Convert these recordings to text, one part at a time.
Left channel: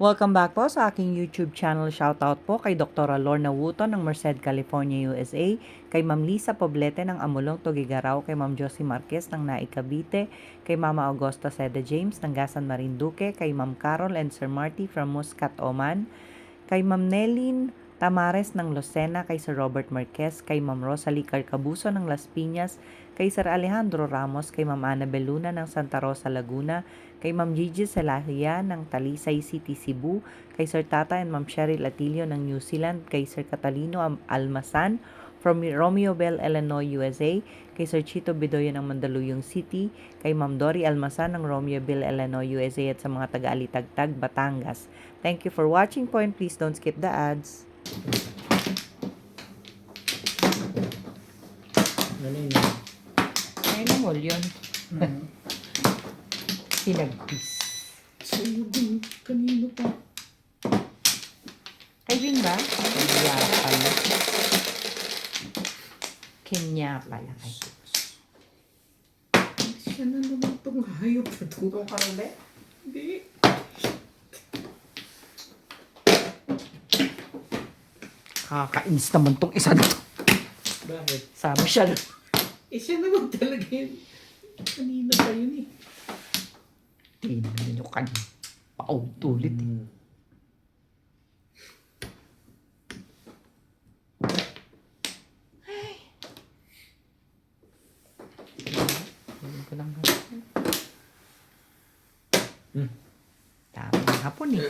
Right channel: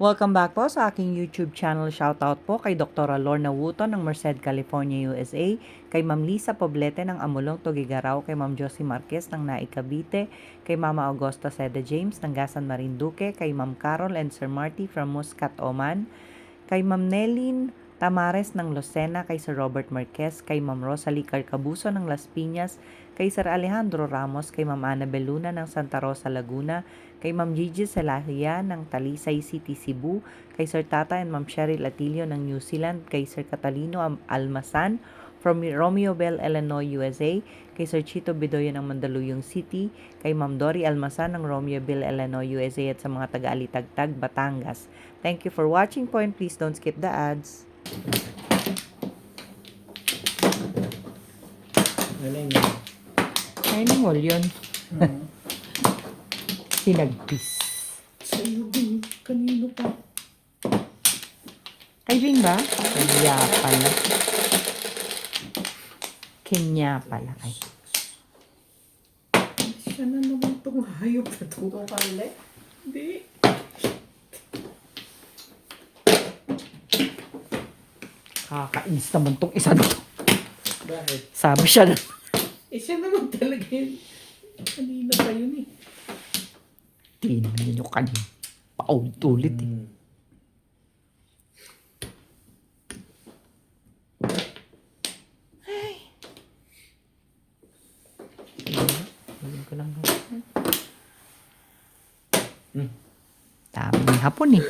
Welcome back po sa aking YouTube channel. Shoutout po kay Dr. Lorna Wooton ng Merced, California, USA, kay Ma'am Lisa Poblete ng Amulong, Tugigaraw, kay Ma'am Josie Marquez ng Naik, Cavite, kay Mama Augusta Seda James ng Gasan, Marinduque, kay Ma'am Carol and Sir Marty from Muscat, Oman, kay Ma'am Nelin Tamares ng Lucena, kay Sir Robert Marquez, kay Ma'am Rosalie Carcabuso ng Las Piñas, kay Sir Alejandro Ramos, kay Ma'am Annabel Luna ng Santa Rosa, Laguna, kay Ma'am Gigi Salahia ng Talisay City, Cebu, kay Sir Tata and Ma'am Cheryl Atilio ng New Zealand, kay Sir Catalino Almasan from Romeoville, Illinois, USA, kay Sir Chito Bedoya ng Mandaluyong City, kay Ma'am Dory Almasan ng Romeoville, Illinois, USA, at sa mga taga-Alitagtag, Batangas. Thank you for watching po, and please don't skip the ads. Galing na. Animal yun. Sinagpis. Sa'yo din. Kanino pa? Kay Ringa? Kanya pala. Kenya pala. Ay. Siya na naman itong hayop na ito. Ito pa rin eh? Hindi. Kakainis naman tong isa na to. Bakit? Sabi siya na. Siya naman talaga yun. Kanina pa yun eh. Tingnan nyo kanina. Paulit eh. Tingnan ko lang. Tama ng hapon eh.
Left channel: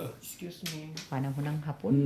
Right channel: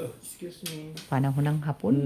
Excuse me. Panahon ng hapon.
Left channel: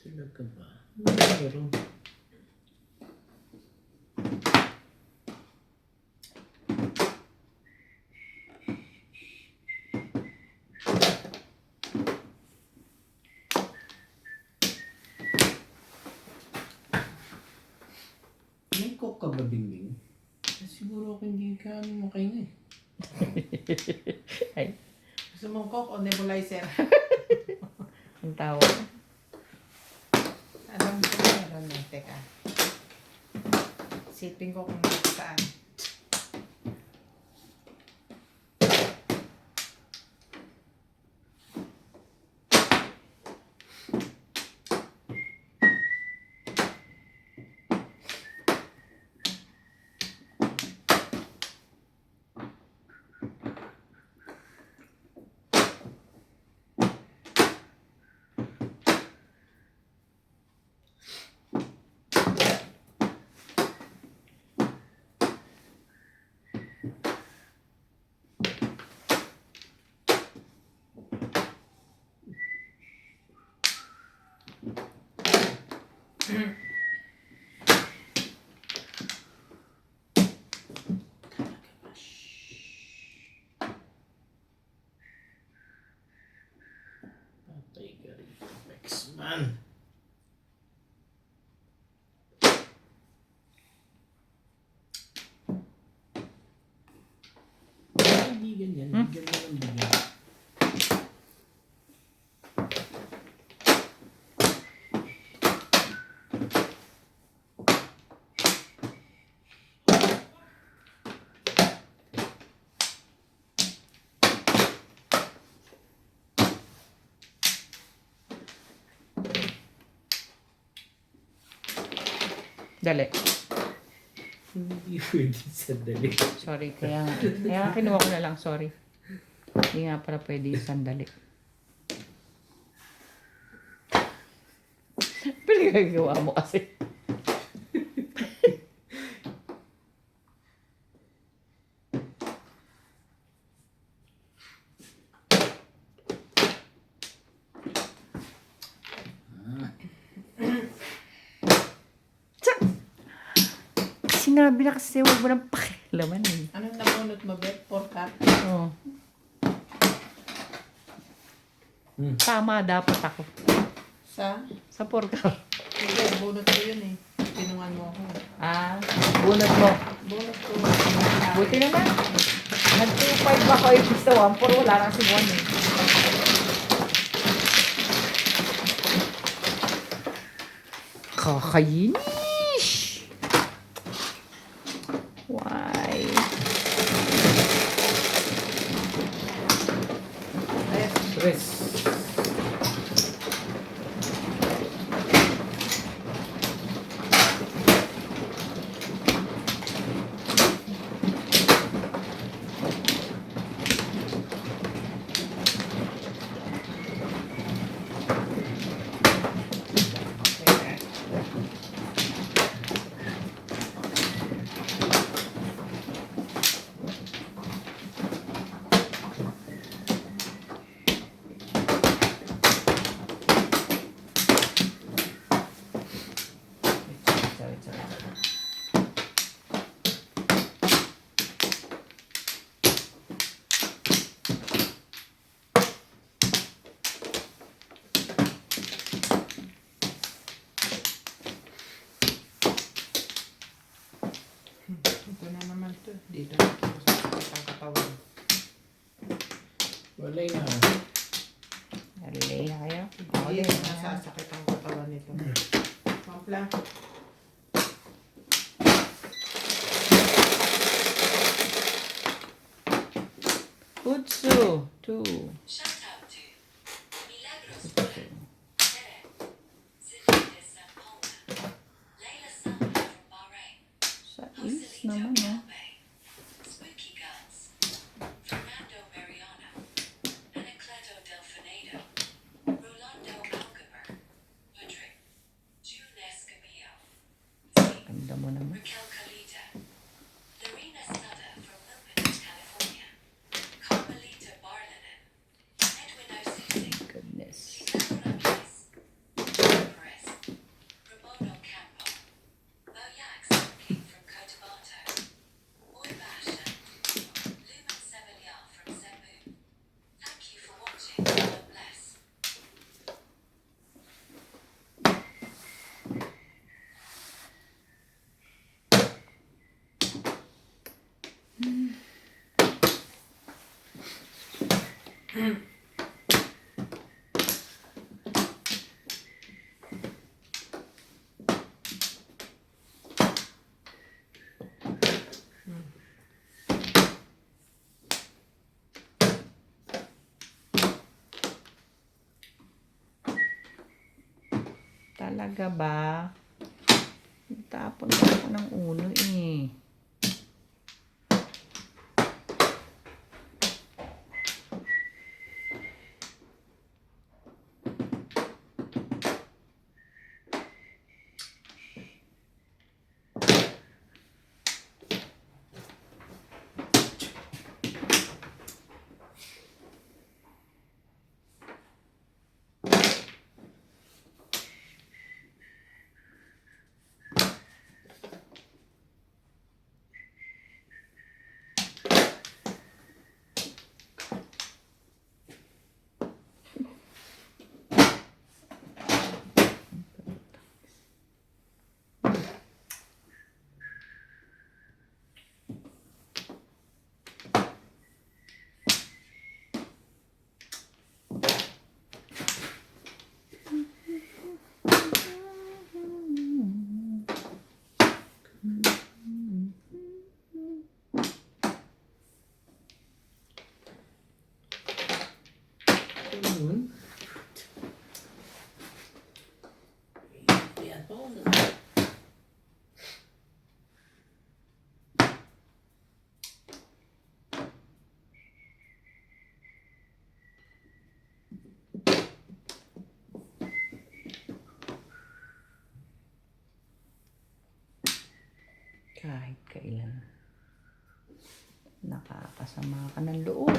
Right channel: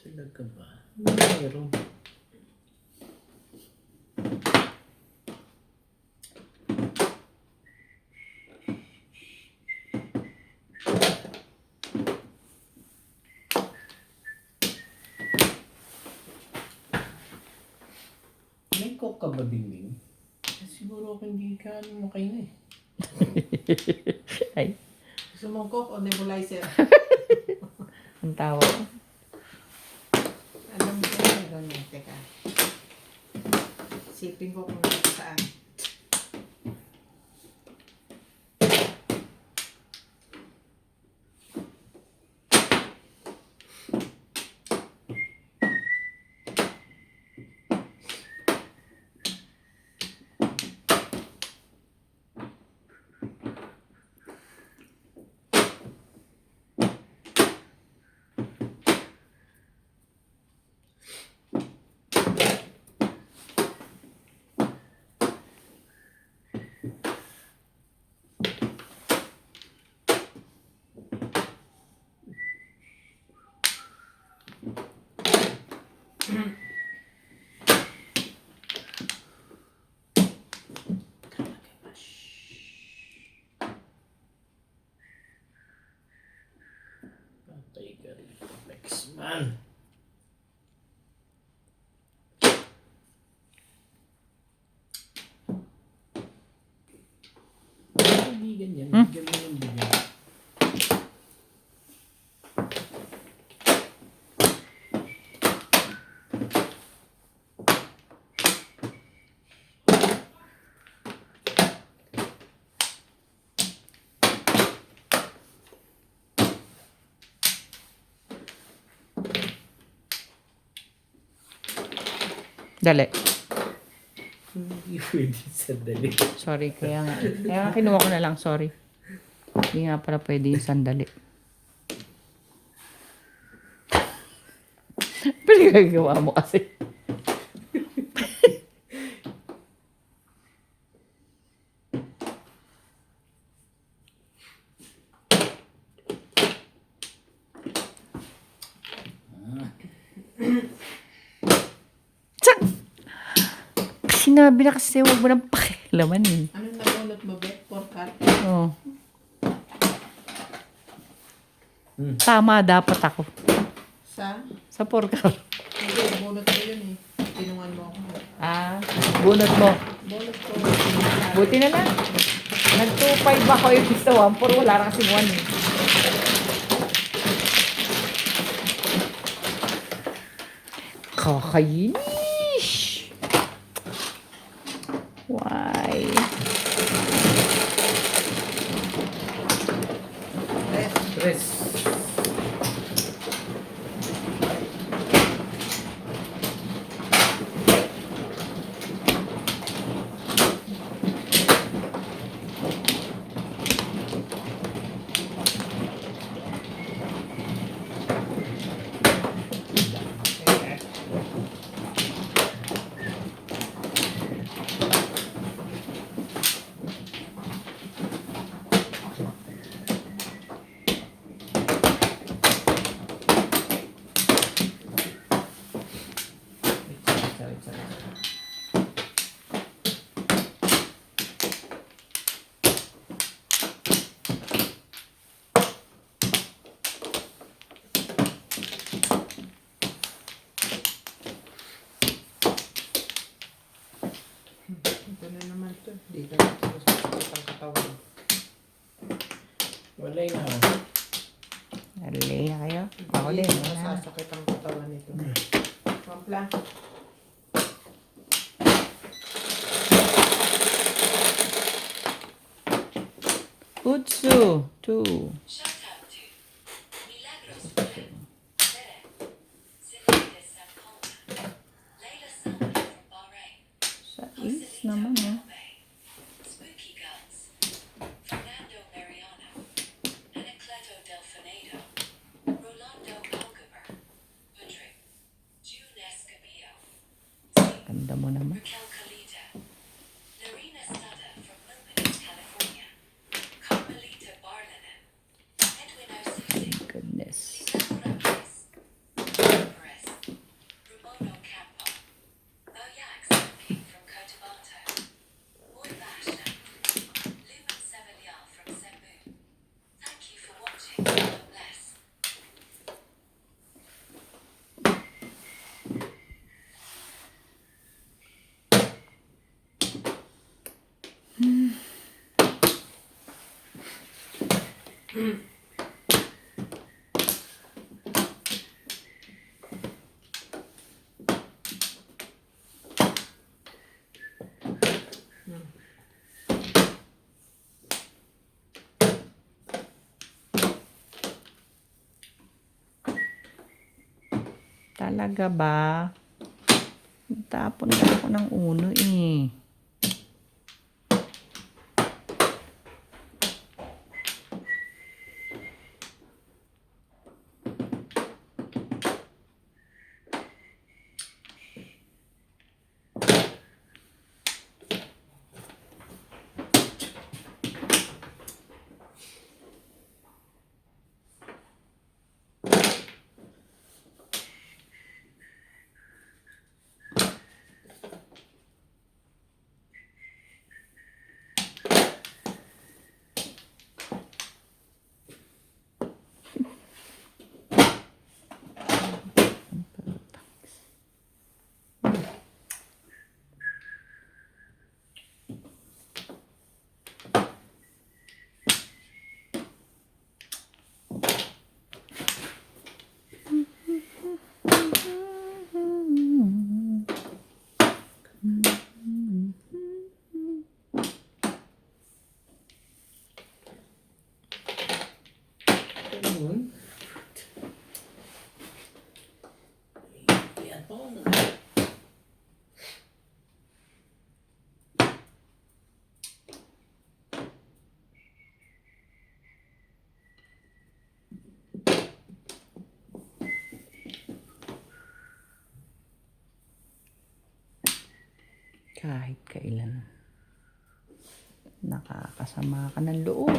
Talaga ba? Meron. May coke ka ba, Bingbing? Siguro ako hindi ka makain eh. Ay, Gusto mong coke o nebulizer? ang tawag. Alam ko na ganun. Teka. Sipin ko kung saan. Patay ka rin. X-Man. Kaibigan yan. Bigyan mo ng bigyan. Dali. Hindi pwede sandali. Sorry, kaya kinuha ko na lang, sorry. Hindi nga pala pwede yung sandali. Pinagagawa mo kasi. Sinabi na kasi huwag mo nang pakialaman eh. Anong napunot mo, Bet? Pork Oo. Tama dapat ako. Sa pork. Hindi, bunot ko yun eh. Tinungan mo ako. Bunot mo. Bunot ko. Buti na lang. Nag-2.5 ako yung gusto 1.4. Wala kasi 1 eh. Kakainis! Why? Stress. Ito na naman to. Dito na ito sa katawan. Walay na ako. Nalilay na kayo? Ako Hindi, din. nasasakit ang katawan nito. Mampla. Utsu. 2. Shout out to Milagros Tere, Cindy de San Paula, Layla Saleh from Bahrain, Sa is naman eh. Spooky Guns, Fernando Mariano, Anacleto Delfinado, Rolando Algaber, Patrick, June Escamillo, Ganda mo naman. Raquel Calita, Lorena Sada from Milpitas, California, Carmelita Barlinen, Edwin Osisi, Goodness. Lisa Morales, Perez, Ramon Ocampo, Moyax King from Cotabato, Boy Basha, Lumen Sevillal from Cebu. Thank you for watching. God bless. Talaga ba? Tapon na ako ng ulo eh. Ayun. Yan po. Kahit kailan. Nakakasama ka ng loob.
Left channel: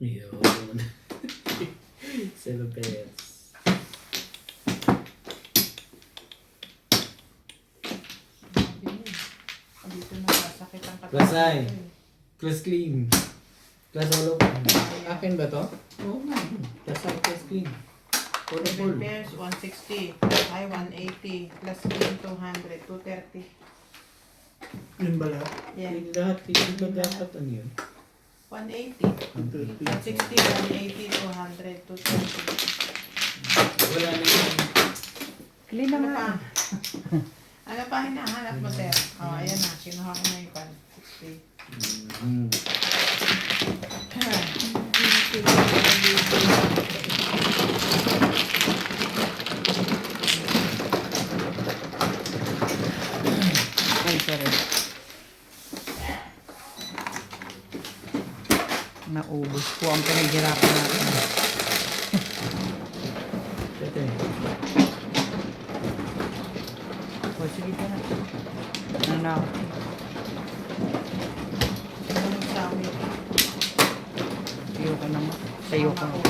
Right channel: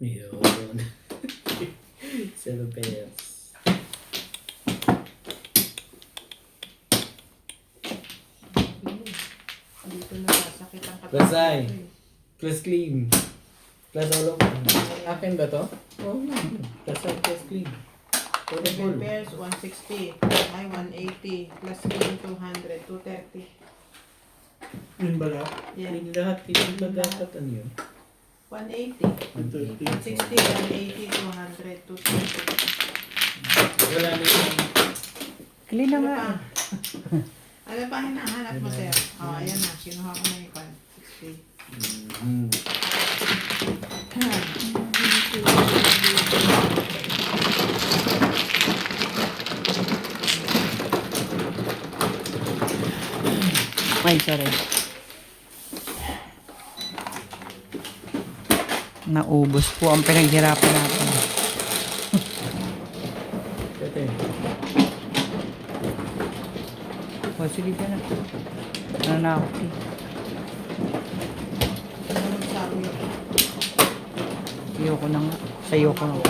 Yun. Celebes. Rasay. Plus clean. Plus all of akin ba to? Oo nga. Rasay plus clean. For the full. Repairs 160. Ay, 180. Plus clean 200. 230. Yun ba lahat? Yeah. Clean lahat. Clean ba dapat ano yun? 180. 160, 180, 200, 230. Wala na yung Clean Ano naman. pa? Ano pa hinahanap mo, sir? Oh, ayan na. Kinuha ko na yung pan. 60. Ay, sorry. Naubos po ang pinaghirapan natin. Ito. So, sige ka na. Ano na ako? Ayoko na nga. Sa'yo ko na po.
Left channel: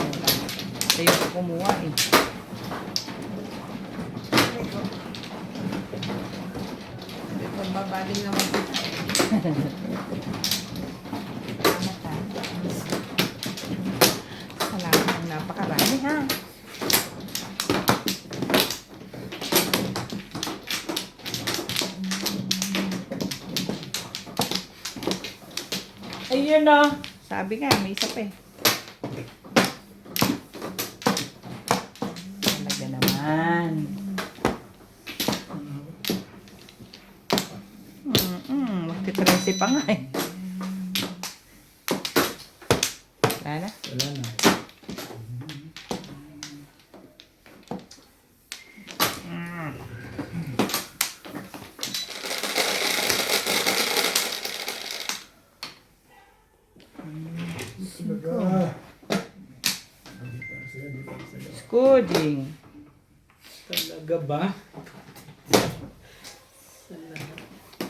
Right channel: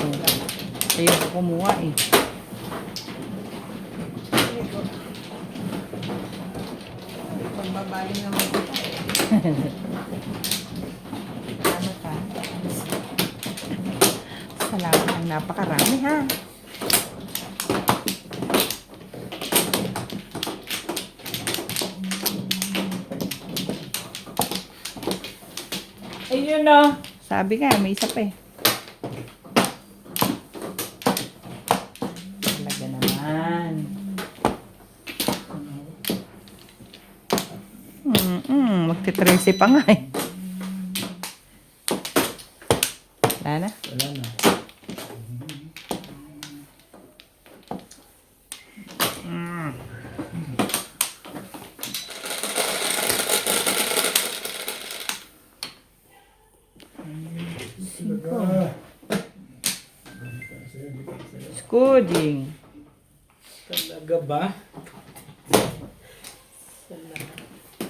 Sa'yo ko kumuha eh. Pagbabaling naman kita eh. Salamat ha. Salamat ng napakarami ha. Ayun na. Sabi nga, may isa pa eh. Talaga naman. Magti-13 pa nga eh. Wala na. Wala na. Scuding. Talaga ba? Sa lahat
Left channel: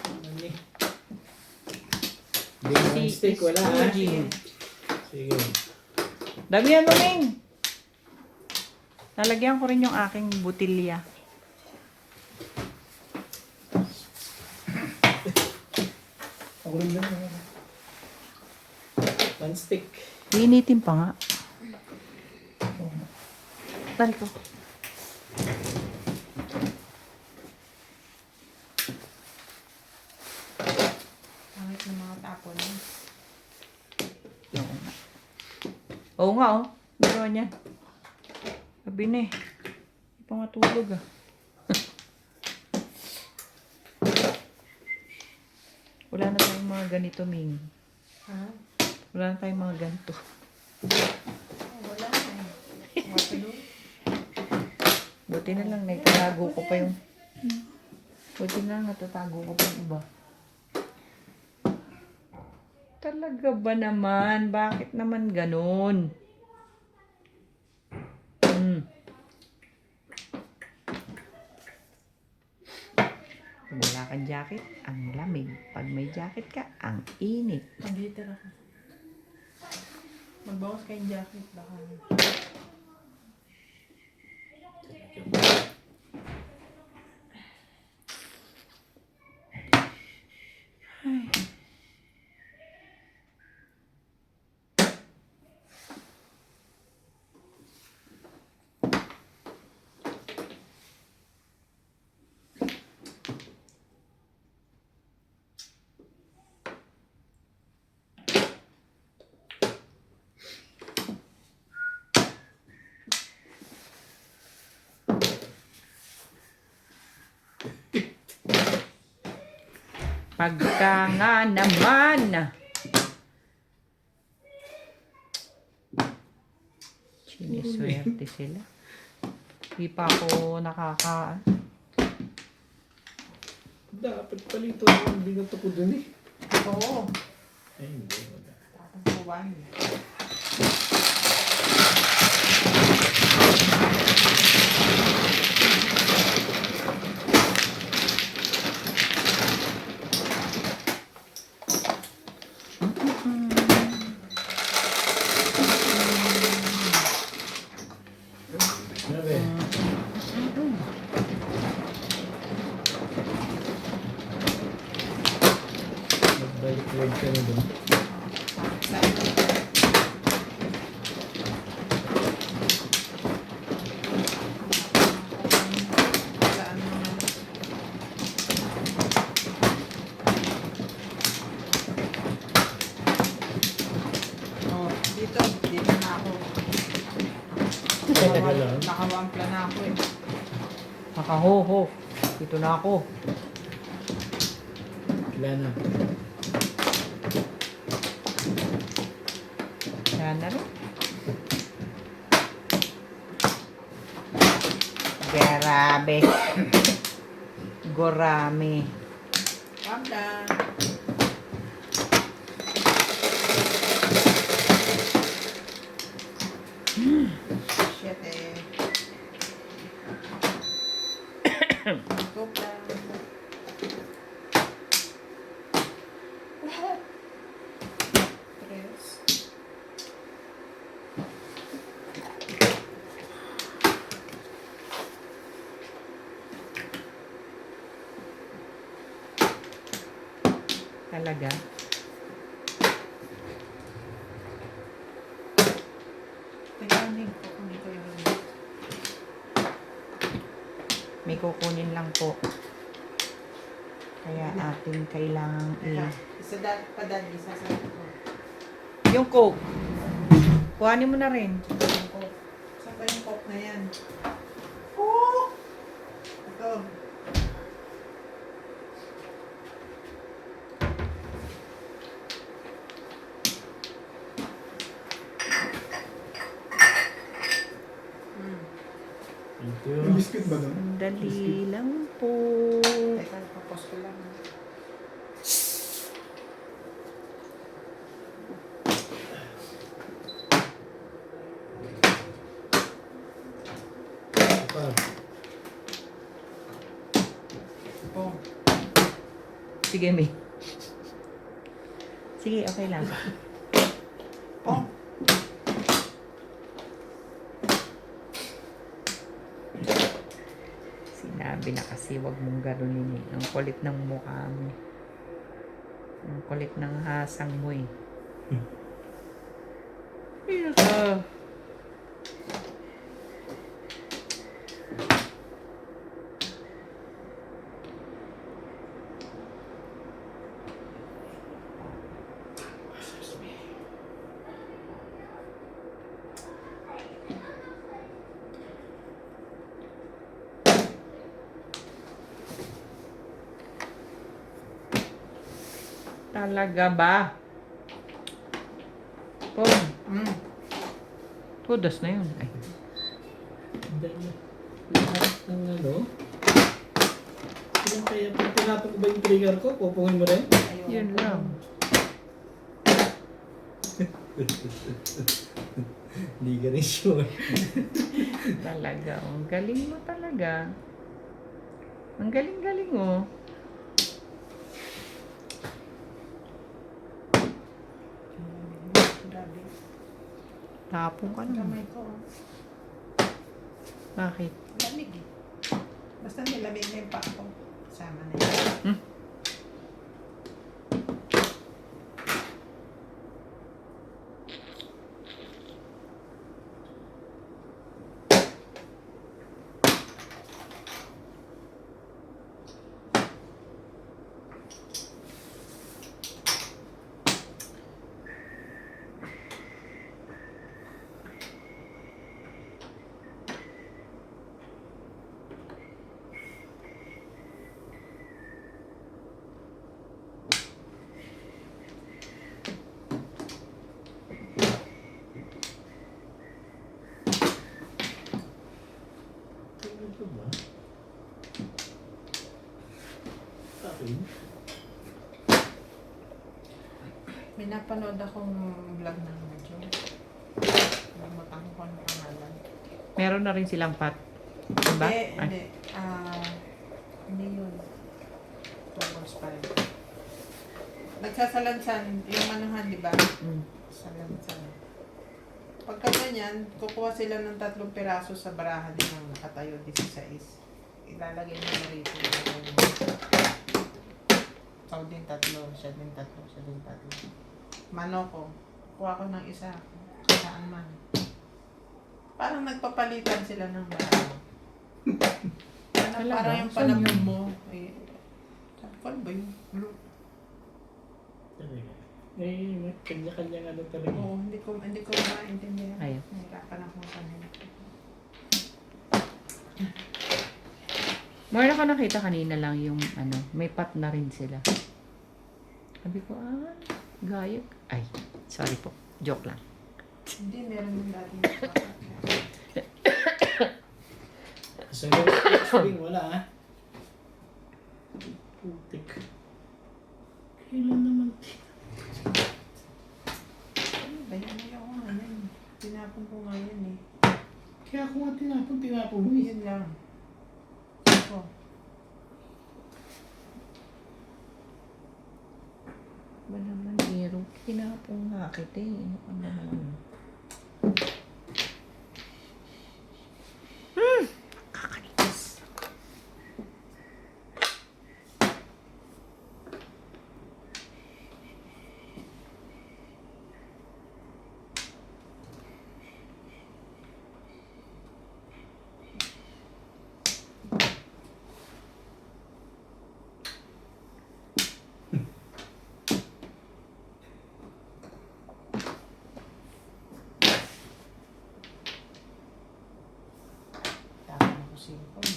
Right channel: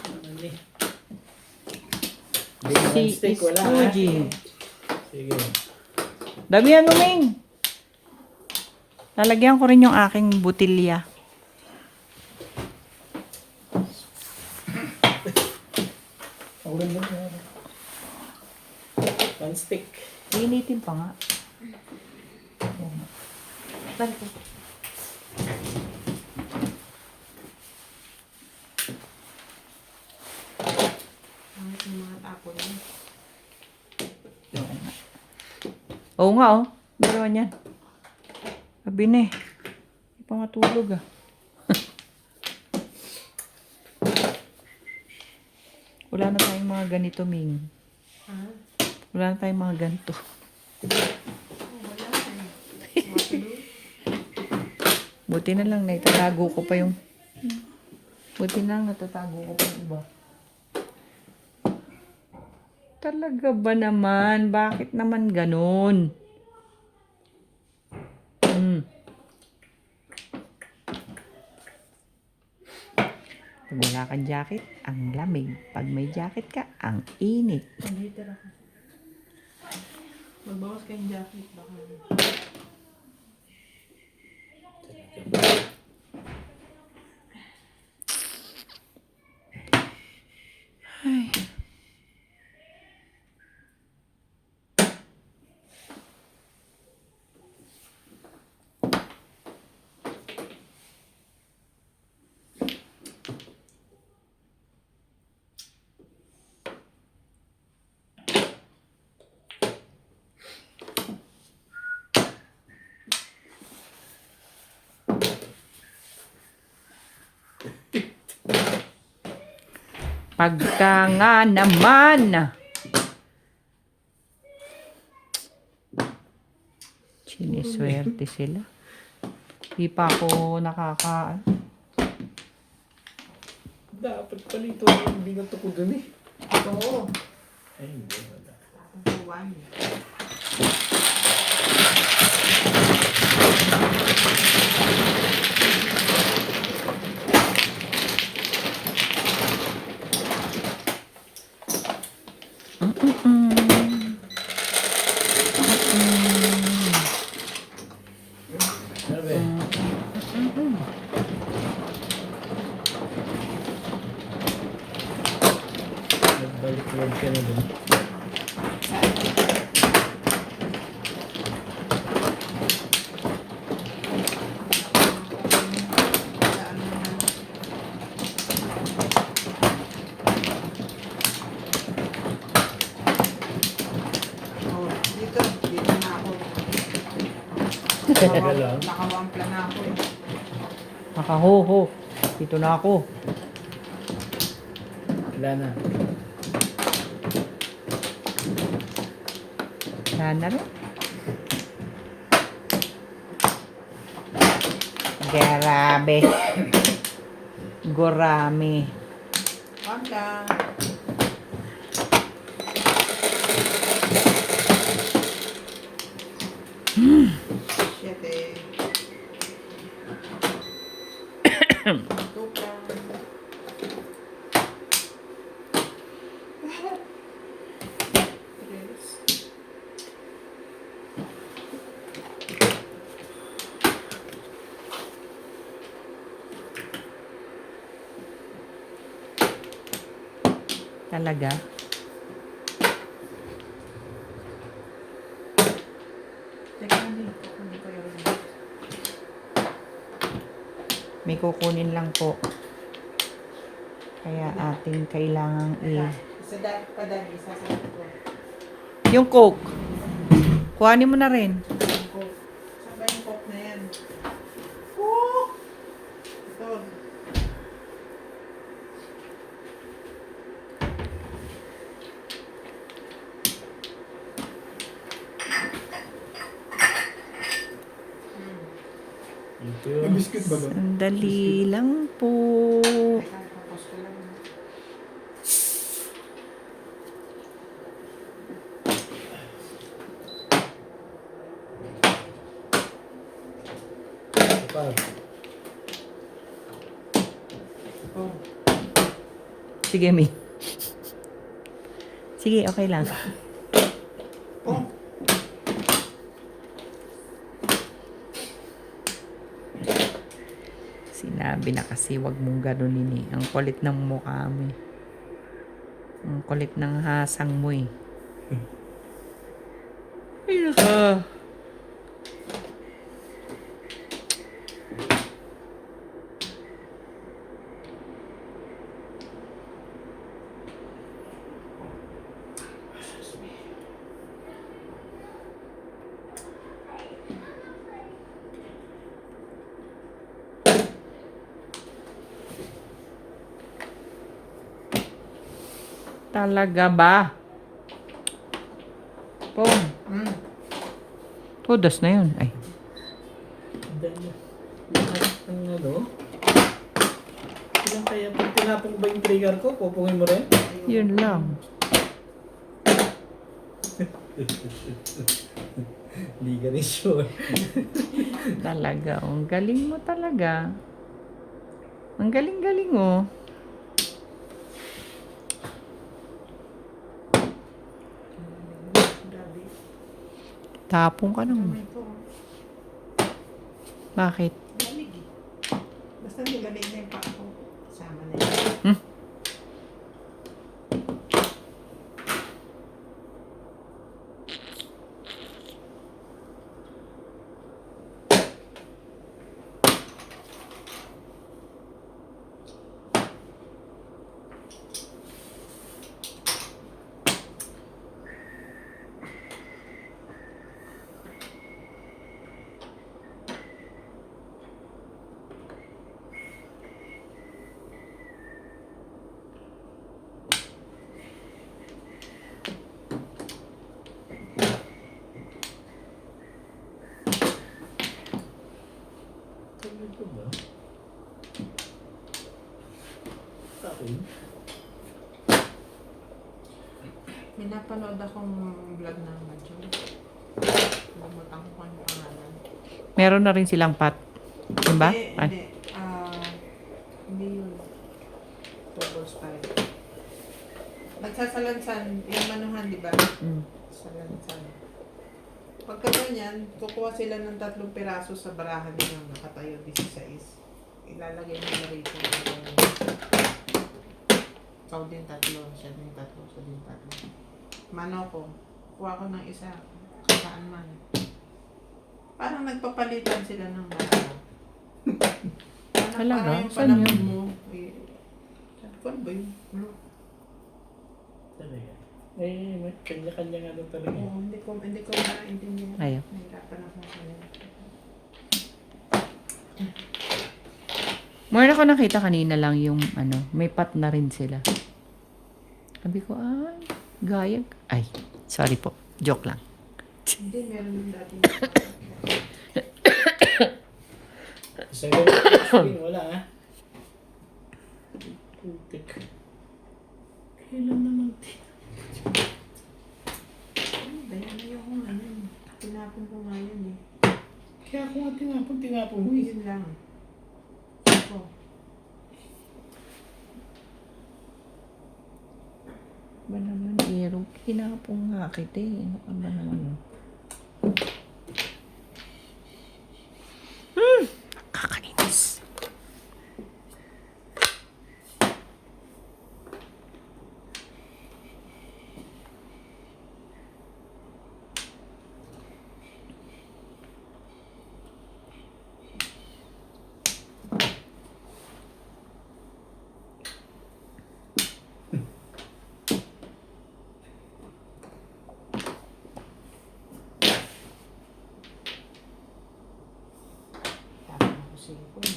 naman eh. Hindi naman steak, wala ha? Scuding. Sige. Damihan mo, Ming. Lalagyan ko rin yung aking butilya. Ako rin lang. One stick. Initin pa nga. Balik ko. Pangit yung mga tapon mo. Oo nga, oh. Dalawa niyan. Sabi na eh. Hindi pa matulog ah. Wala na tayong mga ganito, Ming. Ha? Wala na tayong mga ganito. Oh, wala eh. Mga pinuwi. Buti na lang, naitatago ko pa yung... Buti na lang, natatago ko pa yung iba. Talaga ba naman? Bakit naman ganun? Pag wala kang jacket, ang lamig. Pag may jacket ka, ang init. Nandito ako. Magbawas kayong jacket. Baka. Pagka nga naman. Siniswerte sila. Di pa ako nakaka... Dapat pala ito yung binato ko dun eh. Oo. Ay, hindi. Wala. Tatangkuhan. Sabi. Nagbalik Balik ka na dun. Dito na ako. Tagal lang. Nakawampla na ako eh. Nakahoho. Dito na ako. Wala na. Wala na rin. Grabe. Gorami. Wampla. Shit eh. Wampla. Tres. Talaga. Teka, hindi. Kukunin ko yung remote. May kukunin lang po. Kaya ating kailangang Isa pa dyan, isa sa ko. Yung Coke. Kuhanin mo na rin. Yung coke. Saan ba yung coke na yan? Coke! Ito. Ito May yun. biscuit ba doon? Sandali lang po. Teka, papos ko lang. Ito pa. Oh. Sige, May. Sige, okay lang. Oh. Sinabi na kasi wag mong ganunin eh. Ang kulit ng mukha mo eh. Ang kulit ng hasang mo eh. Ah. Talaga ba? Pong. Mm. Todas na yun. Ay. Lahat ng ano. Ilan kaya pag tinapon ko ba yung trigger ko? Pupungin mo rin? Yun lang. Hindi ka rin sure. Talaga. Oh. Ang galing mo talaga. Ang galing-galing oh. Grabe. Tapong ka naman. Kamay ko. Bakit? Lamig eh. Basta nilamig na yung paa ko. Kasama na yun. Hmm? Ito ba? Okay. May napanood akong vlog ng Madjo. Lamutan ko kung ano pangalan. Meron na rin silang pat. Diba? Hindi, Ay. hindi. Hindi yun. Doubles pa rin. Nagsasalansan, yung manuhan, di ba? Mm. Salansan. Pagka ganyan, kukuha sila ng 3 piraso sa barahan ng nakatayo 16. Ilalagay mo na rito. Ikaw din 3, siya din 3, siya din Manoko. Kuha ko ng isa. Saan man. Parang nagpapalitan sila ng baraha. Talaga? Parang yung Saan panahon yun? mo. Eh, sabi ko, ano ba yun? Talaga. Eh, may kanya-kanya ano talaga. Oo, hindi ko maintindihan. Ayaw. Nahirapan ako ng kanila. More ako nakita kanina lang yung may pat na rin sila. Sabi ko, gayag. Ay, sorry po. Joke lang. Hindi, meron din dati. Sa spring, wala ah. Putik. Kailan naman Ayaw ko ngayon. Tinapon ko ngayon eh. Kaya ako nga tinapon mo eh. Yun lang. Ako. Ba naman, Hero? Kinakapong nga kita eh. Ano ka ba naman? Kakanitis. Tapon ako sipon.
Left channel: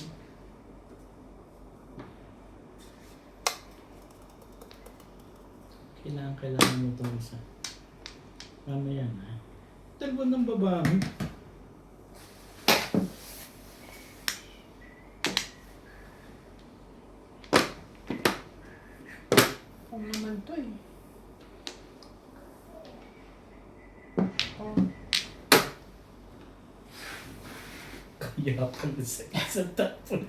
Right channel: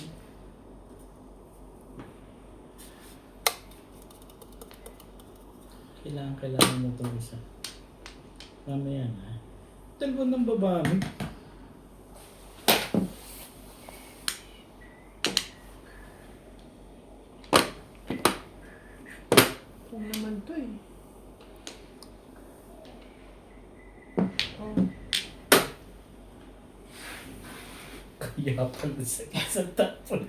Kailangan mo itong isa. Mamaya na. Dalawa ng babae. Kung naman to eh. Oh, Kaya pala sa isang tapon.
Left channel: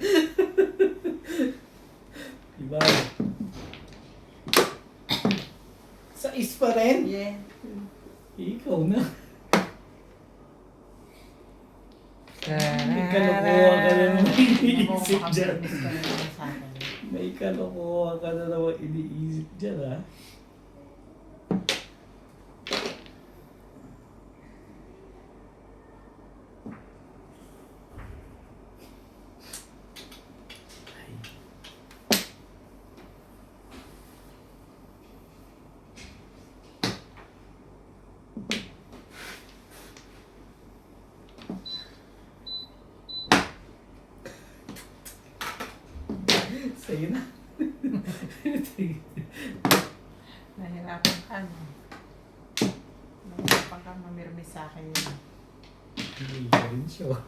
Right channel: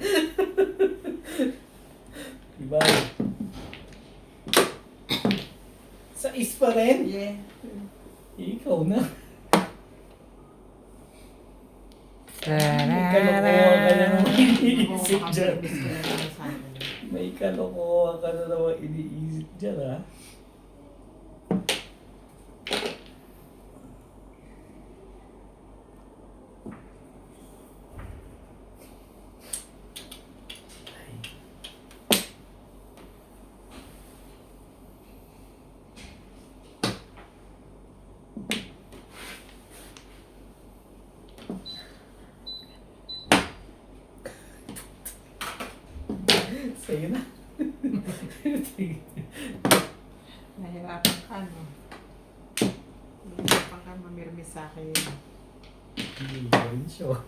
Diba? Sa is pa rin? yeah. Ikaw na. May Tarara. kalokohan ka na naman iniisip Oo, dyan. makabilis ka na naman sa akin. May kalokohan ka na naman iniisip dyan ha. Sa'yo na. Nahirapan ka, no? Nahirapan ka mamirmis sa akin. Hindi ka rin sure.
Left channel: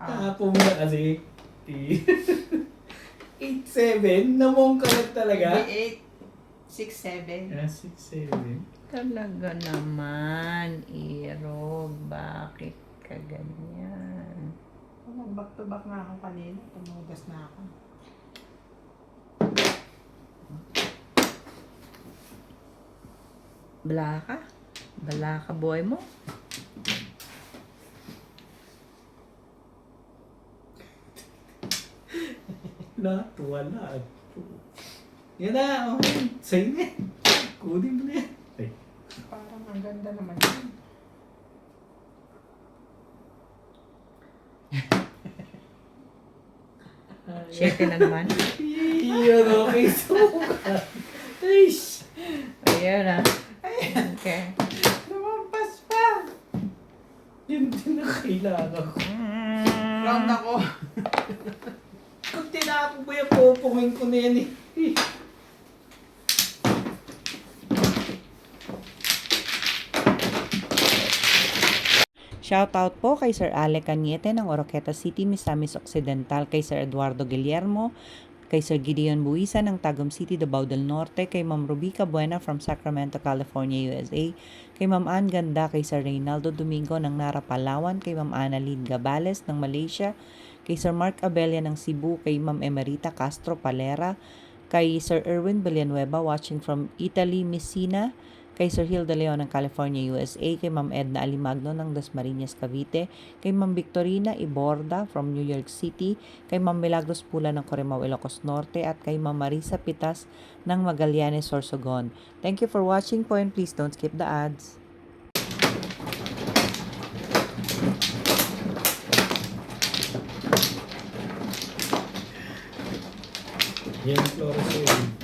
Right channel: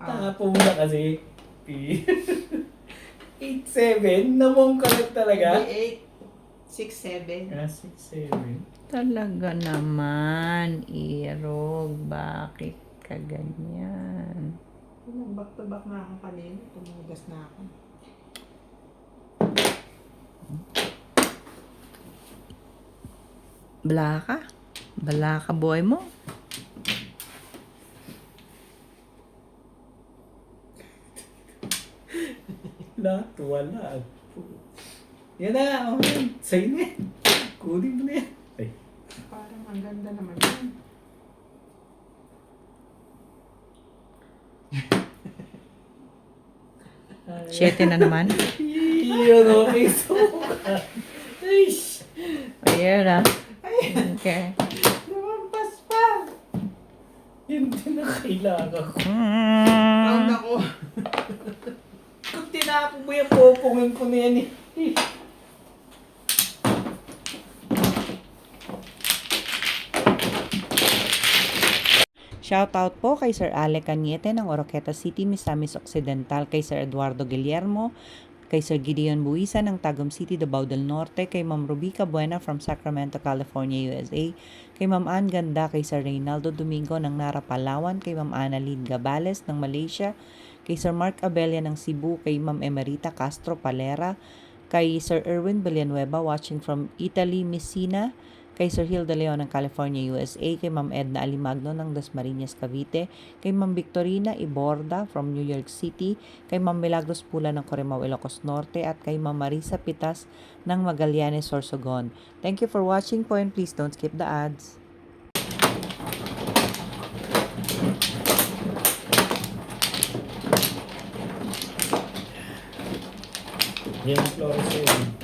Tapos mo na kasi. 8-7? Namong ka lang talaga? 8, 6, 7. Ah, 6-7. Talaga naman, Irog. Bakit ka ganyan? Back to back na ako kanina. Tumugas na ako. Bala ka? Bala ka, boy mo? Lahat wala. Yan na, okay. Sa'yo na yan. Kunin mo na yan. Ay. Parang ang ganda naman yun. Siyete na naman. Iyon, okay. Suka. Aish. Ayan ah. Okay. Lumampas pa! Hindi na kailangan ko. Round ako. Kung tinapon mo yan, popongin ko na yan eh. Shoutout po kay Sir Alec Cañete ng Oroqueta City, Misamis Occidental, kay Sir Eduardo Guillermo, kay Sir Gideon Buisa ng Tagum City, Davao del Norte, kay Ma'am Rubica Buena from Sacramento, California, USA, kay Ma'am Ann Ganda, kay Sir Reynaldo Domingo ng Nara, Palawan, kay Ma'am Annalyn Gabales ng Malaysia, kay Sir Mark Abella ng Cebu, kay Ma'am Emerita Castro Palera, kay Sir Erwin Villanueva watching from Italy, Messina, kay Sir Hill De Leon ng California, USA, kay Ma'am Edna Alimagno ng Dasmariñas, Cavite, kay Ma'am Victorina Iborda from New York City, kay Ma'am Milagros Pula ng Corimao, Ilocos Norte, at kay Ma'am Marisa Pitas ng Magallanes, Sorsogon. Thank you for watching po, and please don't skip the ads. Yan ang fluorescent.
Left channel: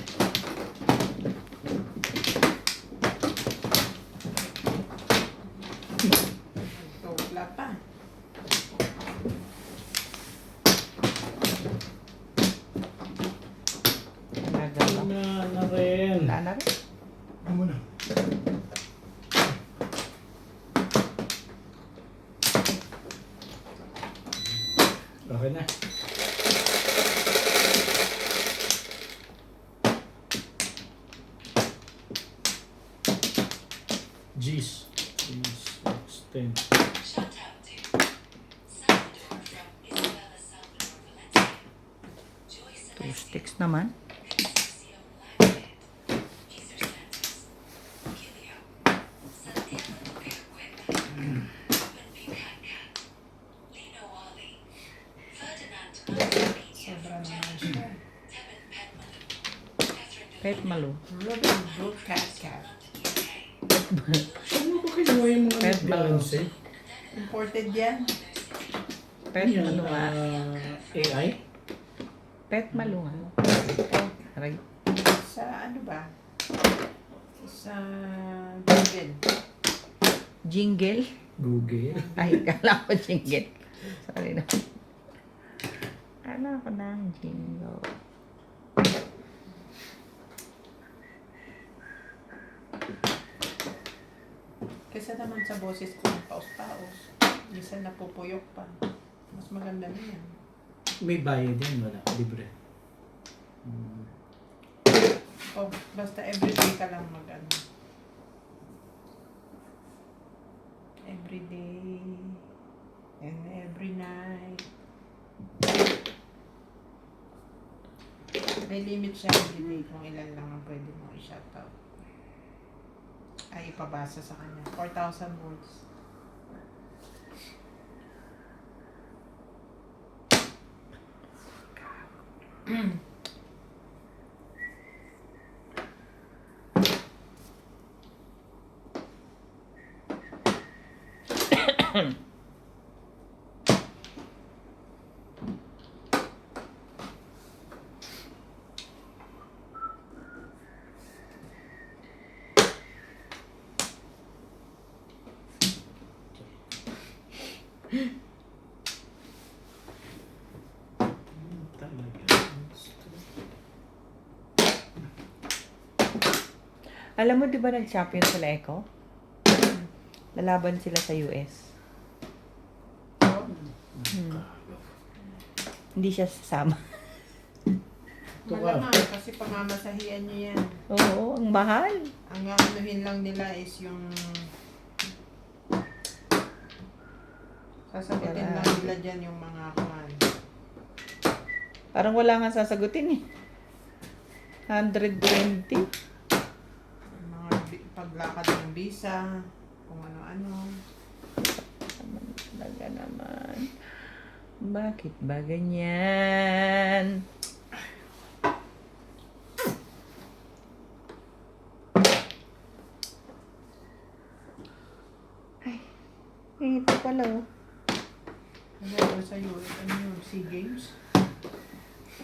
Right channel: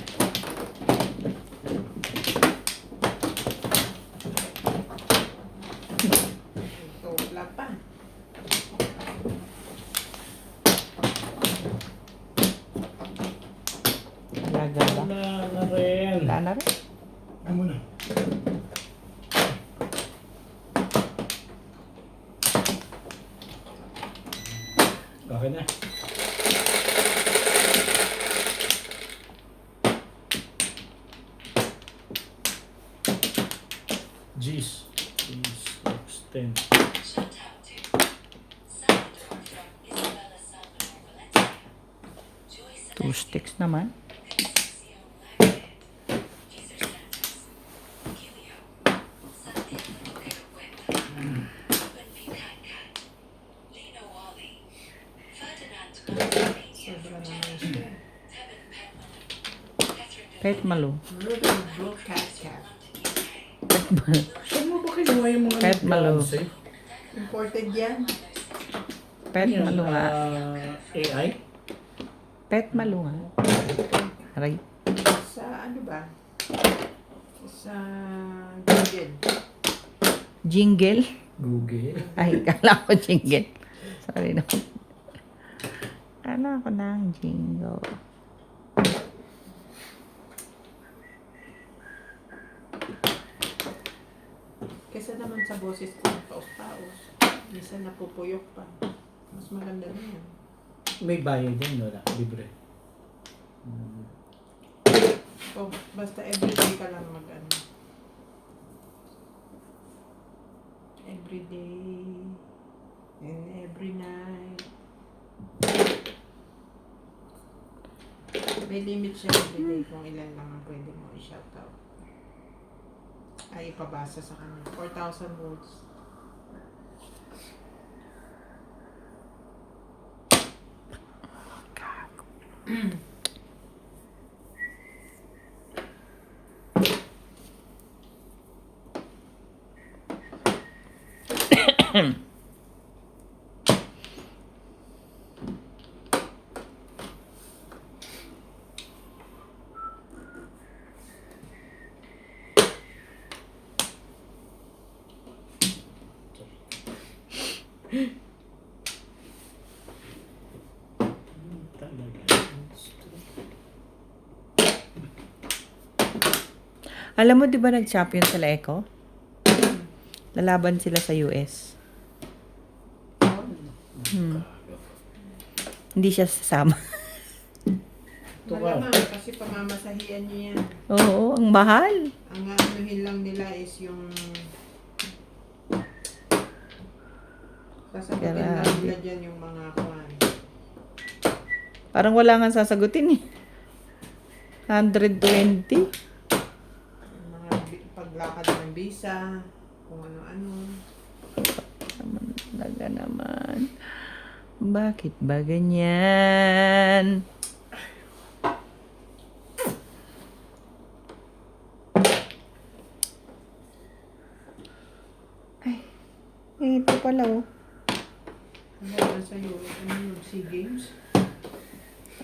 Ito, wala pa. Gagala. Na rin. Wala na rin. Ano na? Okay na. G's. G's. Extend. Shout out to Salvador from Isabela, Salvador, Valencia. Joy 2 Celestia, sticks naman. Concepcion Lagret, Jesus Santos, Kilio, Santiago Quirqueta, Ruben B. Catcat, Lino Wally, Ferdinand Manzanilla Sobrang from naman Canada, siya. Tevin Penman, Catherine Kahit malu. Ruben Blue Cat Cat. Saan mo ba kinuha yung mga Pet nag-balance eh? Imported yan. Pet Ano yan? malu ha. AI? Pet malu ha. Aray. Sa ano ba? Sa Google. Jingle. Google. Ay, kala ko jingle. Sorry na. Kala ko ng jingle. Kesa naman sa boses ko, paus-paus. Minsan napupuyok pa. Mas maganda na yan. May bayad yan, wala. Libre. O, basta everyday ka lang mag-ano. Everyday. And every night. May limit siya everyday kung ilan lang ang pwede mo i-shoutout. Ay, ipabasa sa kanya. 4,000 words. Talaga. Alam mo, di ba nag-champion sila Echo? Lalaban sila sa US. Hindi siya sasama. Ito ka. Malamang, kasi pamamasahian niya yan. Oo, ang mahal. Ang anuhin lang nila is yung sasagutin lang Grabe. nila dyan yung mga kuwan. Parang wala nga sasagutin eh. 120. Yung mga paglakad ng visa, kung ano-ano. Talaga naman. Bakit ba ganyan? Ay, ito pala oh. Ano sa iyo? Ano yung SEA Games?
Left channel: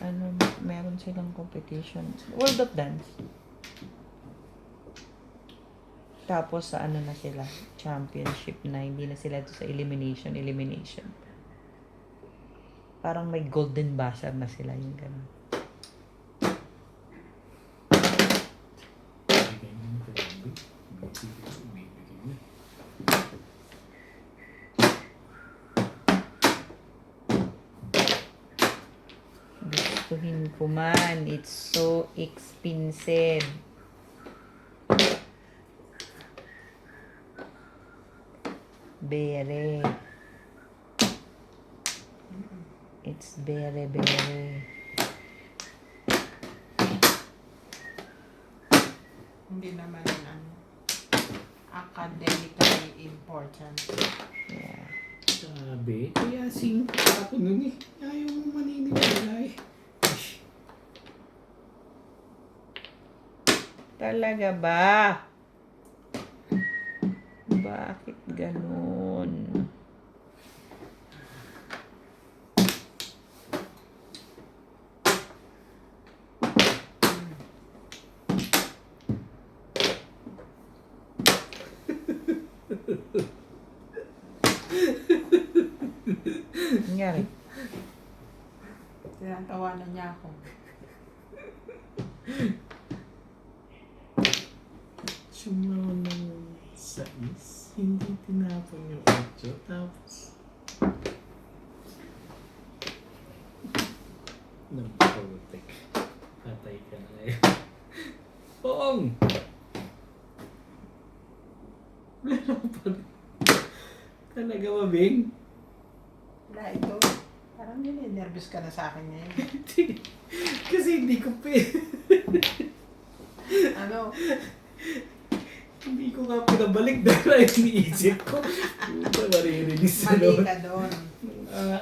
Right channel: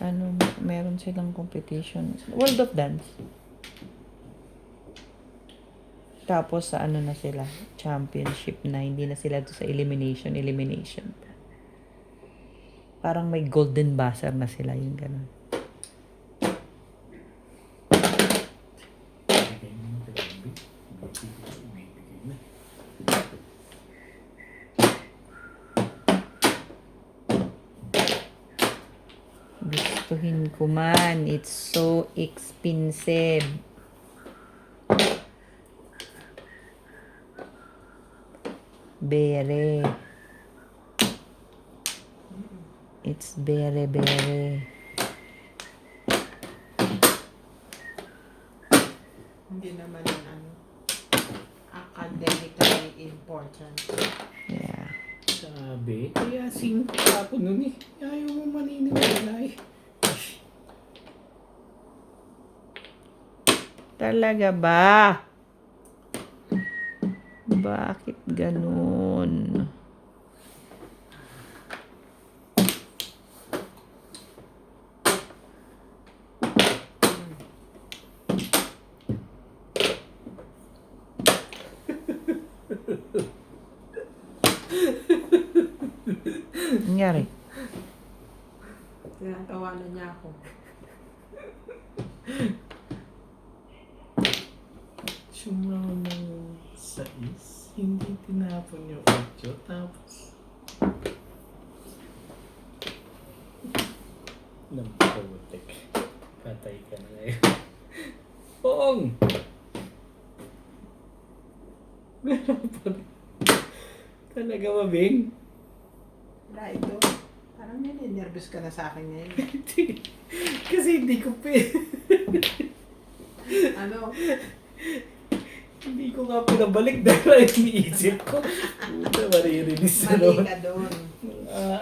Ano, meron silang competition. World of Dance. Tapos sa ano na sila, championship na, hindi na sila doon sa elimination. Parang may golden buzzer na sila, yung gano'n. Bigay mo yung grabe. Bibigay mo. Gustuhin ko man, it's so expensive. Bere. It's bere. Hindi naman yung ano. important. Yeah. Sabi, kaya singko ako nun eh. Ayaw mo maniniwala eh. Talaga ba? Bakit ganun? Nangyari? Tinatawanan niya ako. Sumaw ng 6, hindi tinapon yung 8, tapos nampaputik. Patay ka na ngayon. Poong! Meron pa rin. Talaga mabing? Wala ito. Parang nervous ka na sa akin ngayon. Kasi hindi ko Ano? hindi ko nga pinabalik dahil iniisip ko. Puta, maririnis na Mali naman. ka doon.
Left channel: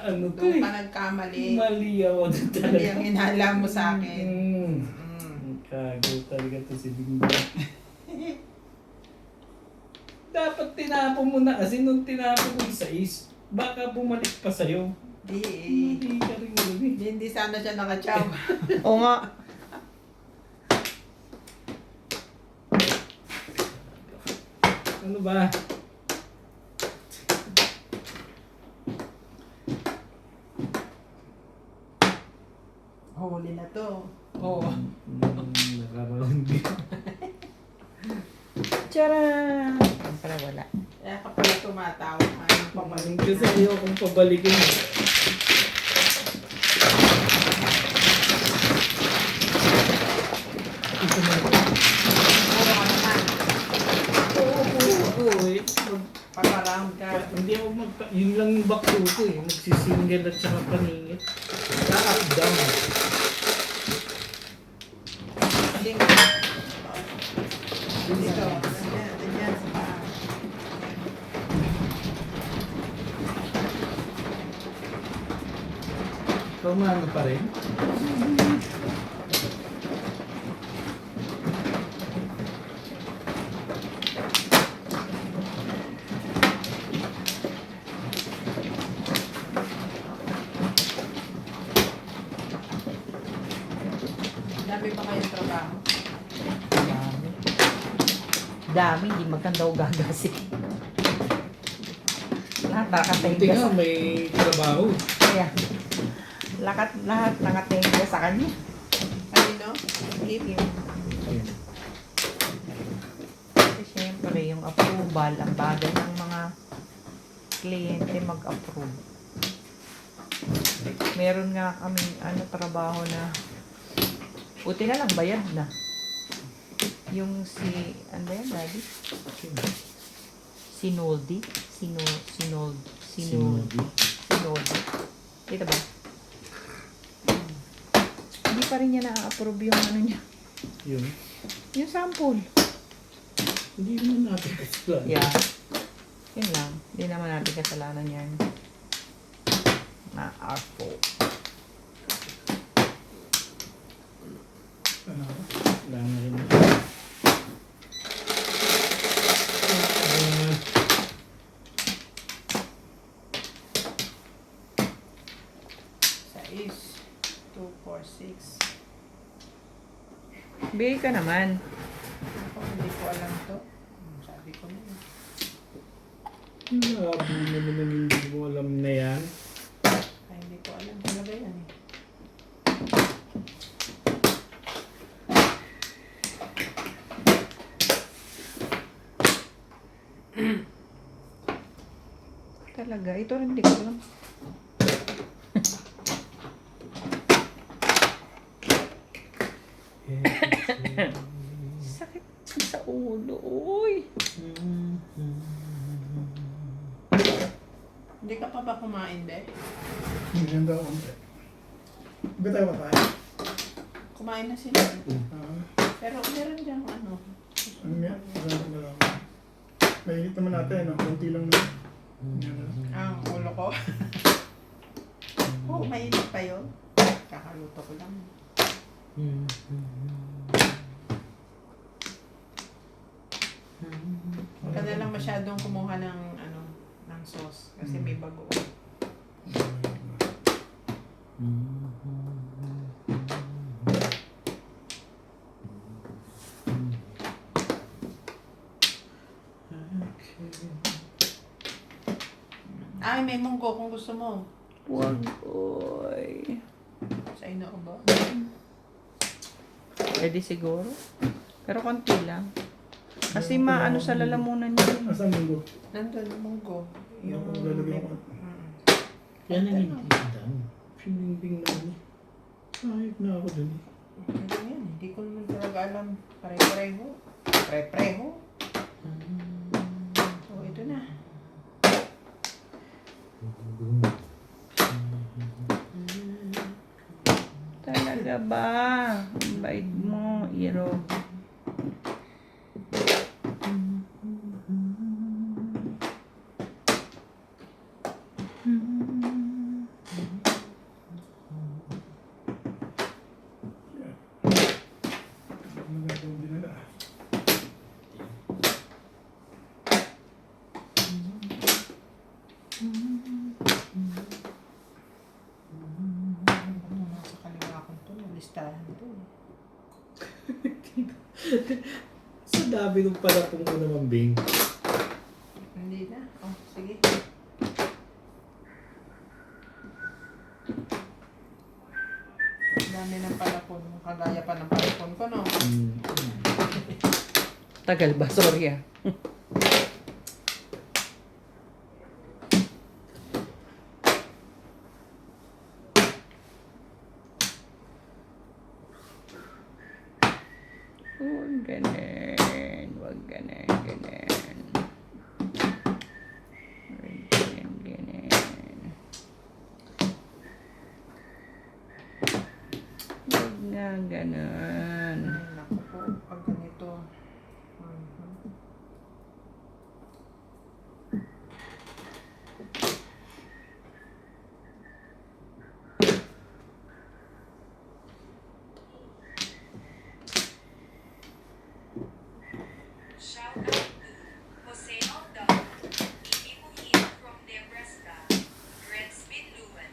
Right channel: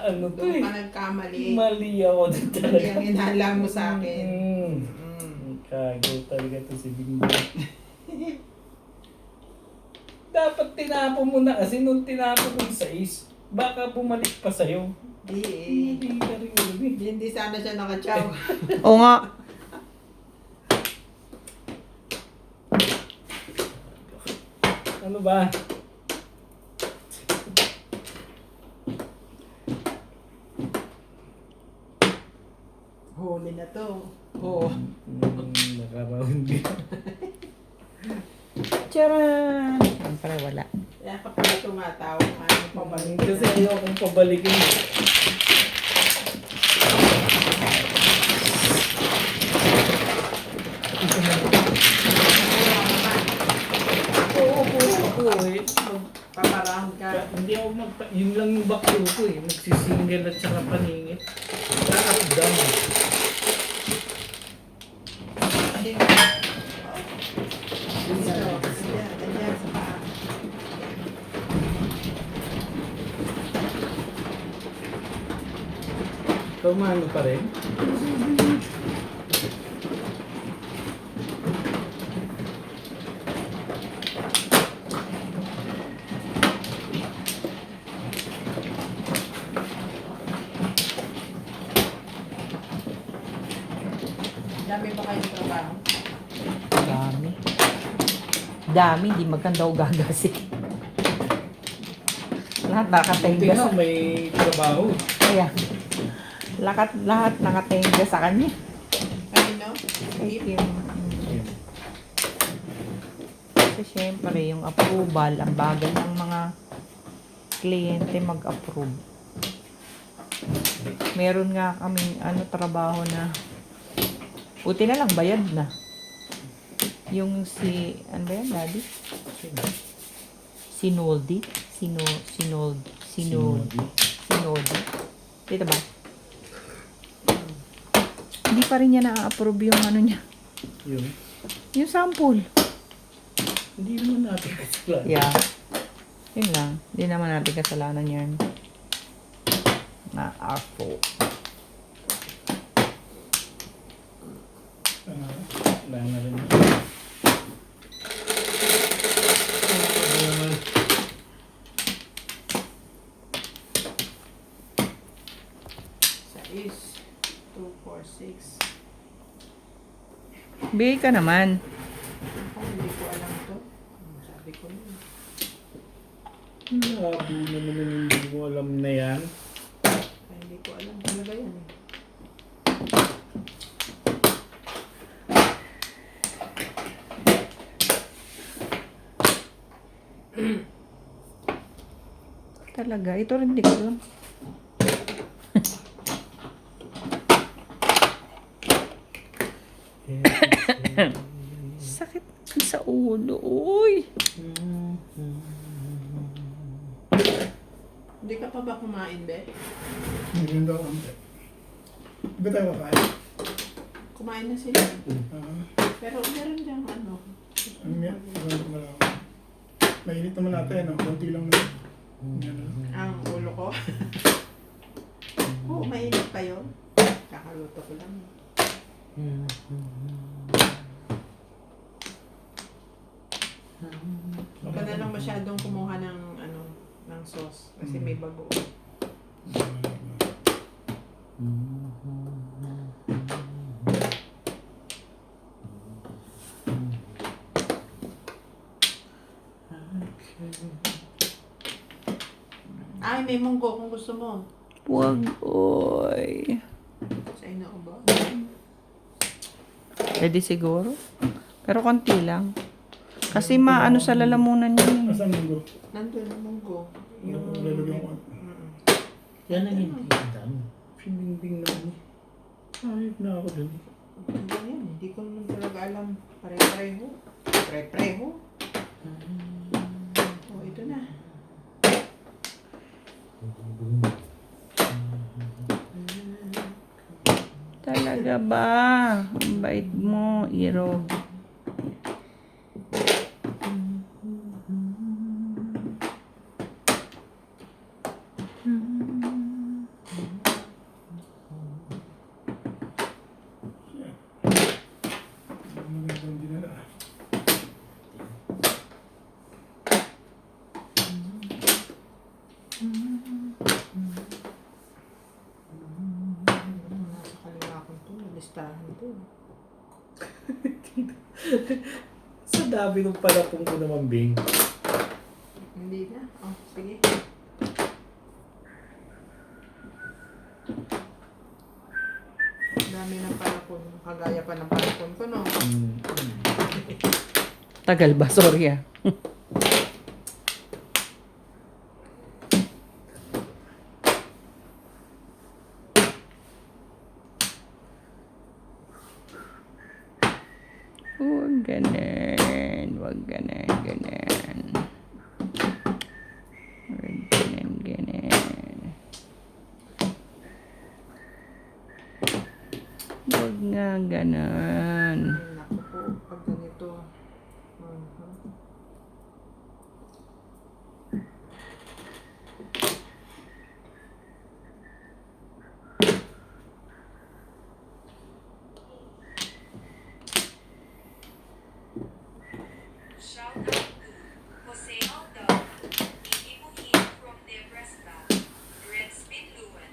Ano to Doon eh. ka nagkamali. Mali ako doon Hindi talaga. ang inhala mo sa akin. Kago talaga to si Bingbing. Dapat tinapon mo na kasi nung tinapon mo sa baka bumalik pa sa'yo. Di Mali ka rin yun eh. Hindi sana siya nakatsaw. Oo nga. Ano ba? Huli na to. Oo. Nakaround din. Tcharan! Siyempre wala. Kaya ka pala tumatawa. Ano pa ba? Kasi ayokong pabalikin eh. Oo, ako eh. Pang-around ka. Hindi ako yun lang yung bakto ko eh. Magsisingle at saka paningit. Up down. Hindi mo. Dito. Andyan sa paa. Pumano pa rin? Dami pa kayo trabaho. Dami. Dami, di magkanda o gagasik. Lahat Buti nakatenga nga sa may trabaho eh. kaya. Lahat nakatenga sa kanya. Kanino? Hip. Ayun. Kasi syempre, yung approval, ang bagal ng mga kliyente mag-approve. Meron nga kaming trabaho na buti na lang, bayad na. Yung ano ba yan, Daddy? Sinoldi? Sinoldi. Dito ba? Hindi pa rin niya na-approve yung ano niya. Yun. Yung sample. Hindi naman natin kasalanan. Yeah. Yun lang. Hindi naman natin kasalanan yan. Na-approve. Wala na rin. Ano naman? Sa is 2, 4, 6. Bigay ka naman. Hindi ko alam to. Sabi ko na. Labo na naman hindi mo alam na yan. Ay, hindi ko alam talaga yan eh. Talaga. Ito rin di ko alam. Sakit sa ulo. Uy. Hindi ka pa ba kumain, Be? Hindi daw ang Ba tayo kakain? Kumain na sila. Ah, Pero meron diyang ano. ano yan? Ano lang. Mainit naman natin, no? Konti lang na. Ang ulo ko. Oo, mainit pa yun. Kakaluto ko lang. Huwag ka na lang masyadong kumuha ng ng sauce kasi may bago. Ay, may munggo kung gusto mo. Wag, oy. Sa inaubo. Pwede siguro. Pero konti lang. Kasi maano sa lalamunan yun. Asan munggo? Nandun ang munggo. Yung lalagyan ko. Yan ang hindi dami. Pinimbing na ano. Ayop na ako dun. Ano yan? Hindi ko naman talaga alam. Pare-pareho. Pare-pareho. Oh, ito na. Talaga ba? Ang bait mo, Iro. Magandang dinala. Nasa kaliwa ko ito. Listahan ito. Sa dami ng palapong ko naman, Bing. Hindi na. Oh, sige. Dami ng palapon. Kagaya pa ng palapon ko, no? Tagal ba? Sorry ah. Huwag ganun. Huwag ganun. Ganun. Huwag ganun. Ganun. Huwag nga ganun. Ay, naku po. Pag ganito. Mhm. Shout out to Jose Aldao, Amy Muhin from Nebraska, Red Spin Luan,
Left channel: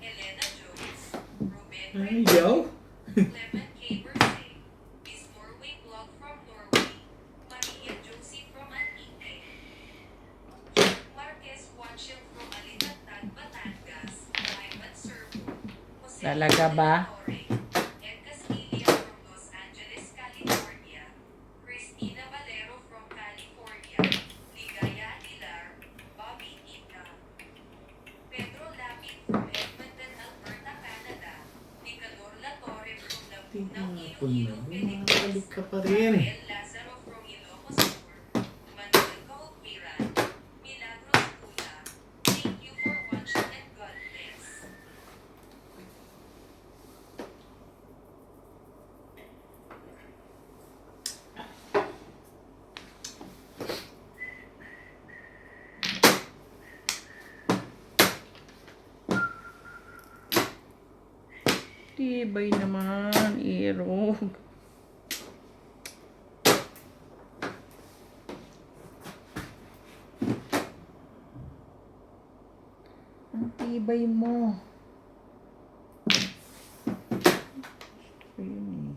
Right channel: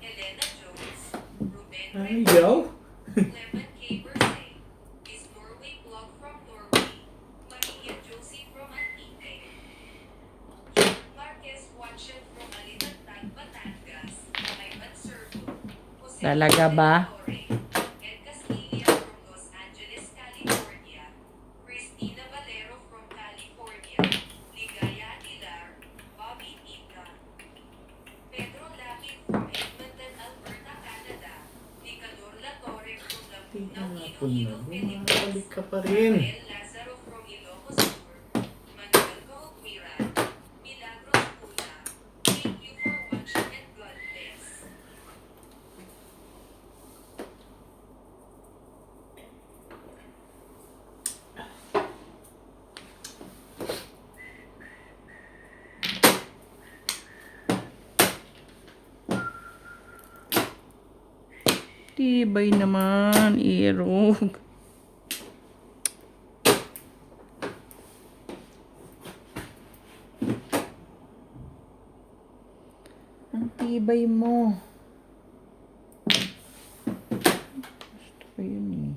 Elena Jones, Ruben Ay, Reyes, yaw. Clement K. Bersay, Miss Norway Blog from Norway, Maria Josie from Antique, Marquez Watchel from Alitatan, Batangas, Ivan Servo, Jose Talaga ba? Torre, Ed Castilla from Los Angeles, California, Christina Valero from California, Ligaya Aguilar, Bobby Ika, Pedro Lapid from Edmonton, Alberta, Canada, Picador La Torre from Laguna, Tinapon na. Iloilo, Bumabalik Philippines, ka pa rin. Rafael Lazaro from Ilocos Sur, Manuel Kahugmiran, Milagros Pula. Thank you for watching and God bless. Tibay naman, Iro. Ang tibay mo. Gusto ko yun eh.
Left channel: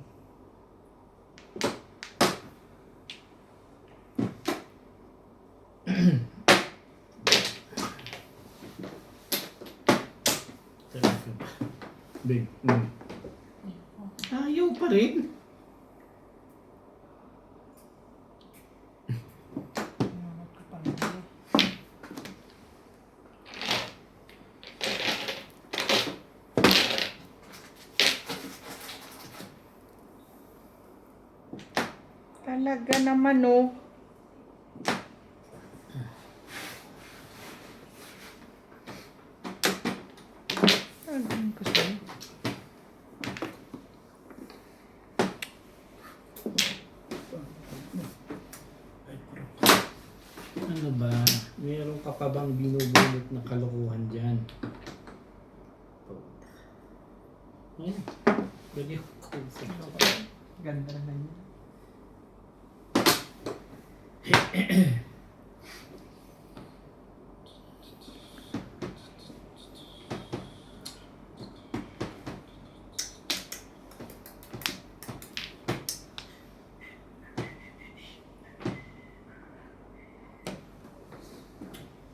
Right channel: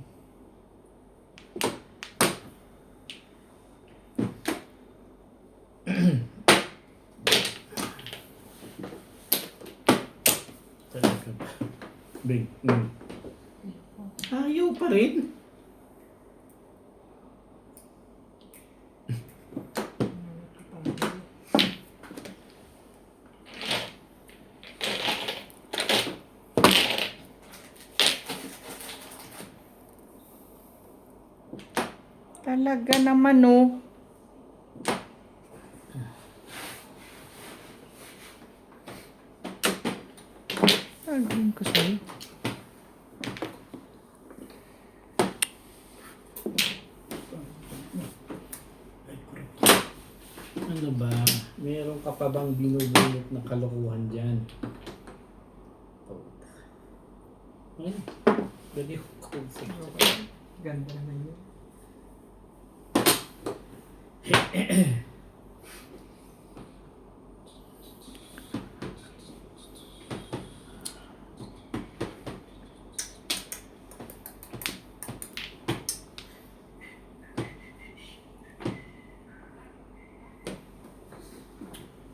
Talaga ba? Bing. Ayaw pa rin. Talaga naman oh. Tagin ko sa'yo. Meron ka pa bang binubulot na kalokohan dyan? Ay, lagi ko sa Ganda na yun.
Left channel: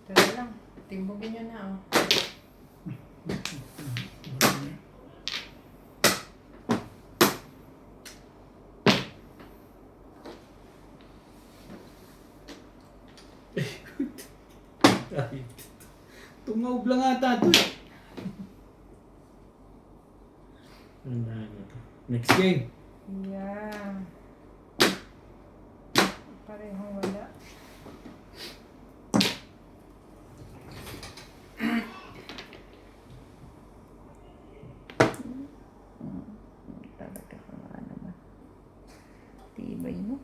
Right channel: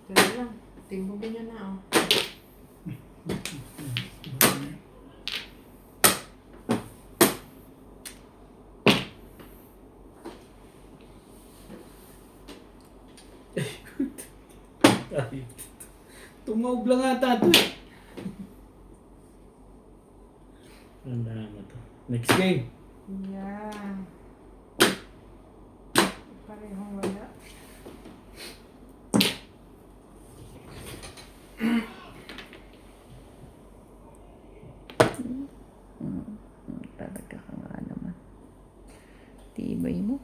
Dali lang. Timbogin nyo na, oh. Ay, tumaob lang ata ito eh. Ang dami to. Next game. Yeah. Parehong wala. Talaga ka nga naman. Tibay mo.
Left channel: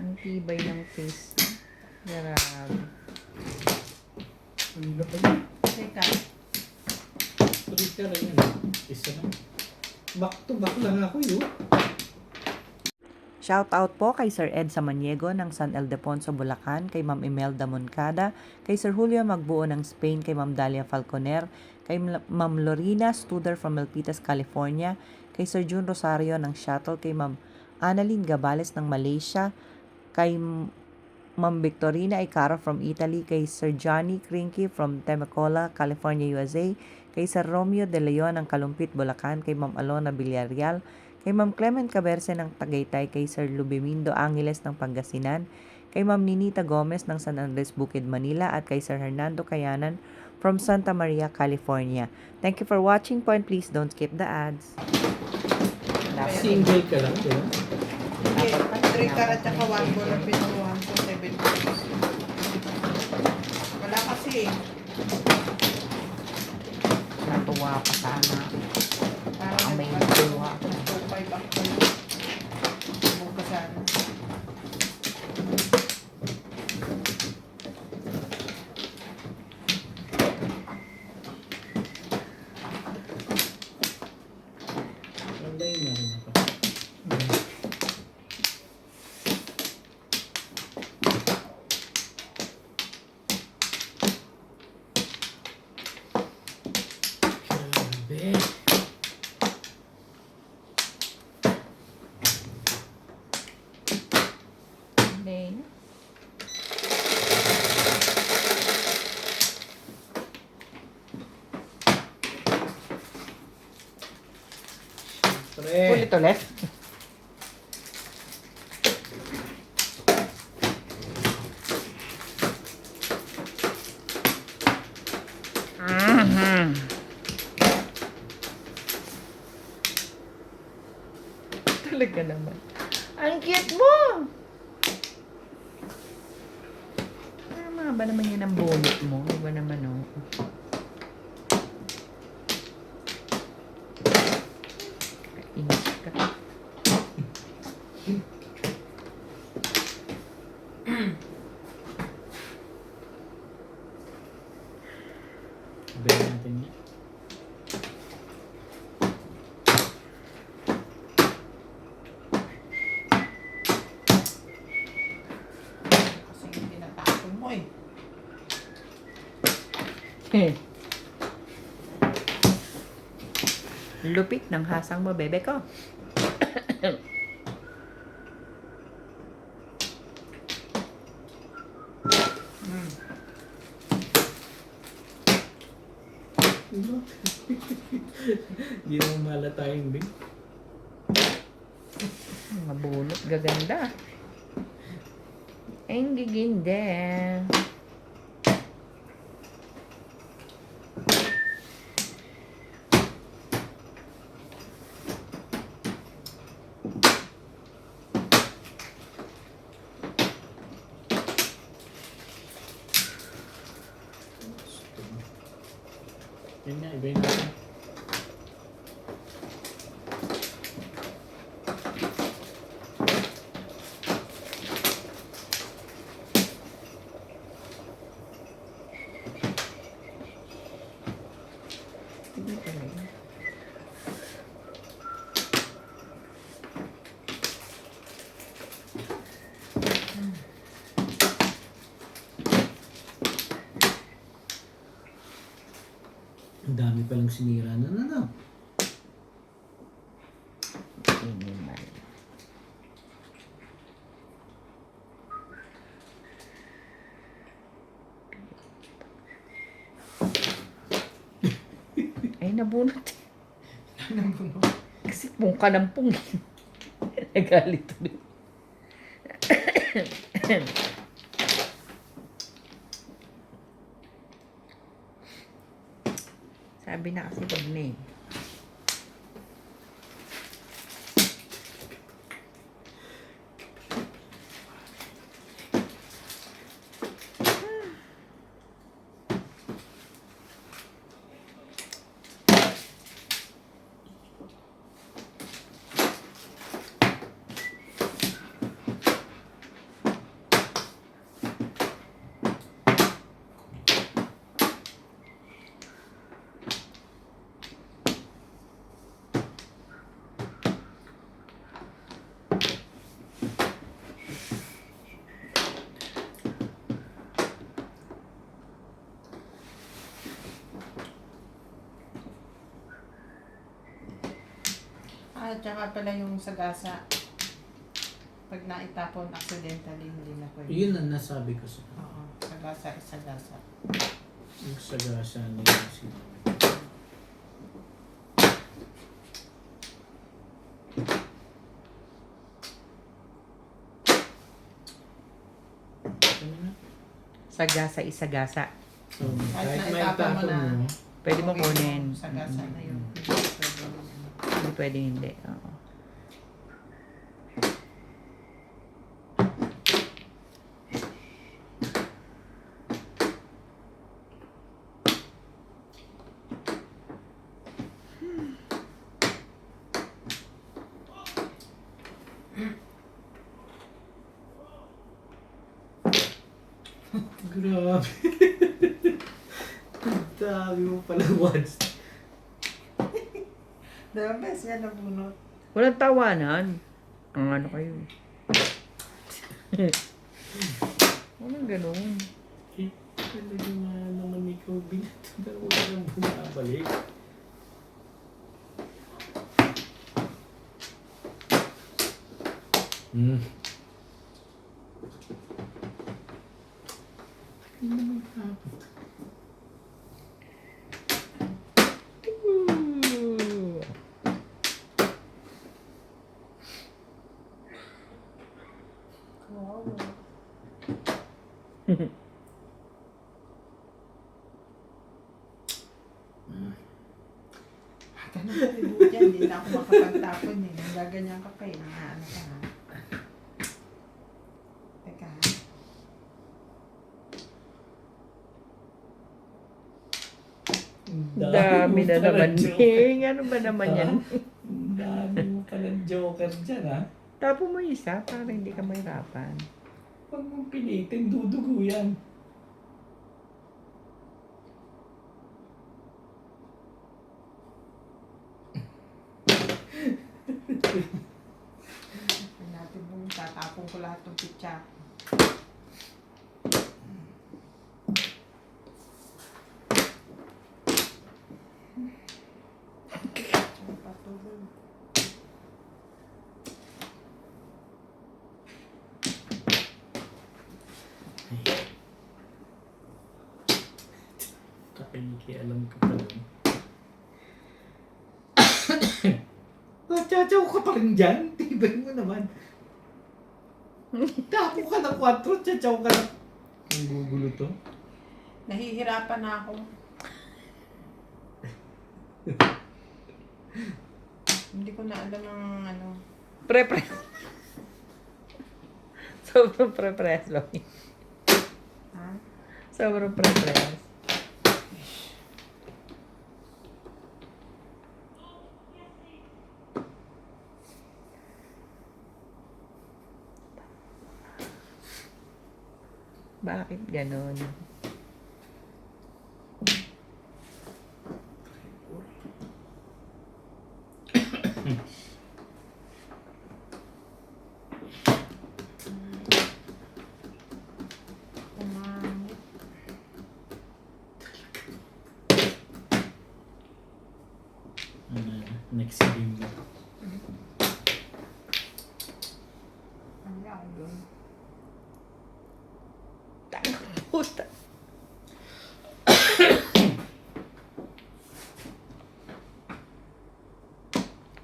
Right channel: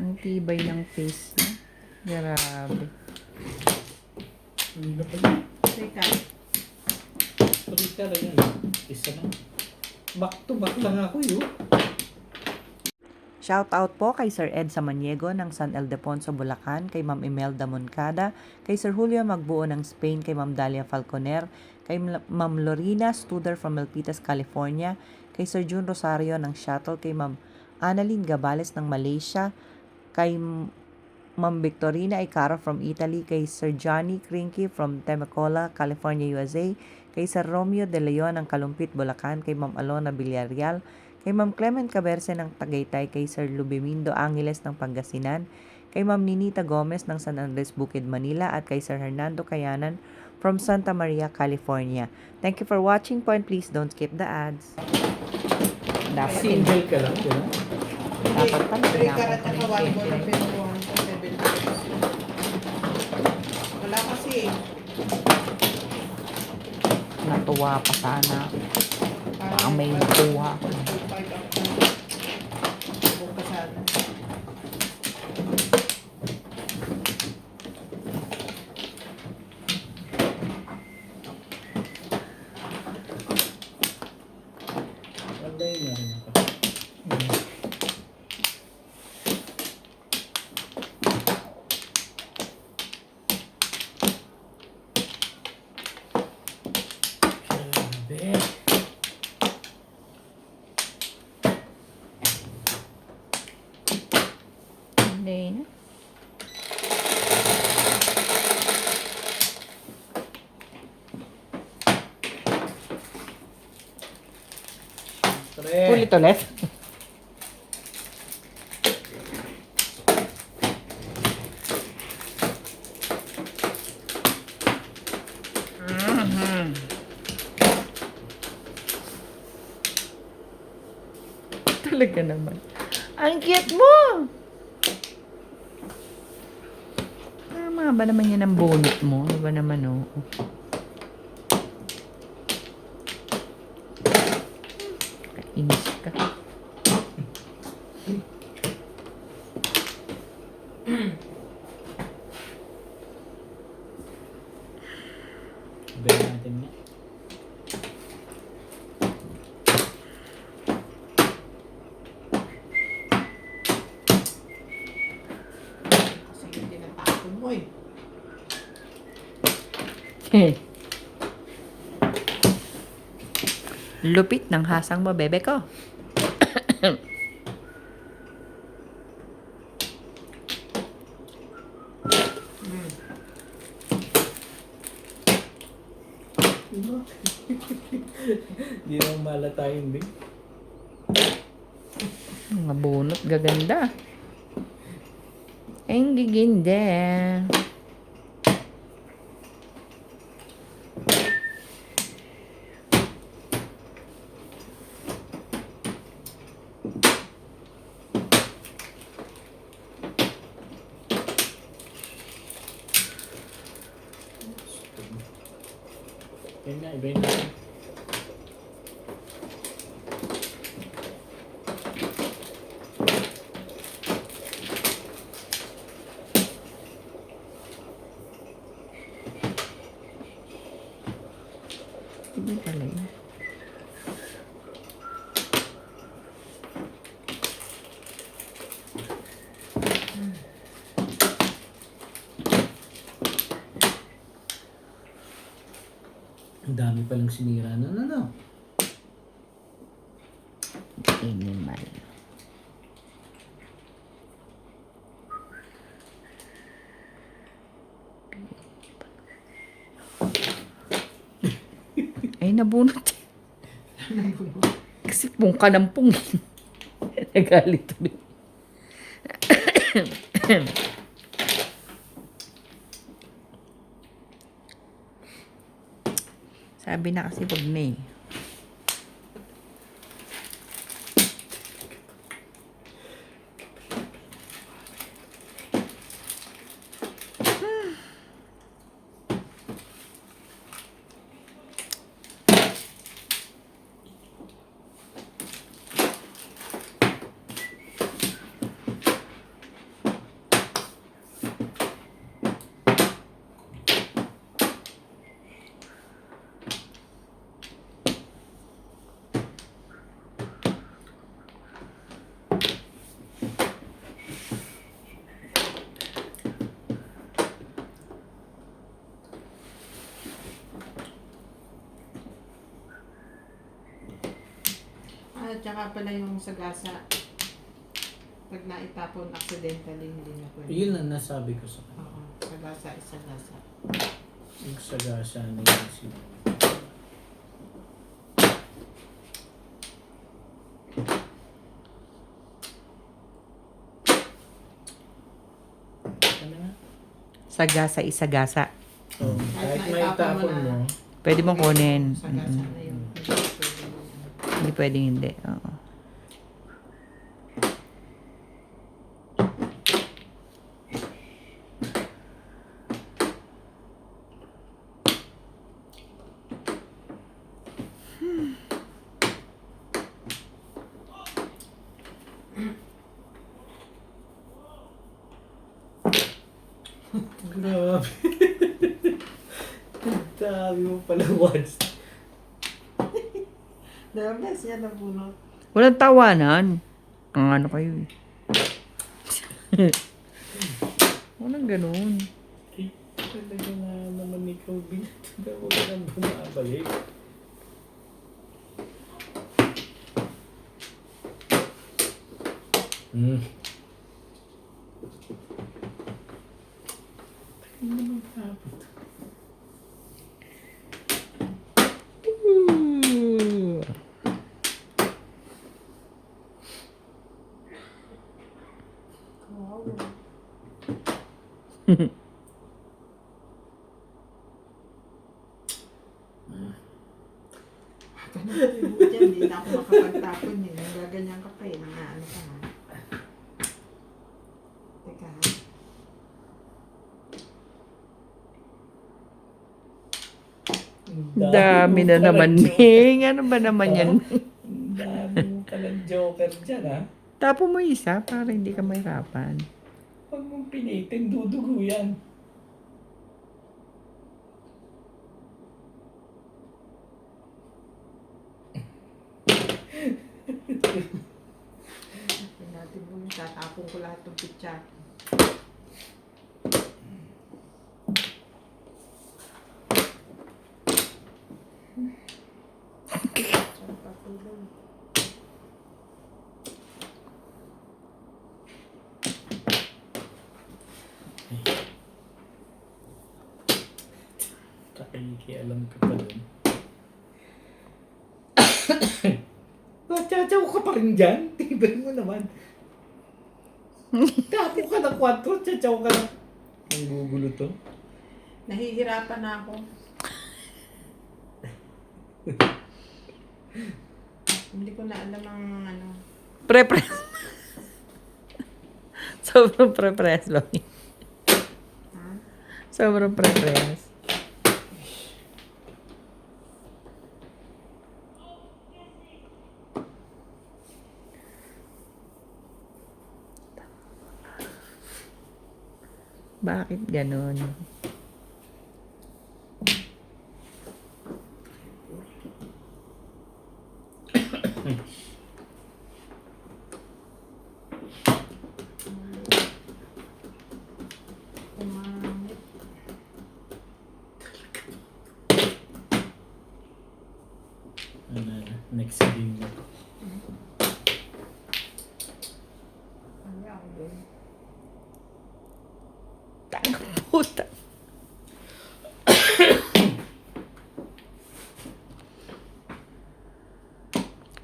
Ang tibay ng face niya. Grabe. Hindi na pa yun. Teka. Twitter yan. Isa lang. Back to back lang ako yun. Shoutout po kay Sir Ed Samaniego ng San Ildefonso, Bulacan, kay Ma'am Imelda Moncada, kay Sir Julio Magbuo ng Spain, kay Ma'am Dalia Falconer, kay Ma'am Lorena Studer from Milpitas, California, kay Sir June Rosario ng Shuttle, kay Ma'am Annalyn Gabales ng Malaysia, kay Ma'am Victorina Icara from Italy, kay Sir Johnny Krinky from Temecula, California, USA, kay Sir Romeo De Leon ng Kalumpit, Bulacan, kay Ma'am Alona Villarreal, kay Ma'am Clement Caberce ng Tagaytay, kay Sir Lubimindo Angeles ng Pangasinan, kay Ma'am Ninita Gomez ng San Andres Bukid, Manila, at kay Sir Hernando Cayanan from Santa Maria, California. Thank you for watching po and please don't skip the ads. Single ka lang, di ba? Hindi. 3 karat at 1 ball ang pinuluhan sa 7 pesos. Wala kasi eh. Natuwa ka sana. Parang May nakuha. 2.5 ako. Buka sana. Wala na rin ako. Grabe. Hindi na. Pre. Ulit. Talaga naman. Ang cute mo! Tama ba naman yan ang bonnet mo? Iba naman, oh. Kainis ka. Sabihin natin yan. Kasi yung tinatapon mo eh. Lupit ng hasang mo, bebe ko. Hindi naman malata yun, Bing. Mga bunot, gaganda. Ang giginda. Yan na, iba yun natin. Hindi pala yun. Ang dami palang sinira na ano. Animal. Ay, nabunot. Kasi pong ka ng pong. Nagalit tuloy. Sabi na kasi wag na eh. Ah, tsaka pala yung sagasa. Pag naitapon accidentally, hindi na pwede. Yun ang nasabi ko sa kanya. Oo, sagasa is sagasa. Yung sagasa na yung sinabi. Ano nga? Sagasa isagasa. So, kahit Kahit may naitapon tapon mo na. mo, Pwede mo kunin. Sagasa na yun. Hindi pwede yun. Hindi pwedeng hindi. Oo. grabe. Ang dami mo pala once. The best niya nabunot. Walang tawanan. Ang ano kayo eh. Walang ganun. Eh, talaga na naman ikaw binato na huwag ka nang bumabalik. Tagal naman tapos. Wow. Diyan, hindi na ako makapagtapon eh. Gaganyan ka pa eh. Ano ka ha? Teka ha? Ang Dami mo na palang naman. joker. Ming. Ano ba naman yan? Ang dami mo palang joker dyan, ha? Tapo mo isa para hindi ka mahirapan. Huwag mong pilitin, dudugo yan. Tignan natin kung tatapon ko lahat ng pitsa. Patuloy. Kakikialam ka pa dun. Tsatsaw ka pa rin dyan. Tibay mo naman. Tapo ka na 4, tsatsaw ka na. Ang gugulo to. Nahihirapan na ako. Hindi ko na alam ang ano. Pre-press. Sobrang pre-press ba? Ha? Sobrang pre-press. Bakit ganun? Puta.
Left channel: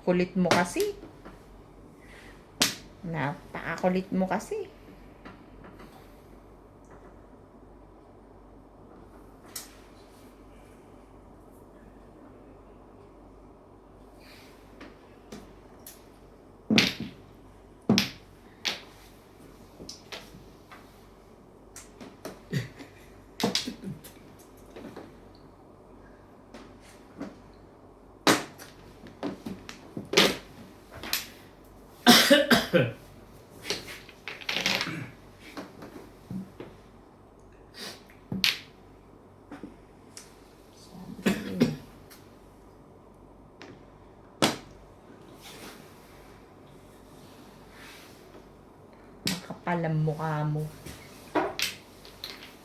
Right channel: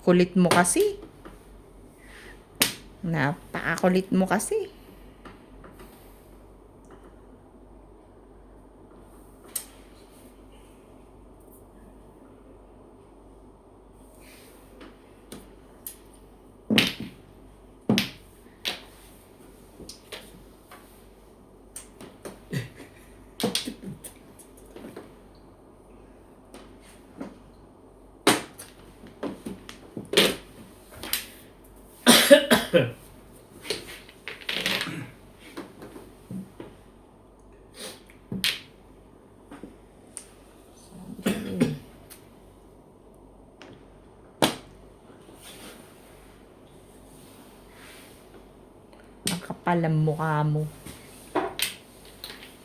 Kulit mo kasi. Napakakulit mo kasi. Ang kapal ang mukha mo.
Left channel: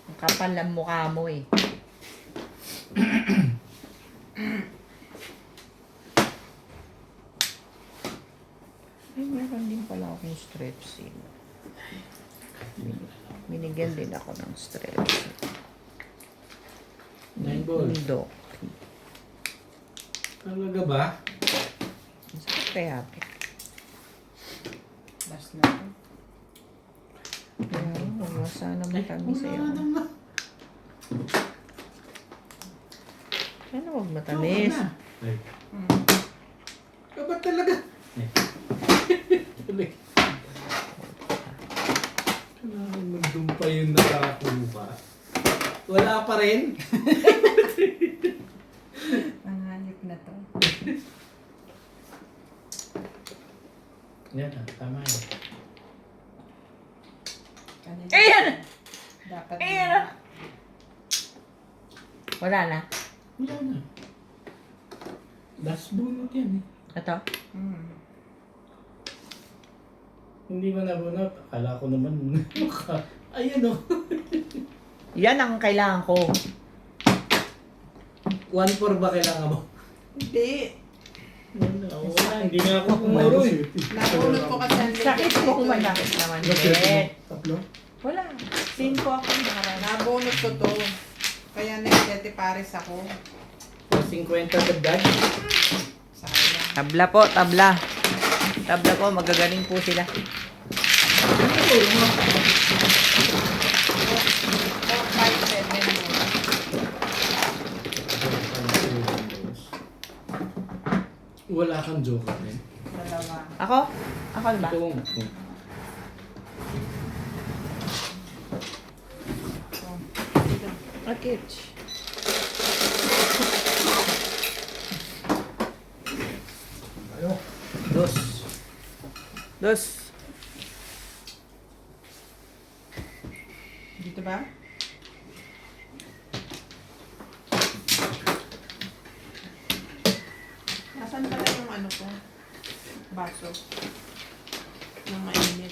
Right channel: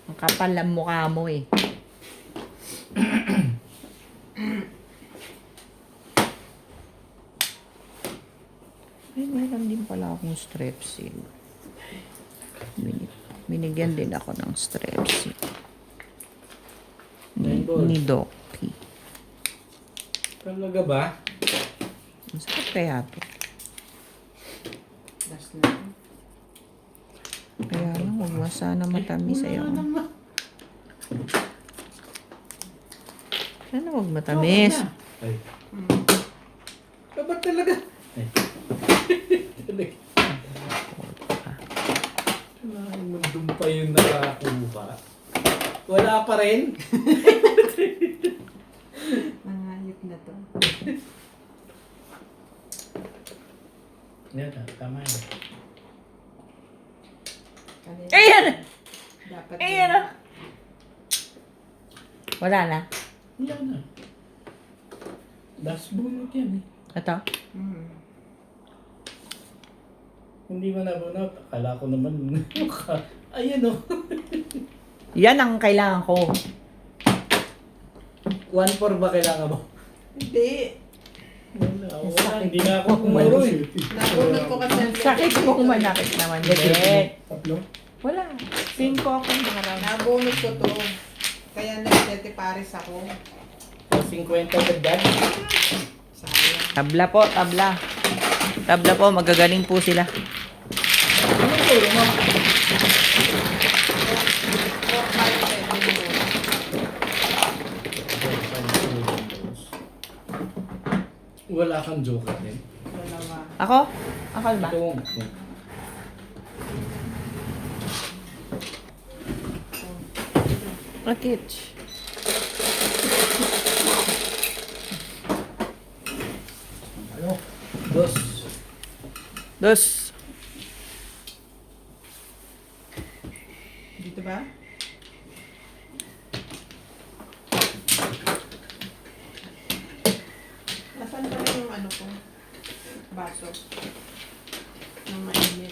Ang kapal ang mukha mo eh. Ay, meron din pala akong strepsil. Binigyan din ako ng strepsil. Rainbow. Ni Doki. Talaga ba? Ang sakit kaya to. Last na. Kaya lang, huwag mo sana matamis Wala sa'yo. naman. Sana huwag matamis. Okay na. Ay. Ba't talaga? Ay. Talaga. Kailangan magdumpa yung nakakuha. Wala pa rin. Nanganip na to. Yan, tama yan. Kanina, Ayan! Dapat Ayan na. Wala na. Yan na. Last bunot yan eh. Ito. Hindi ko nabunot. Akala ko naman. Ayan o. Yan ang kailangan ko. 1-4 ba kailangan mo? Hindi. Wala, hindi nga ako kumuro eh. Nahulog ko kasi ang Sakit mo manakit naman. Tatlo? Wala. Pin ko ako. Nabonus ko to. Kaya nag-7 pares ako. 50 dagdag. Sayang. Tabla po, tabla. Tabla po, magagaling po sila. Ano ito? Ano? 4, 5, 7 bonus. Wala kang joker din. Dalawa. Ako? Ako ba? Ito. Rakich. Ano? Dos. Dos. Dito ba? Nasaan pala yung ano ko? Baso. Yung mainit.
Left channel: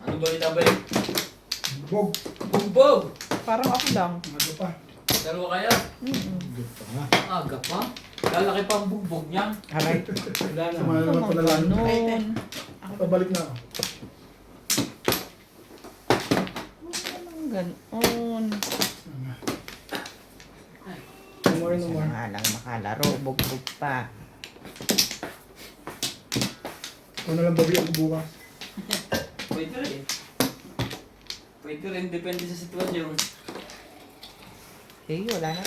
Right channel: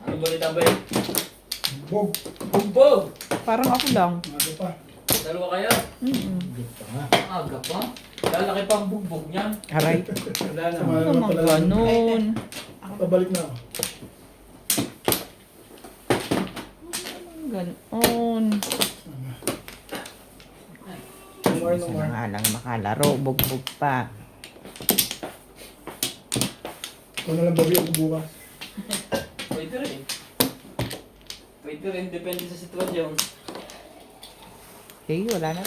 Ano ba ito ba? Bog. Bugbog! Parang ako lang. Ano pa? Dalawa kayo? Good pa nga. Aga pa? Lalaki pa ang bugbog niyan. Aray. Wala na. Sumama naman pala lang. Ganun. Pabalik na ako. Ganon. No more, no more. Nga lang makalaro. Bugbog pa. Kung na lang bawi ako bukas. Pwede rin. Pwede rin, depende sa sitwasyon. Hey, wala na.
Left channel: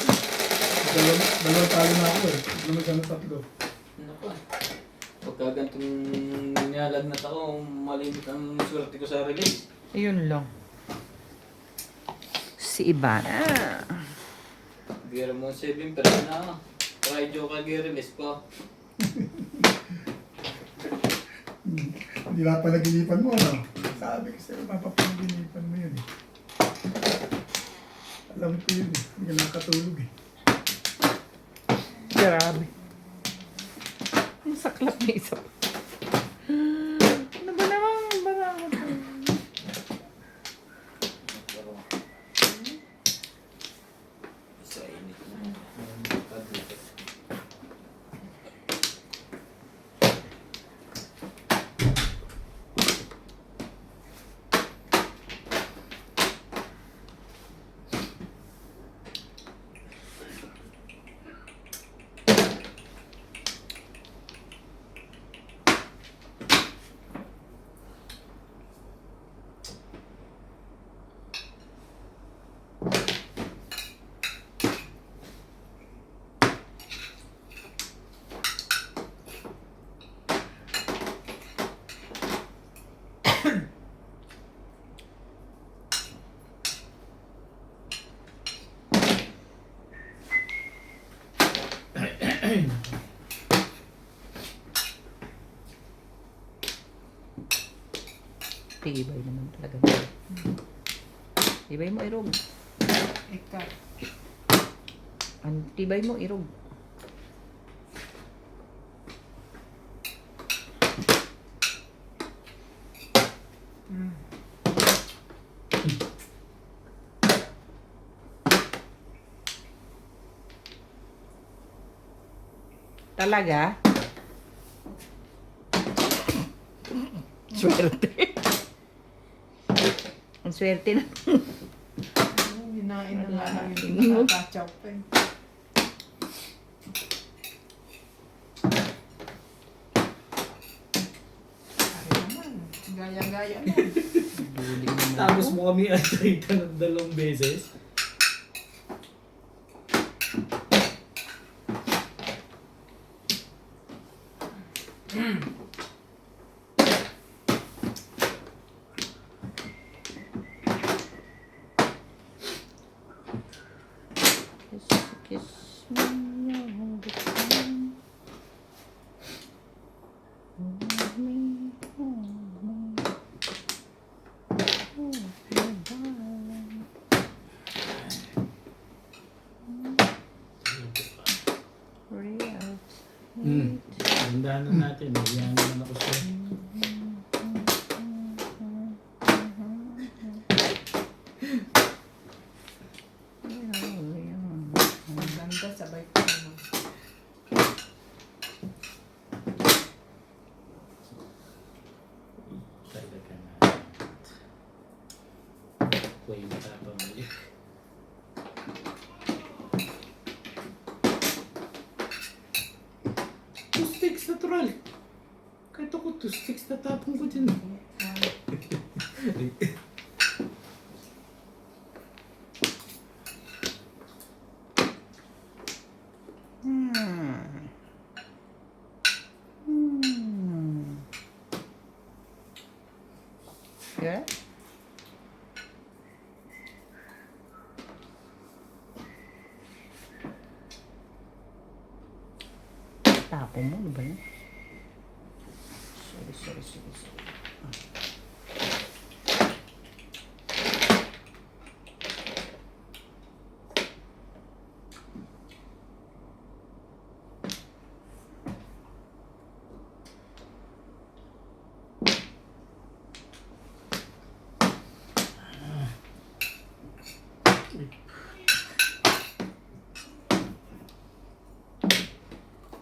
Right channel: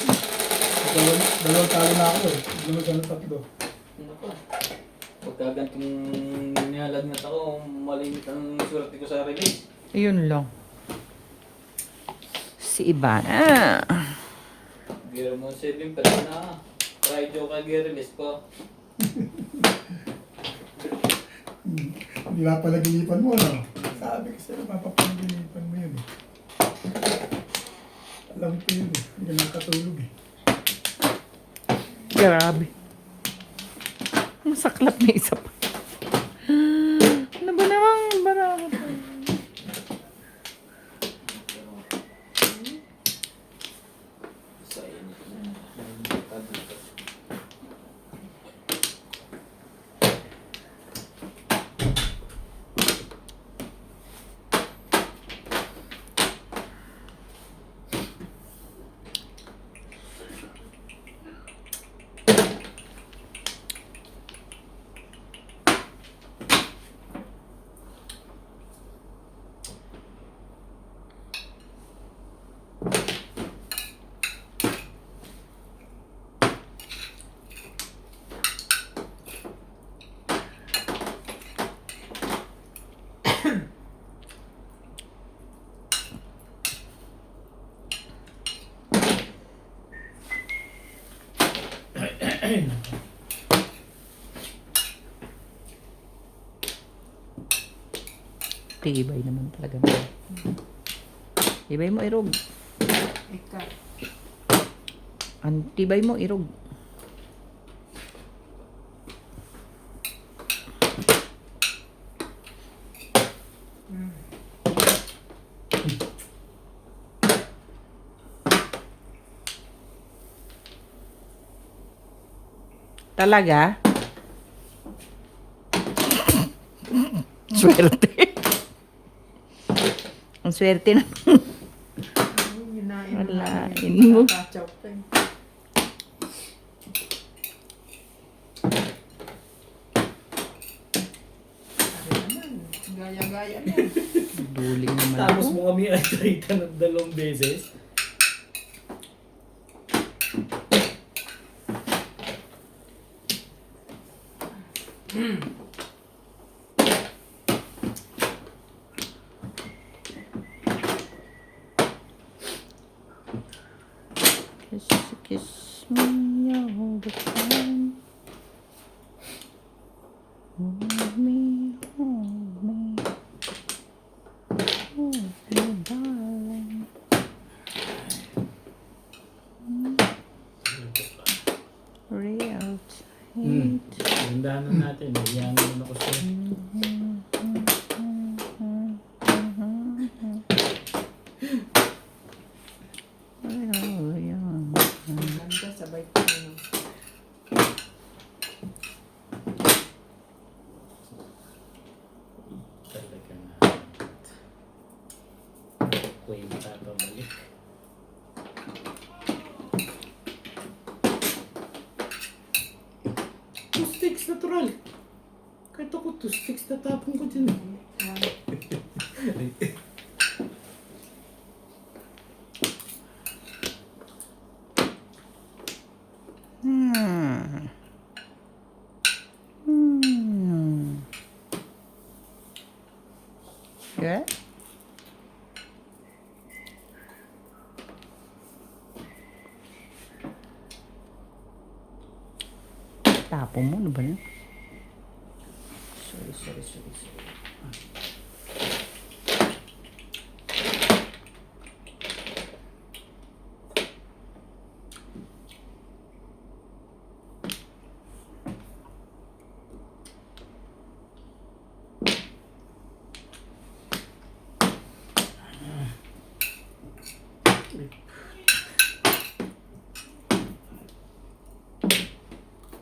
Dalawang talo na ako eh. Lumig ka na tatlo. Ano pa? Pagka gantong niyalag na tao, malimit ang swerte ko sa release. Ayun lang. Si Ivana. Bigyan mo 7 pero na. Try joke kag release ko. Hindi na palaginipan mo, ano? Sabi ko sa'yo, papapalaginipan mo yun eh. Alam ko yun eh. Hindi ka nakatulog eh. Grabe. Masaklap na isa pa. Ano ba naman? Barang ko. Sa init. Tibay naman talaga. Tibay mo, irog. Ikaw. Ang tibay mo, irog. Talaga? Swerte. Ang swerte na. Hinain mo Wala, lang. hindi mo. Kakachaw pa eh. Ano naman, gaya-gaya na. Duling naman. Tapos mo kami atrita ng 2 beses. Kiss, kiss me all the time. Hold me, hold me. Hold me, darling. Real Gandahan na natin. Iyan naman ako sa'yo. Ang ganda, sabay ko ano. Talaga na. Ako yung papabalik. Two sticks, natural. Kahit ako, 2 sticks natapon ko dyan. Good. Tapon mo, ano ba yun? Sorry.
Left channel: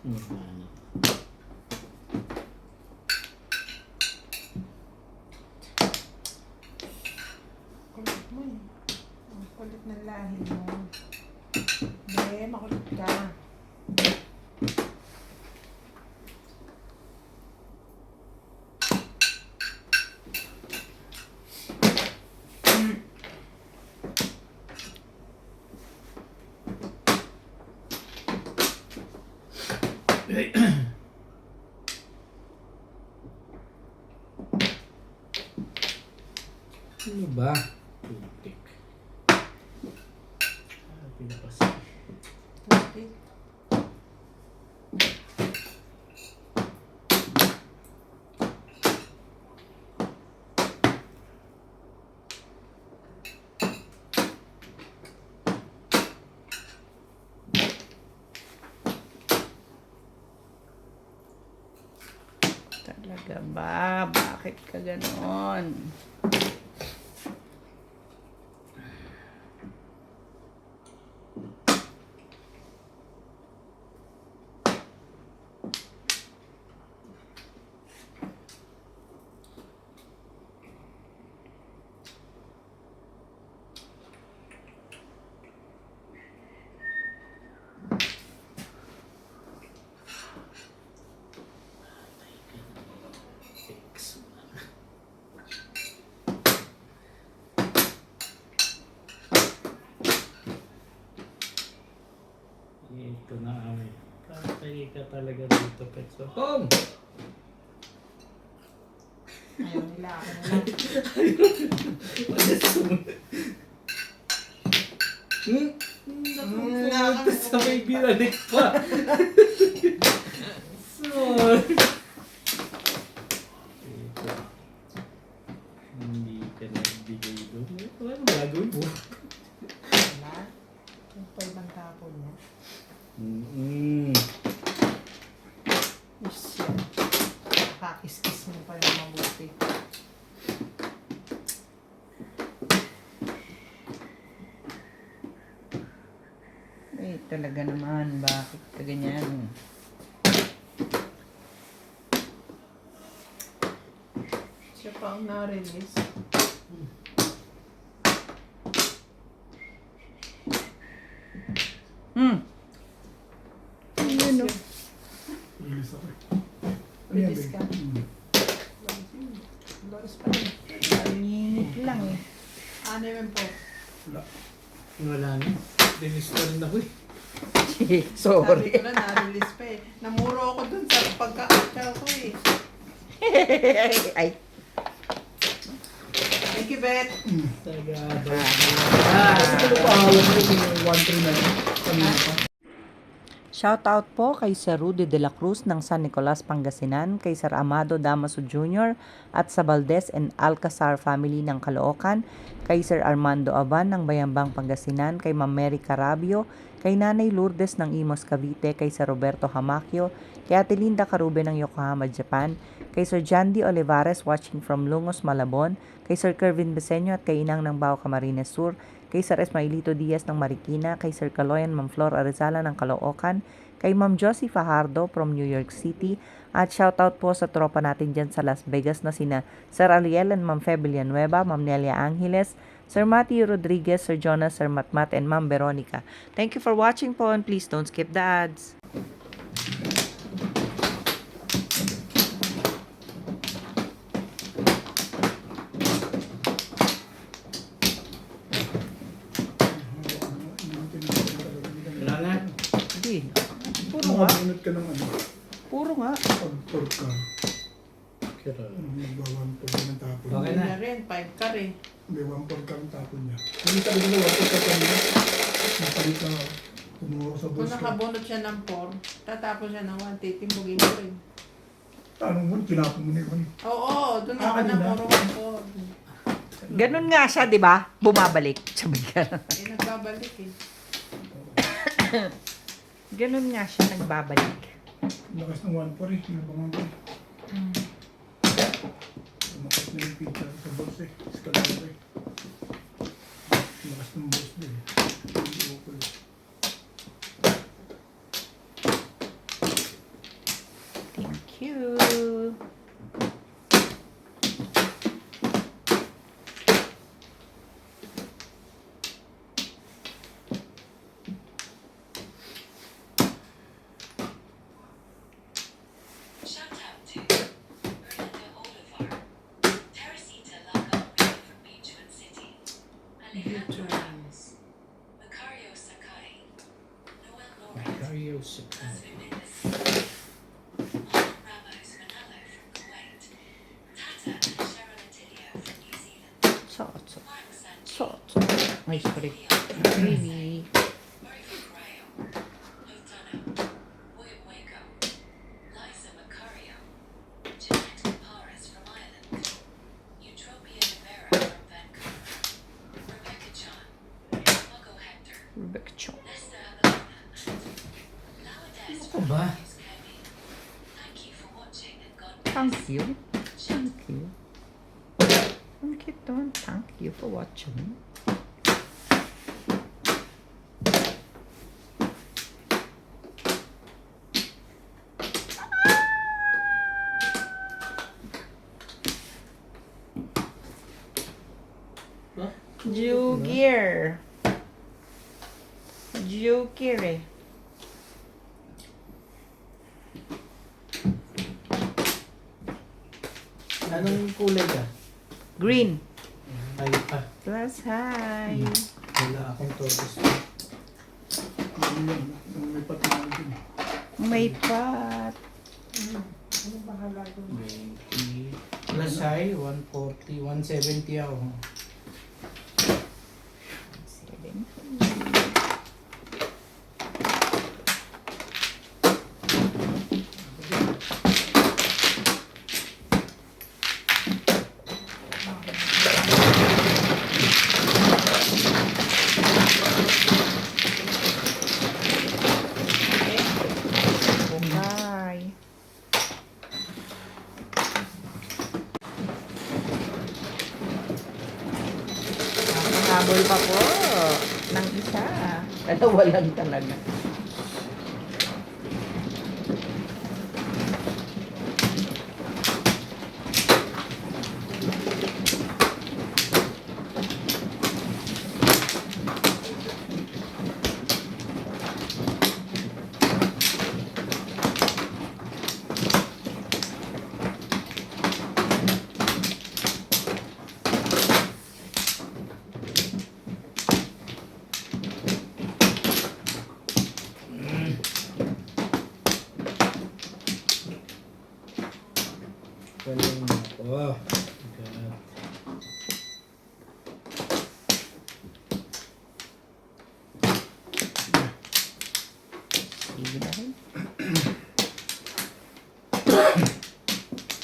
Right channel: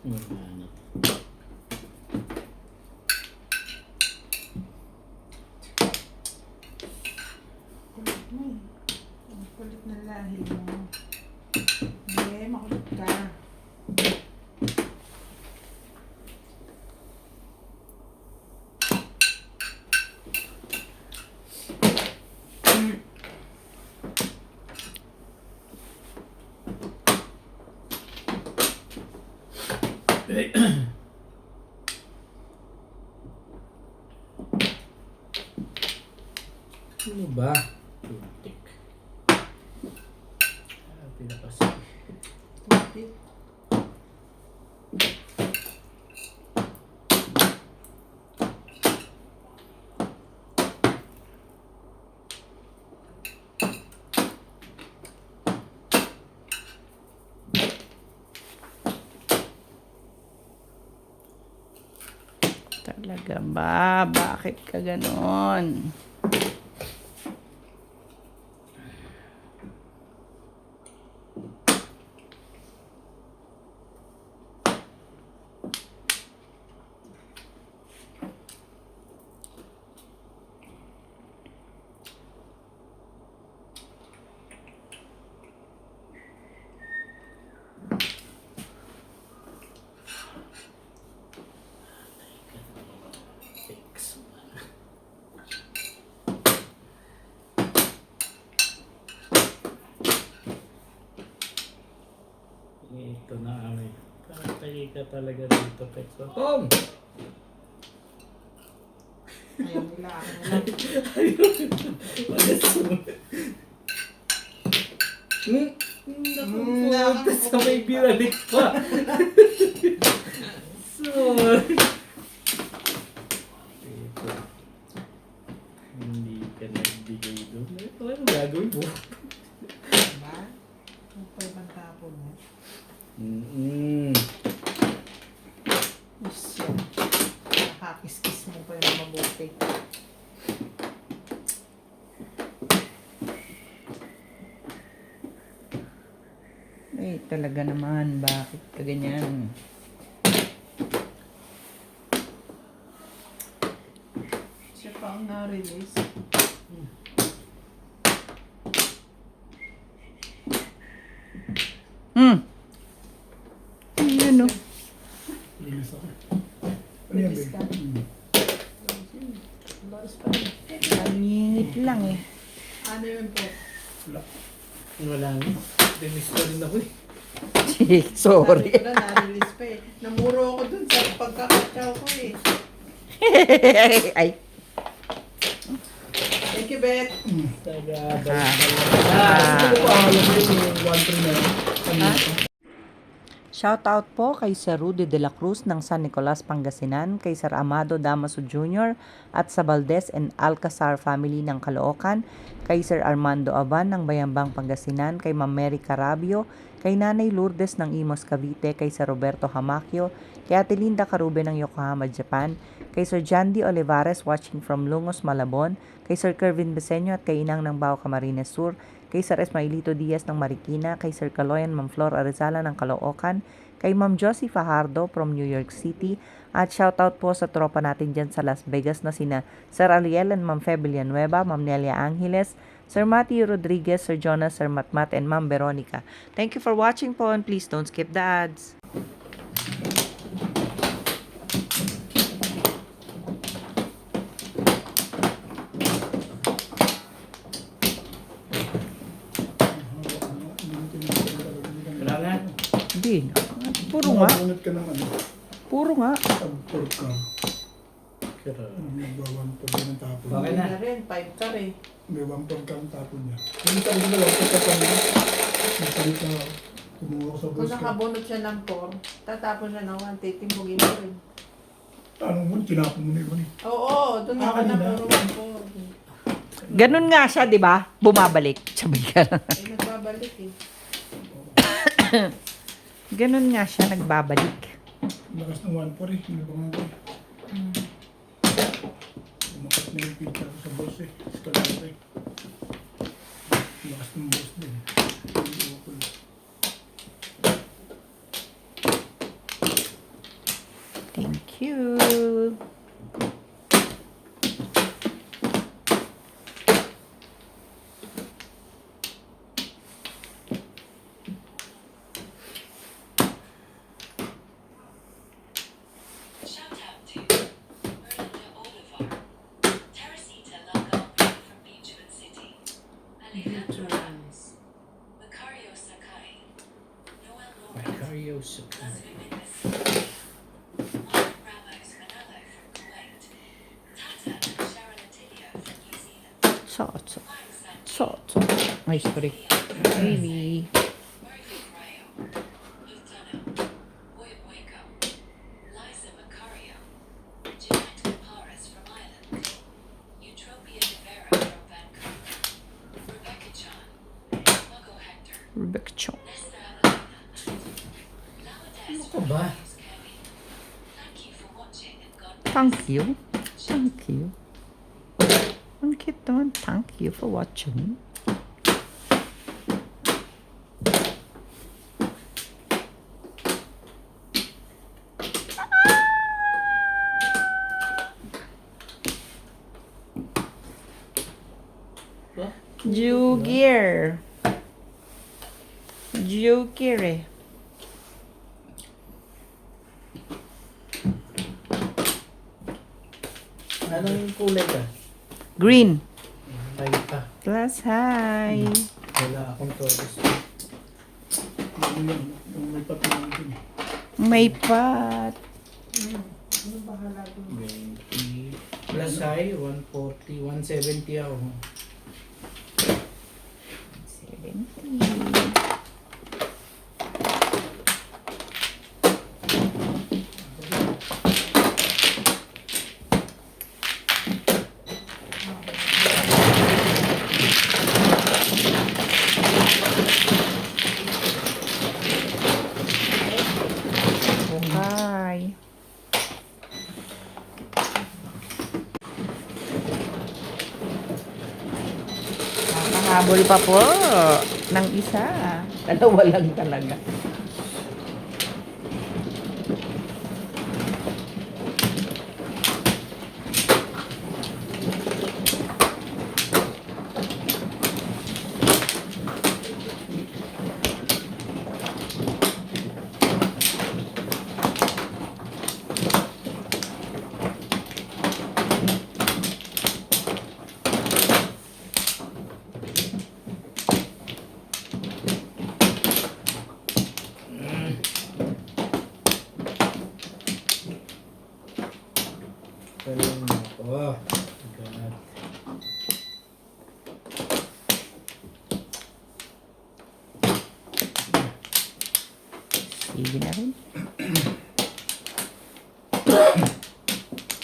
Ano. Kulit mo eh. Ang kulit na lahi mo. Hindi, makulit ka. Ano ba? Tuntik. Pinapas. Kulit. Talaga ba? Bakit ka ganon? Fix. Ito na kami. Patay ka talaga dito, Pex. Home! Ayaw nila ako na lang. Nakapunta sa may binalik pa. Ganon. Ito. Hindi ka nagbigay doon. Ito ano gagawin mo? Wala. Ang pa ibang tapon mo. Yes, yan. Nakakis-kis mo pa rin mabuti. Eh, talaga naman. Bakit ka ganyan? Siya pa ang na-release. Ayan o. Ilis ako. Release ka. Doors pa rin. Ang init lang eh. Ano yun po? Wala na. Release na rin ako eh. Sabi ko lang, na-release pa eh. Namuro ako dun sa pagkakatsaw ko eh. Ay. Thank you, Bet. Tagabay. Ito pa ako yung 1-3 na. Shoutout po kay Sir Rudy de la Cruz ng San Nicolas, Pangasinan, kay Sir Amado Damaso Jr. at sa Valdez and Alcazar family ng Caloocan, kay Sir Armando Aban ng Bayambang, Pangasinan, kay Ma'am Mary Carabio, kay Nanay Lourdes ng Imos, Cavite, kay Sir Roberto Hamakio, kay Ate Linda Carube ng Yokohama, Japan, kay Sir Jandy Olivares watching from Lungos, Malabon, kay Sir Kervin Beseño at kay Inang ng Bao, Camarines Sur, kay Sir Esmailito Diaz ng Marikina, kay Sir Caloyan Ma'am Flor Arizala ng Caloocan, kay Ma'am Josie Fajardo from New York City, at shoutout po sa tropa natin dyan sa Las Vegas na sina Sir Ariel and Ma'am Fe Villanueva, Ma'am Nelia Angeles, Sir Matthew Rodriguez, Sir Jonas, Sir Matmat, and Ma'am Veronica. Thank you for watching po and please don't skip the ads. Wala na. Hindi. Puro nga. Bunot ka ng ano. Puro nga. Pag-pork ka. Pero, Nagbawan po ng tapon. Okay na. rin, 5 ka rin. May 1-4 ka ang tapon niya. Hindi ka rin nila. Ito ka niya. Napalit na tumuha ko sa Kung boss ko. nakabunot siya ng 4, tatapon siya ng 1, titimbugin mo rin. Paano mo? Tinapon mo na yun eh. Oo, doon Ah, ako kanina? na puro ng 4. Ganun nga siya, di ba? Bumabalik. Sabi ka. Eh, nagbabalik eh. Ganun nga siya, nagbabalik. Lakas ng 1-4 eh. Sinabangan ko. Lakas na yung pizza ko sa boss eh. Escalado eh. Lakas ng boss mo eh. Hindi ako lang. Thank you. Shout out to Miranda Olivar, Teresita Langarbia from Beachwood City, Alejandro Ramos, Macario Sakai, Noel Lopez, Macario Sakai. Leslie Mendes, Juan Ramos Manalo from Kuwait, Tata and Sharon Attilio from New Zealand, Salt. Juan Santi, Salt. Ay, sorry. Really? Murphy Grayo, Lutano, Boy Waco, Liza Macario, Jeanette Capares from Ireland, Eutropia Rivera from Vancouver, Rebecca Chan, Margo Hector, Rebecca Chong. Nesta Avelina, Laudez Ano ka ba? Reyes Kevin. Thank you for watching and God bless. Thank you. Thank you. Ang cute naman. Thank you for watching. Ba? Jugir. Jugir eh. Anong kulay ka? Green. Ay pa. Plus hi. Wala akong todos. Ano yan? Ang may patuloy din eh. May pot. Ano bahala doon? 20. Plus high, 140, 170 ako. 70. Habol pa po ng isa. Dalawa lang talaga. Galing ako. God. Sige na rin.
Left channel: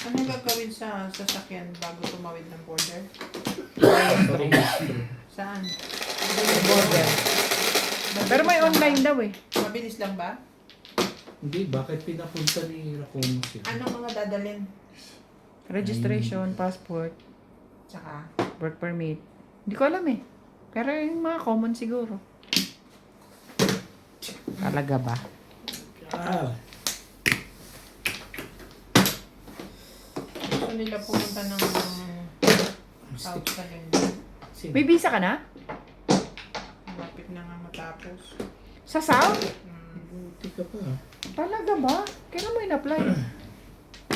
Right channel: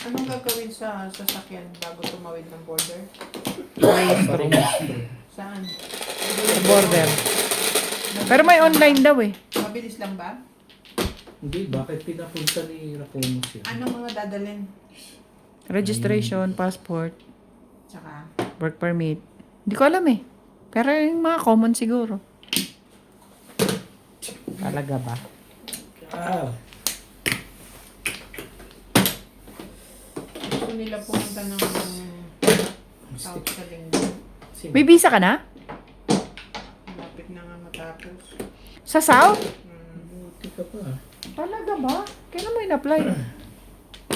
Anong gagawin sa sasakyan bago tumawid ng border? Parang Saan? Border. Pero may online daw eh. Mabilis lang ba? Hindi, bakit pinapunta ni Racomos yun? Anong mga dadalhin? Registration, passport, Tsaka, work permit. Hindi ko alam eh. Pero yung mga common siguro. Talaga ba? Ah, gusto nila pumunta ng South stick. sa linggo. Sino? May visa ka na? Malapit na nga matapos. Sa South? Buti ka pa. Talaga ba? Kailan mo in-apply?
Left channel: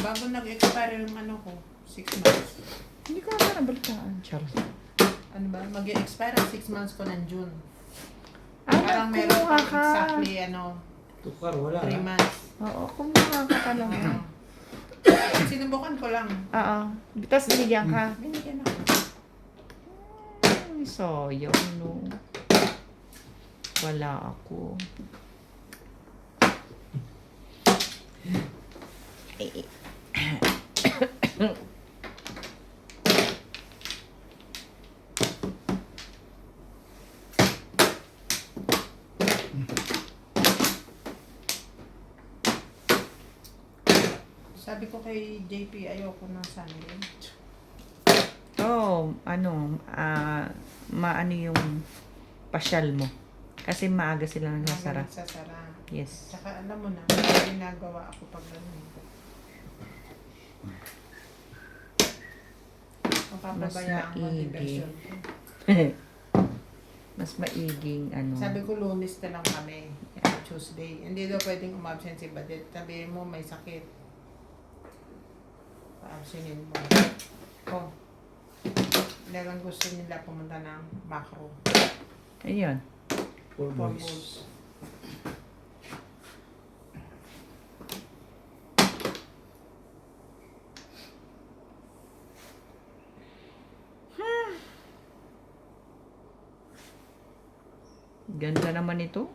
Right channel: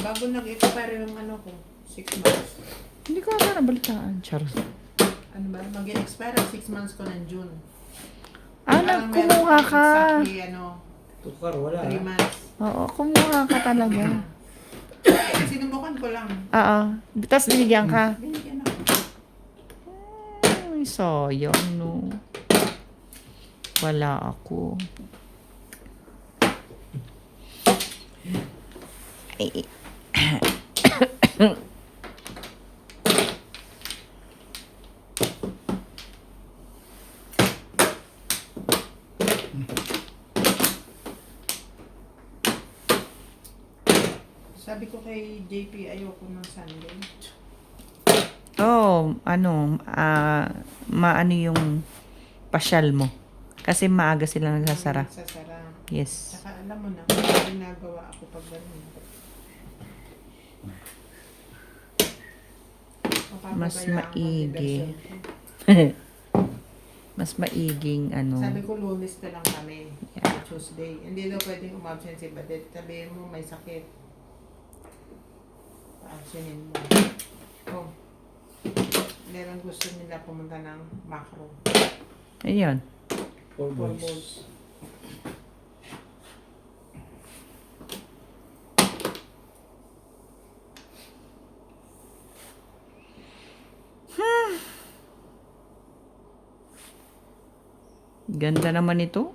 Bago nag-expire yung ano ko, 6 months. Hindi ko na nabalitaan. Charles. Ano ba? Mag-expire ang 6 months ko ng June. Anak, kumuha pang ka. exactly, Tukar, wala. 3 months. Oo, kumuha ka talaga. Sinubukan ko lang. Oo. Tapos binigyan ka. Binigyan ako. Ay, sayang no. Wala ako. Eh, Sabi ko kay JP, ayoko ng Sunday. oh, maano yung pasyal mo. Kasi maaga sila nagsasara. Sasara. Yes. Tsaka alam mo na, may ginagawa ako pag gano'n. Mas Mapapabayaan ko ang maigi. diversion ko. Mas maiging ano. Sabi ko, Lunes na lang kami. Tuesday. Hindi daw pwedeng umabsent si Badet. Sabi mo, may sakit. Paasinin mo. Oh. Dahil gusto nila pumunta ng macro. Ayun. 4 4 boys. balls. Ganda naman ito.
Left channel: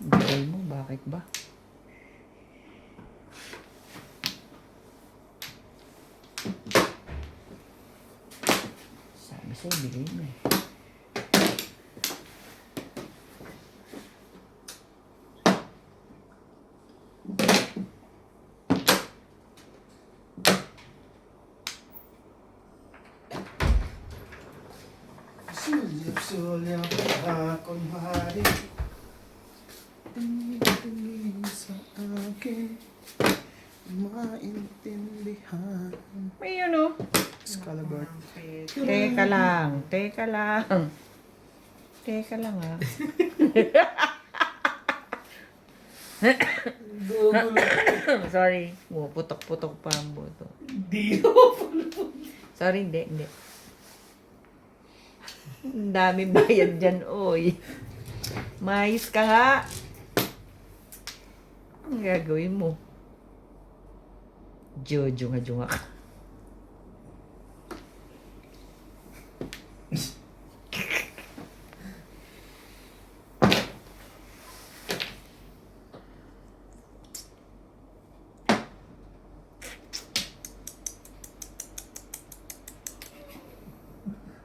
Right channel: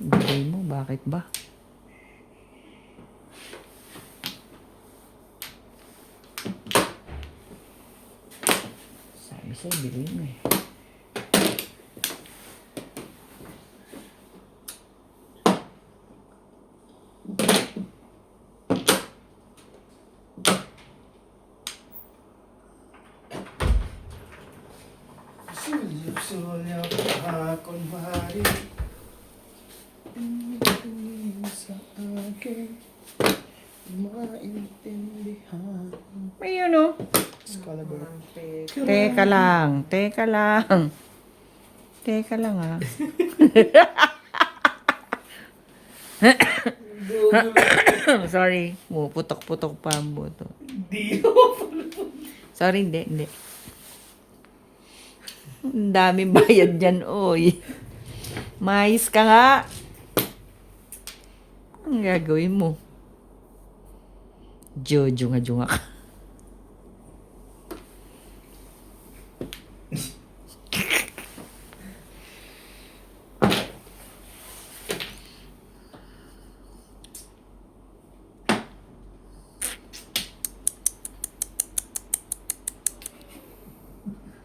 Bigay mo. Bakit ba? Sabi sa'yo, bigay mo eh. Sulit-sulit akong mahari. Tingin sa akin, maintindihan. May yun oh. Excalibur. Ang pet. Teka lang. Teka lang. Teka lang ah. Sorry. Putok-putok pa ang buto. Di. Sorry, hindi. Ang daming bayad dyan, oy. Mais ka nga. Ang gagawin mo? Junga ka.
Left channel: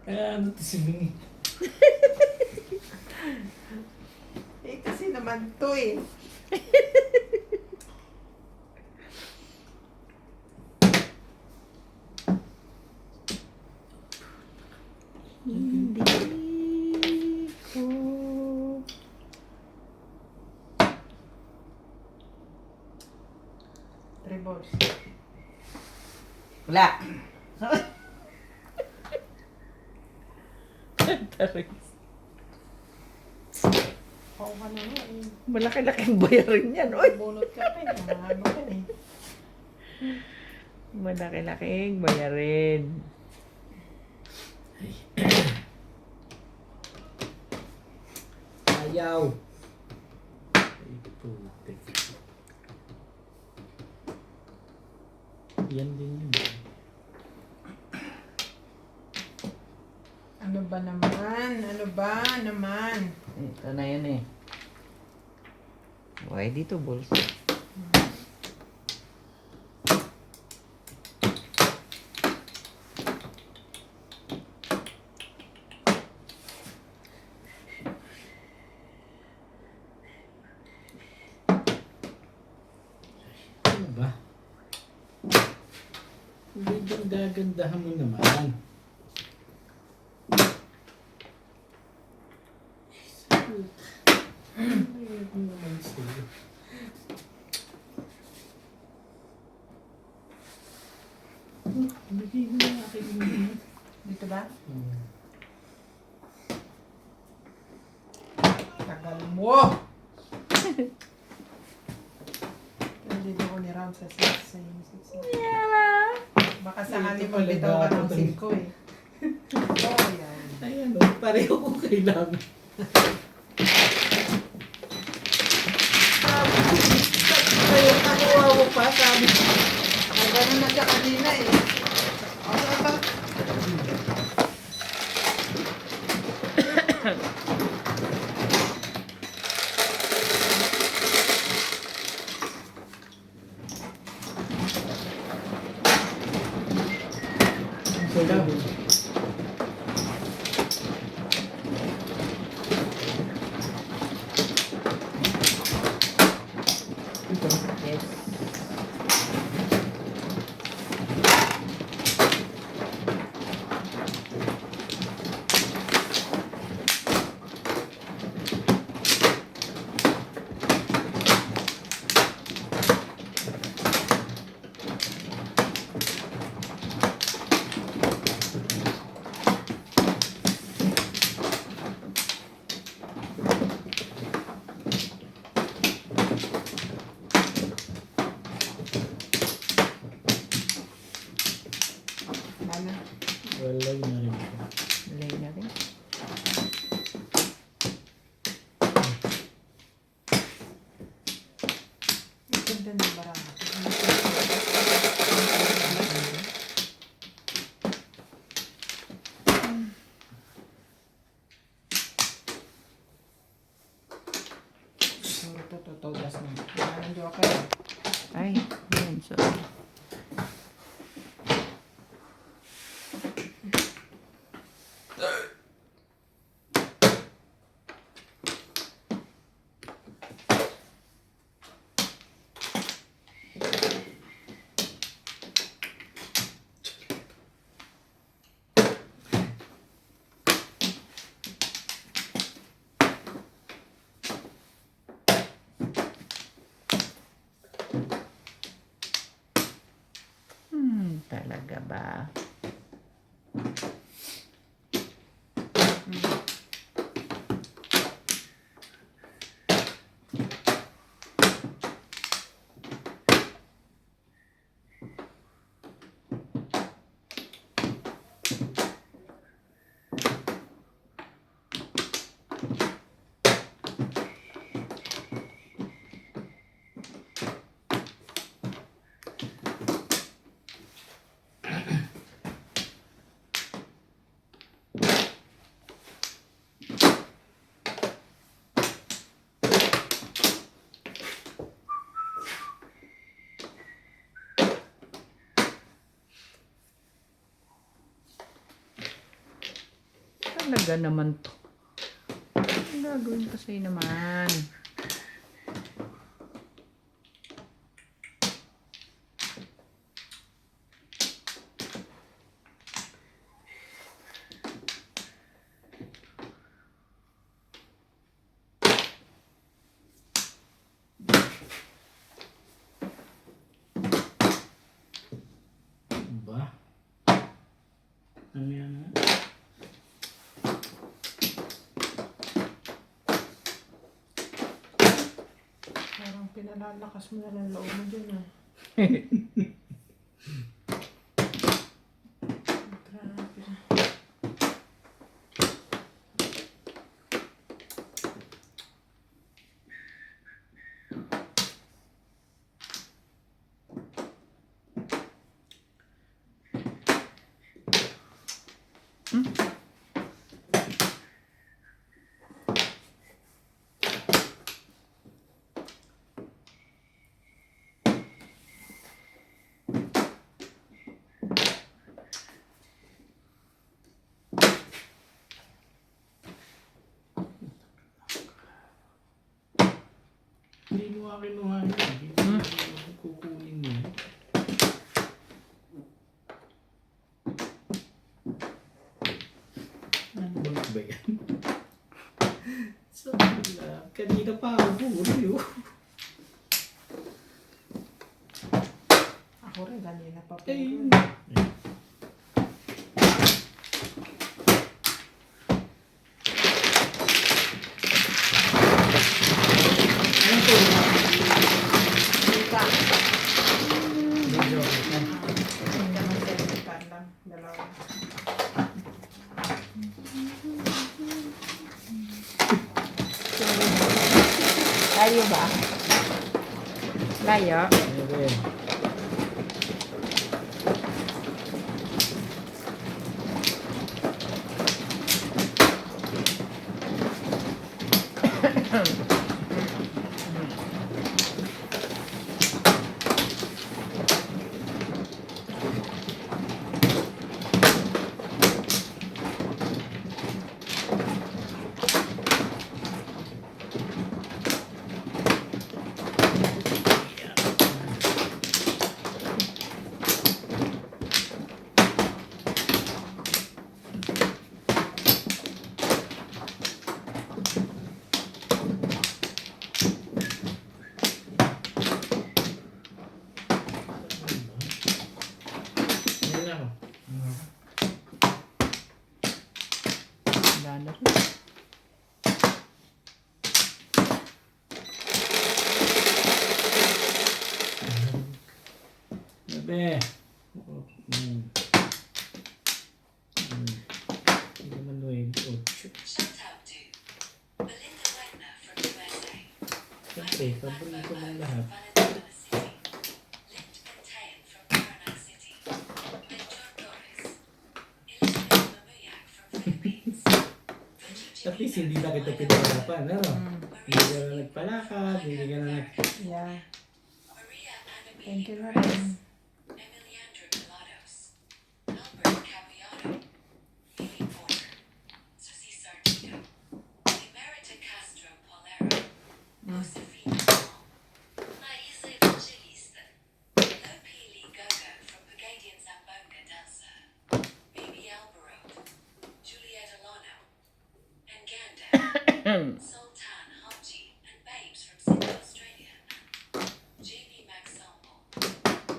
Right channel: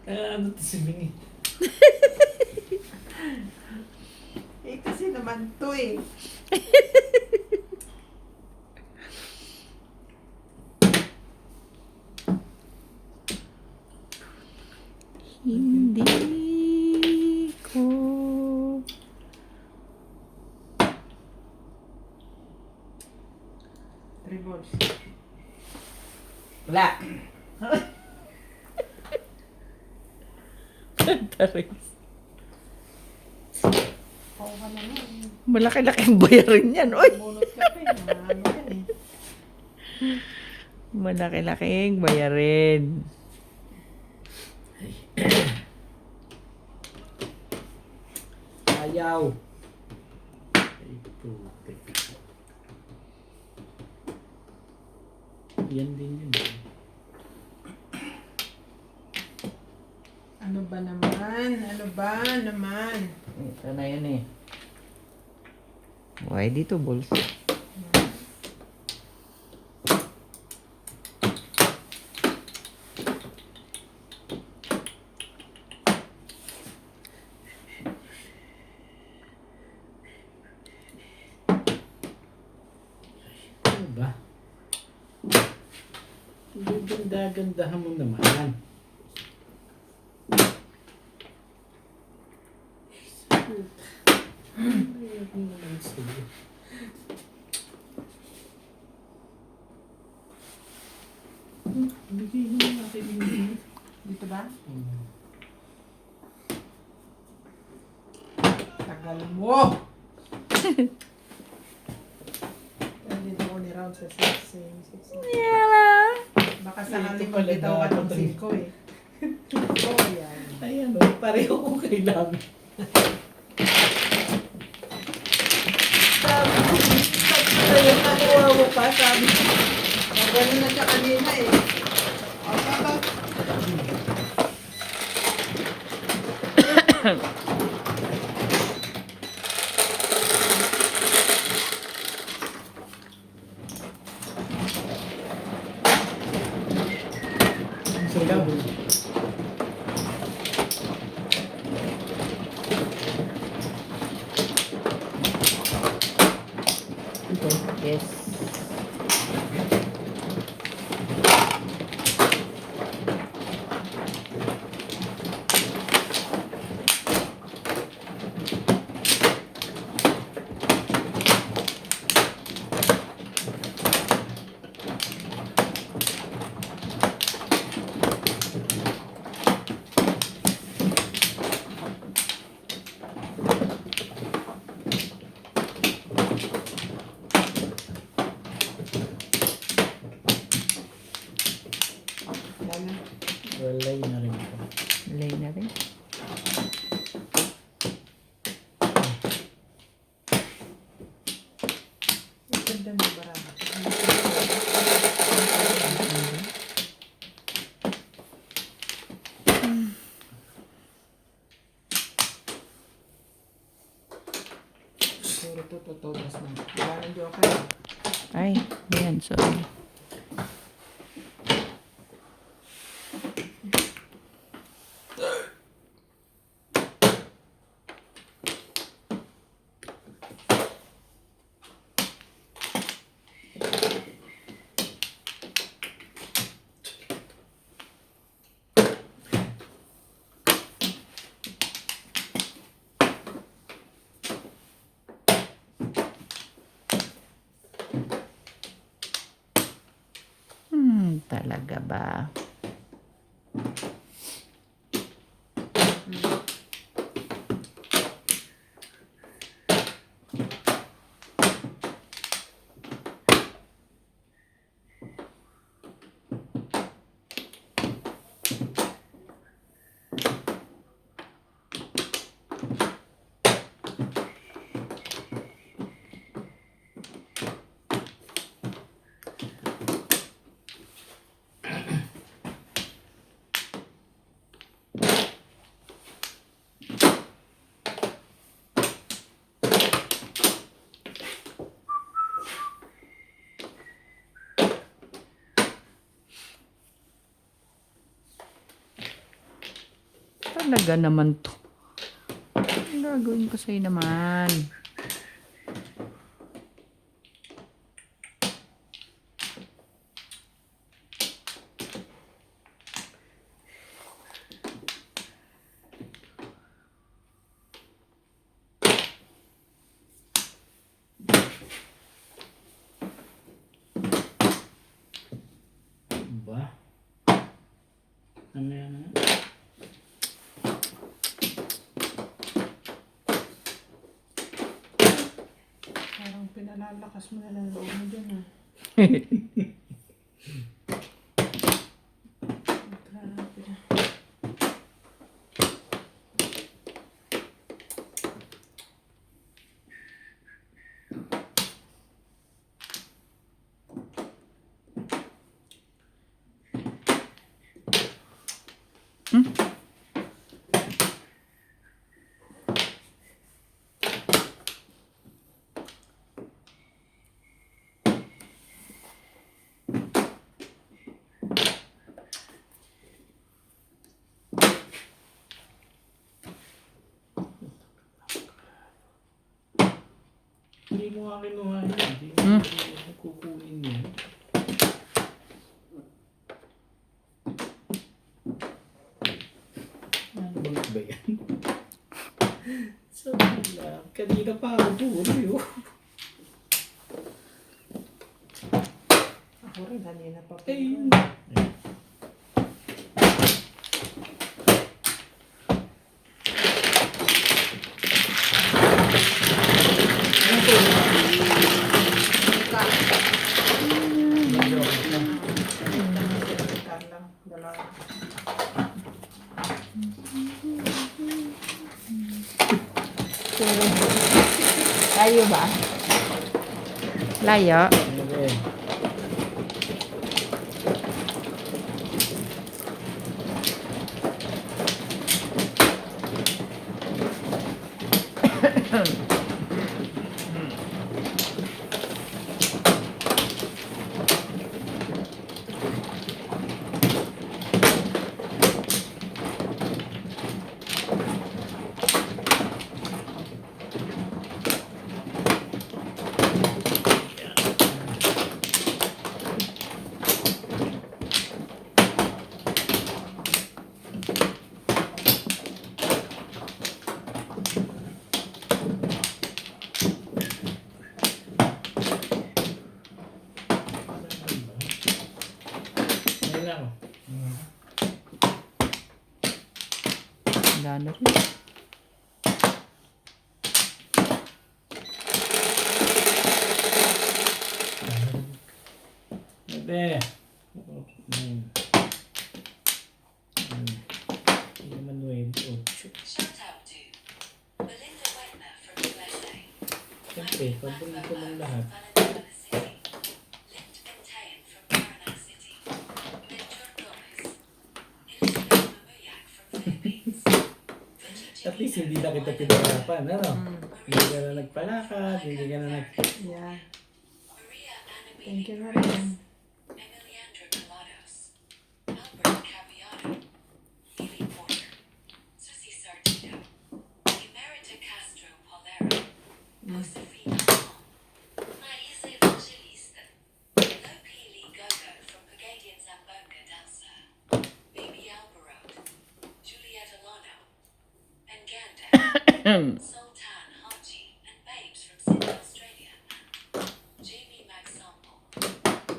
Ano to si Minnie? Eh, kasi naman to eh. Bakla! Oo ka na yun. Malaki-laking bayarin yan, oy. Bunot ka pa eh. Ano yan eh. Malaki-laking bayarin. Ayaw! Ay, putik. Yan din yun. Ano ba naman? Ano ba naman? Ito na yun eh. Why dito, balls? Ano ba? Hindi ganda-gandahan mo naman. Ayun naman sa'yo. Bigay mo na akin yung Dito ba? Tagal mo! Hindi na ako ni-round sa 6. Baka sa Ito akin pala magbitaw ka ng dapat. 5 eh. Oo, yan. Ayan o, pareho ko kailangan. Ayun, nakuha mo pa, sabi. Ganun na siya kanina eh. Ikaw. Ito. Yes. Yan na. Walay na rin ito. Lay na rin. Ang ganda ng barang. Puro tututulas na. Maraming joker. Ay, yan, sorry. Talaga ba? Talaga naman to. Ang gagawin ko sa'yo naman. Ba? Parang pinalalakas mo na ng loob mo dyan ah. Grabe. Hindi mo nga kinuha yun. Hindi mo kukunin yun. Ano ba yan? So, kanina pa ako puro. Ako rin kanina pa po. Ayun. Carla, dalawa. Layo ba? Layo? Okay. Ayun ako. Wala na rin. Bebe. Hindi naman 9-8. Shout out to Belinda Wetner from USA. Siyempre, paborito mong lahat. Valenzuela City. Lift and Tayan from Paranal City. Mentor Torres. Elizabeth Mamuyak from Philippines. At least hindi na kita pinahirapan, ano? Hindi ka na nagpalakad, hindi ka na nag... Yeah. Maria Annabelle Thank you Perez. very much. Emiliandra Colados. Albert Caviano. Lily Porter. Susie Sartino. Emerita Castro Polero. Josefina Hall. Maisa Evangelista. Lopili Gogo from Pagadian Zambonga dancer. Bibi Alvaro. Juliet Alano. And Ganda. Sultan Haji and Babes from Sydney, Australia. JB Maxample.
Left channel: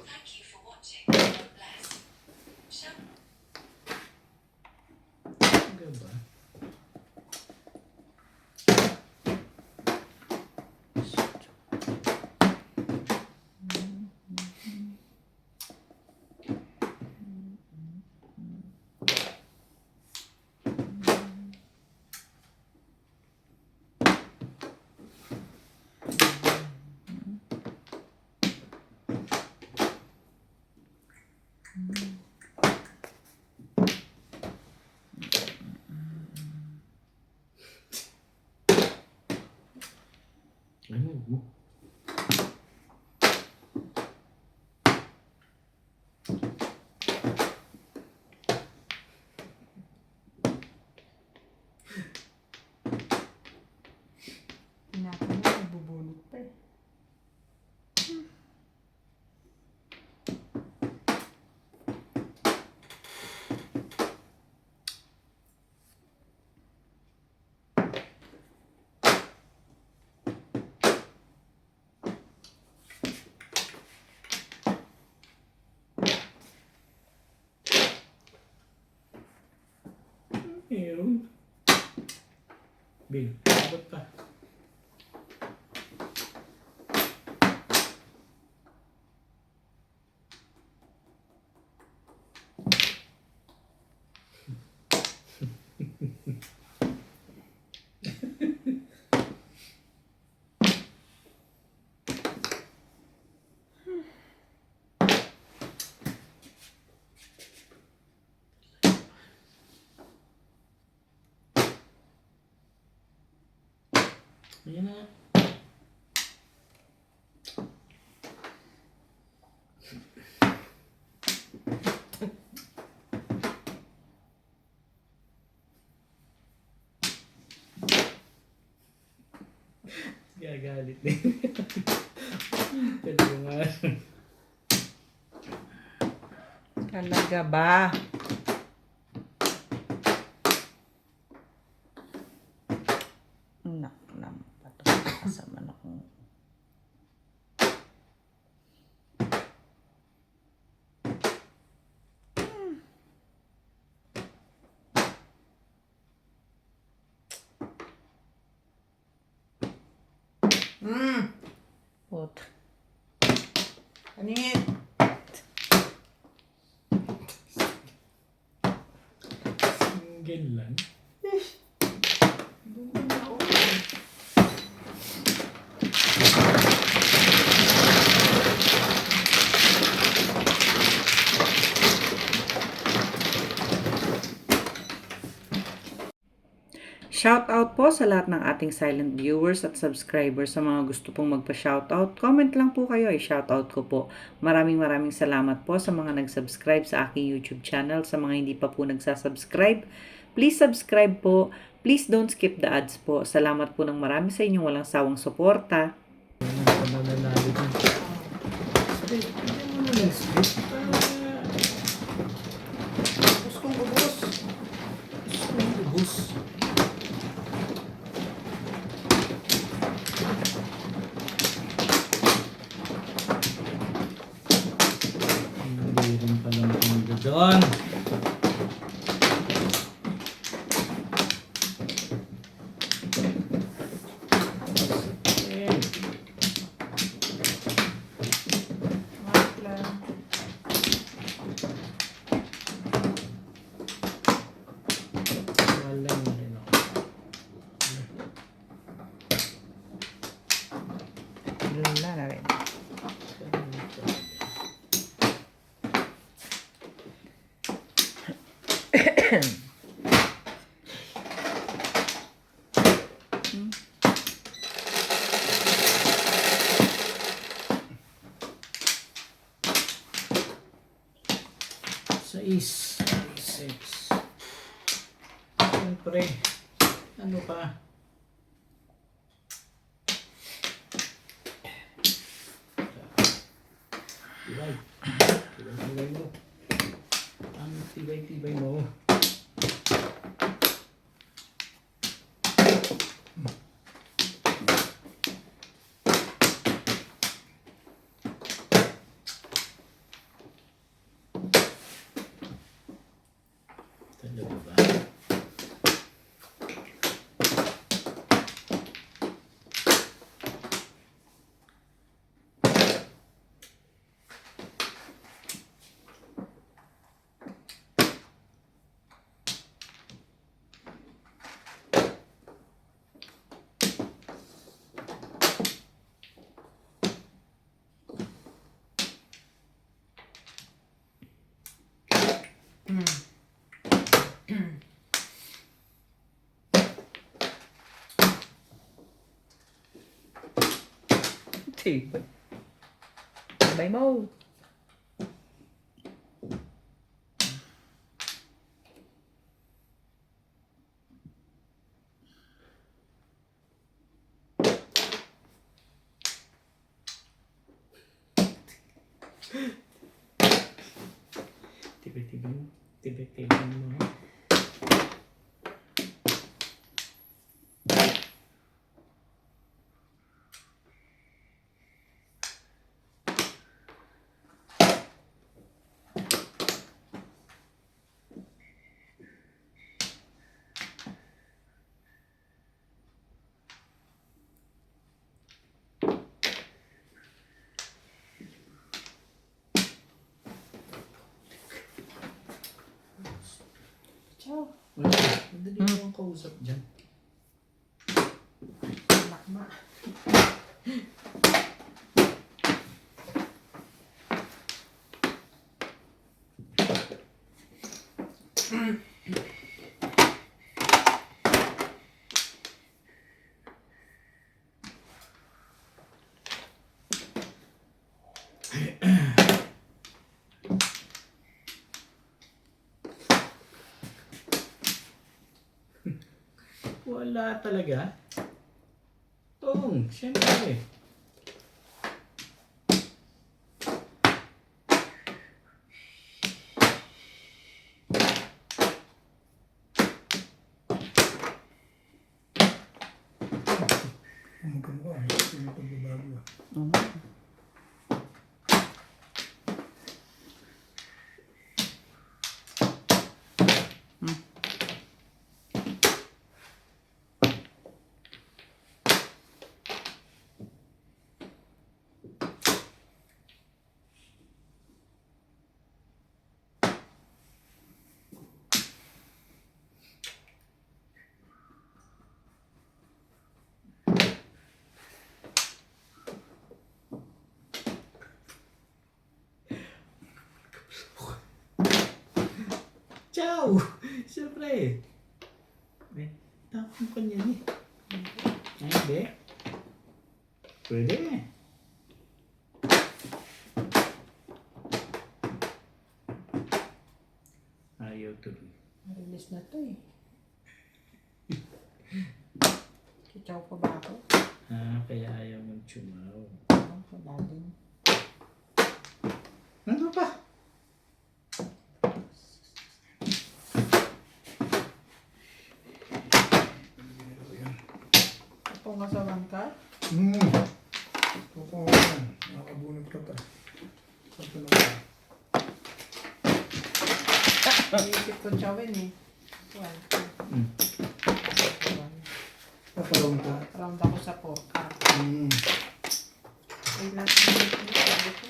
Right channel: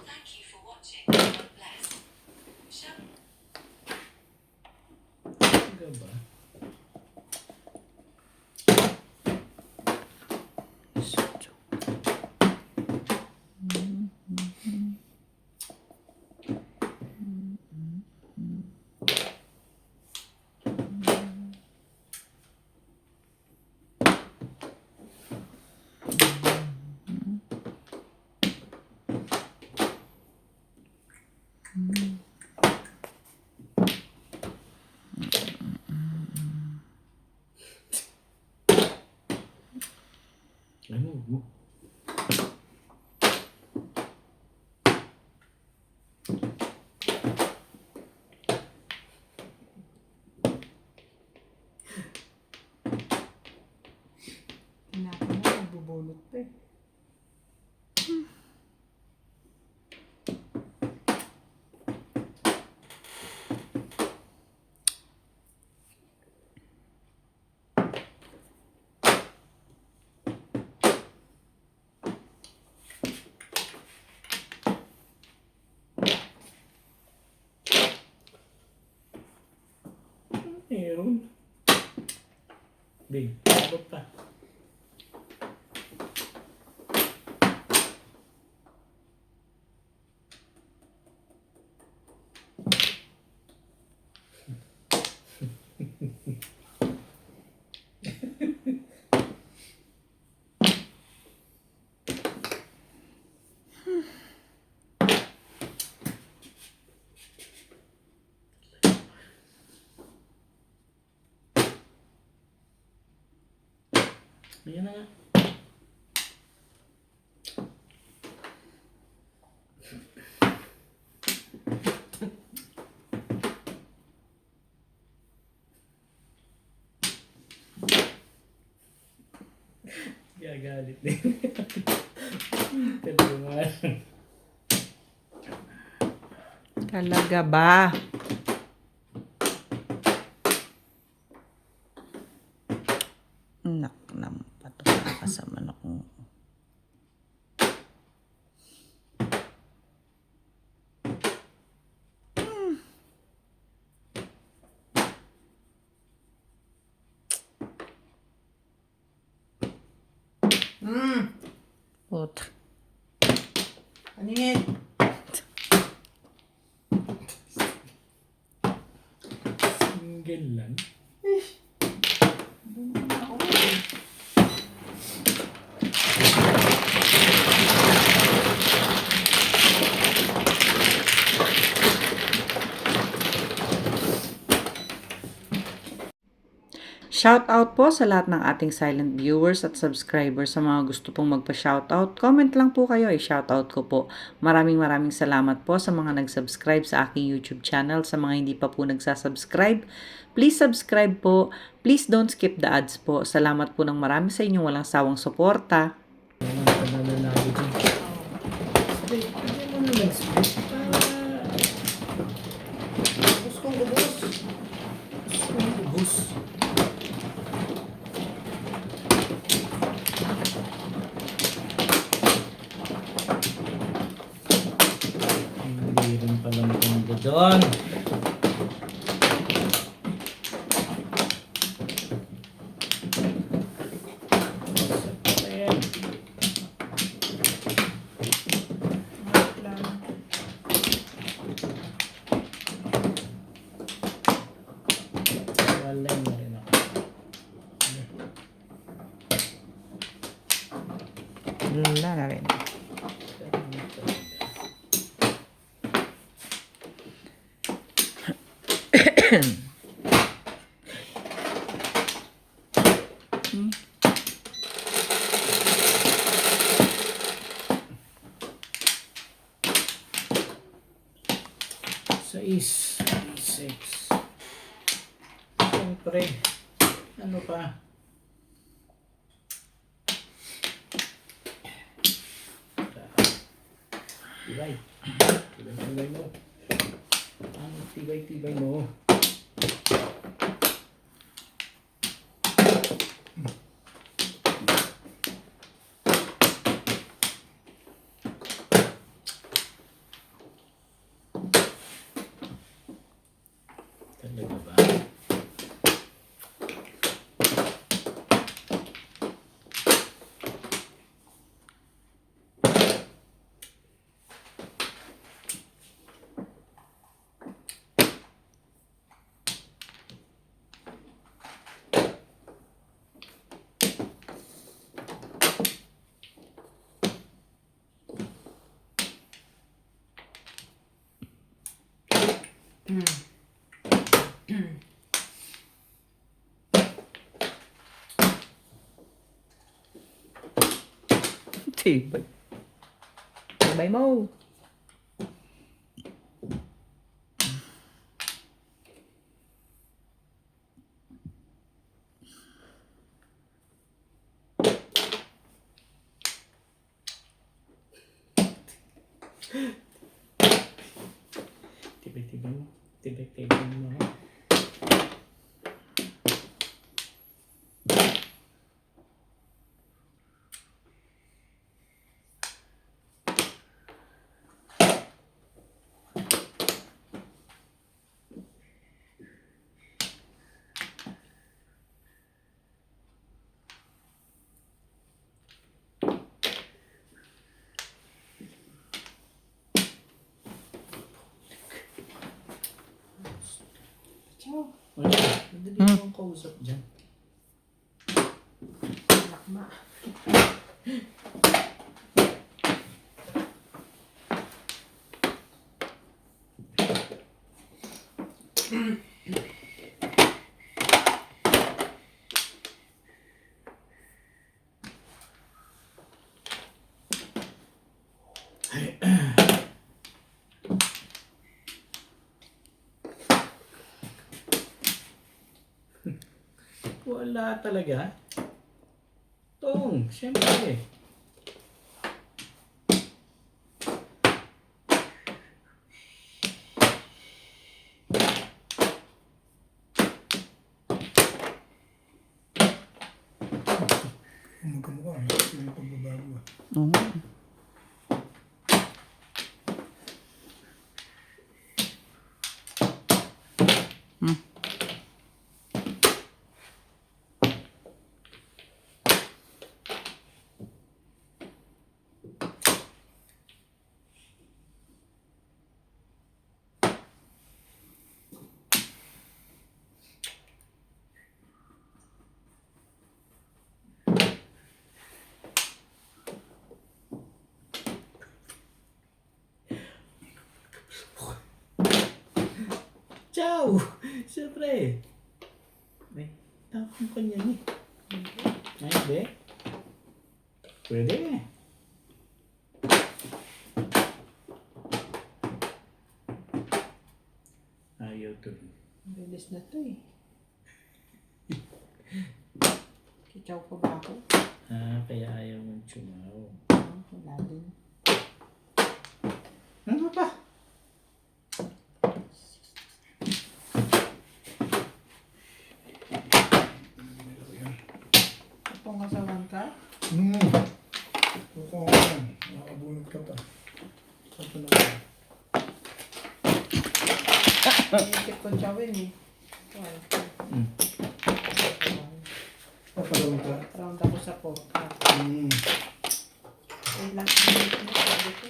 Thank you for watching. God bless. Shut Hanggang ba? Ano mo? Tinapin mo, nagbubulot pa eh. Meron. Big, abot pa. Ayan na nga. Gagalit na yun. Talaga nga. Talaga ba? Nak naman pato kasama na ko. Put. Ano yan? Single lang. Shoutout po sa lahat ng ating silent viewers at subscribers. Sa mga gusto pong magpa-shoutout, comment lang po kayo, i-shoutout ko po. Maraming salamat po sa mga nag-subscribe sa aking YouTube channel. Sa mga hindi pa po nagsasubscribe, please subscribe po. Please don't skip the ads po. Salamat po ng marami sa inyong walang sawang suporta. Ayan na, pananalo dyan. Split. Hindi mo na lang split. Ubus kong ubus. Ubus. Hindi rin pala maganda doon. Ayan. Wait lang. Walay na rin ako. Wala na rin. Sais. Six. Siyempre. Ano pa? Tibay. Tibay mo. Ang tibay mo. Talaga ba? Tibay. Tibay mo. Tibay mo. Tibay mo. Wala. Madali mo ang kausap dyan. Lakma. Wala talaga. Tong, siyempre. Kung magkamukha, hindi pagbabago ah. Ciao! Siyempre. Eh, tapon pa niyan eh. Ay, hindi. Pwede. Ayaw tuloy. Release na to eh. Chichaw pa ba ako? Kaya ayaw mong chumaw. Wala din. Ano pa? Kung kasawan ka, Totoo yan. Nakabunod ka pa. Ito na ba? iisip ko chawin eh. Hmm. Papalawin ka. Round ako sa po. Ay, last minute na sabi ko.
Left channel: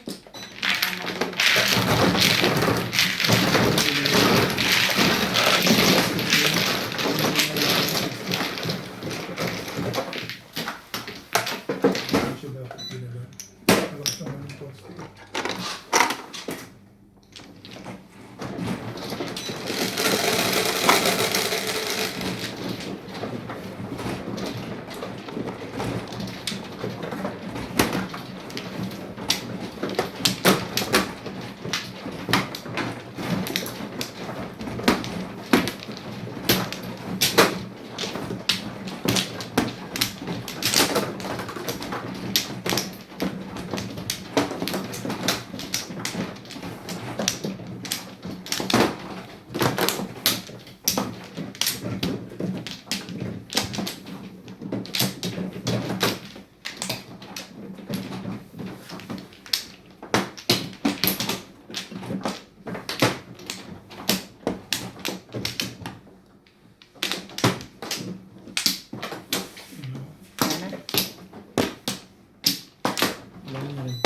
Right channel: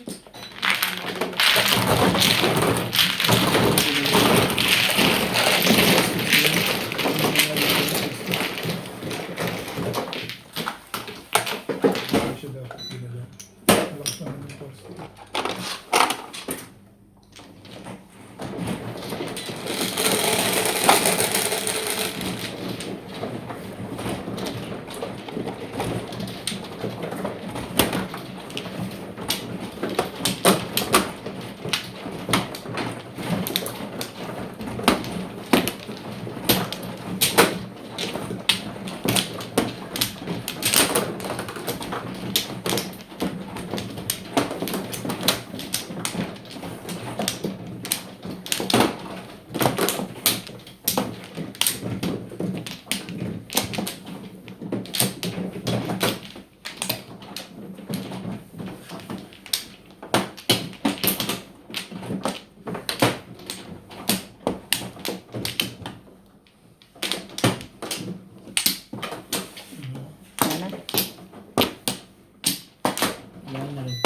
Hindi siya dapat ginala. Malakas naman yung poste. Wala na rin.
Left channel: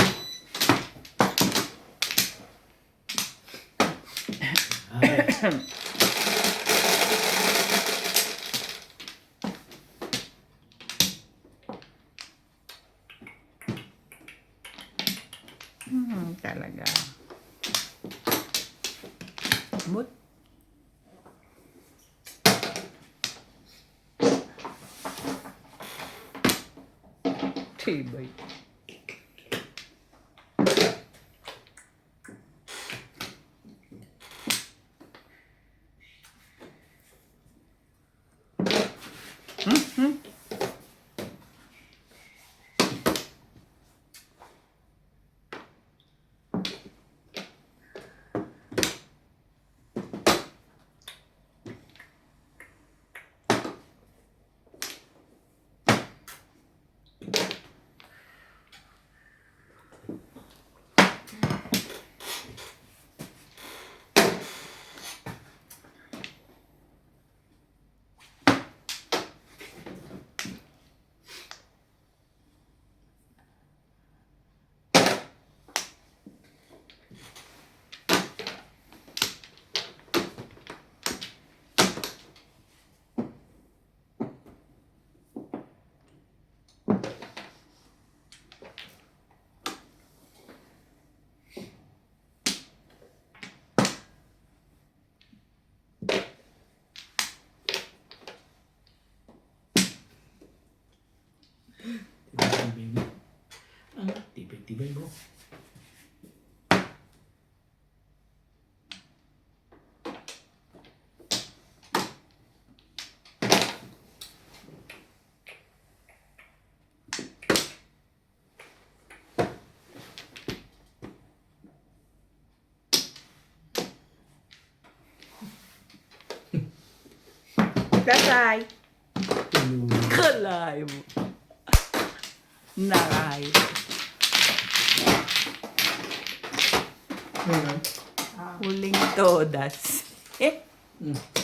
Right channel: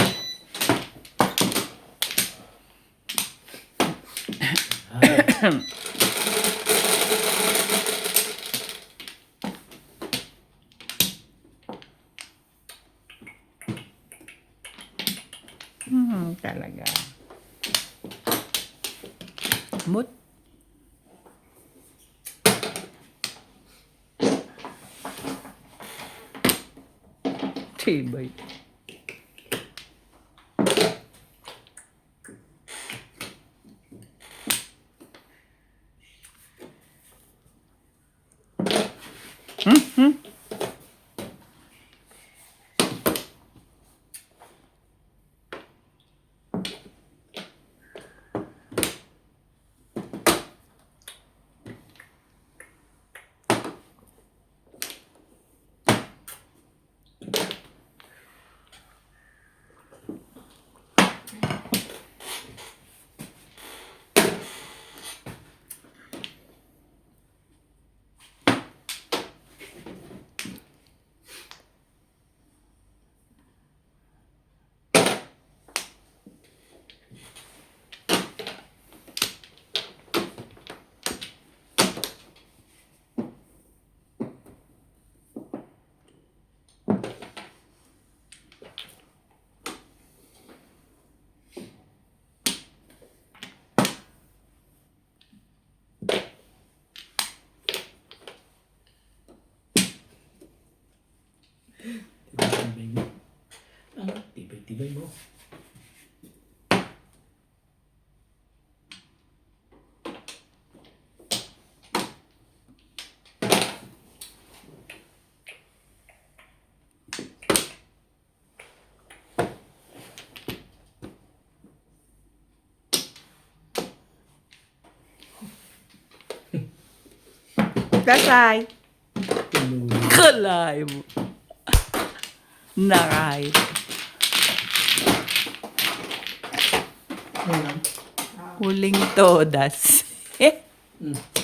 Talaga. But, tibay. Tibay-tibay mo. Ang tibay-tibay mo. Kasay. Tuloy. Kalay mo. Naray. Ayan. Huling todas. Mm.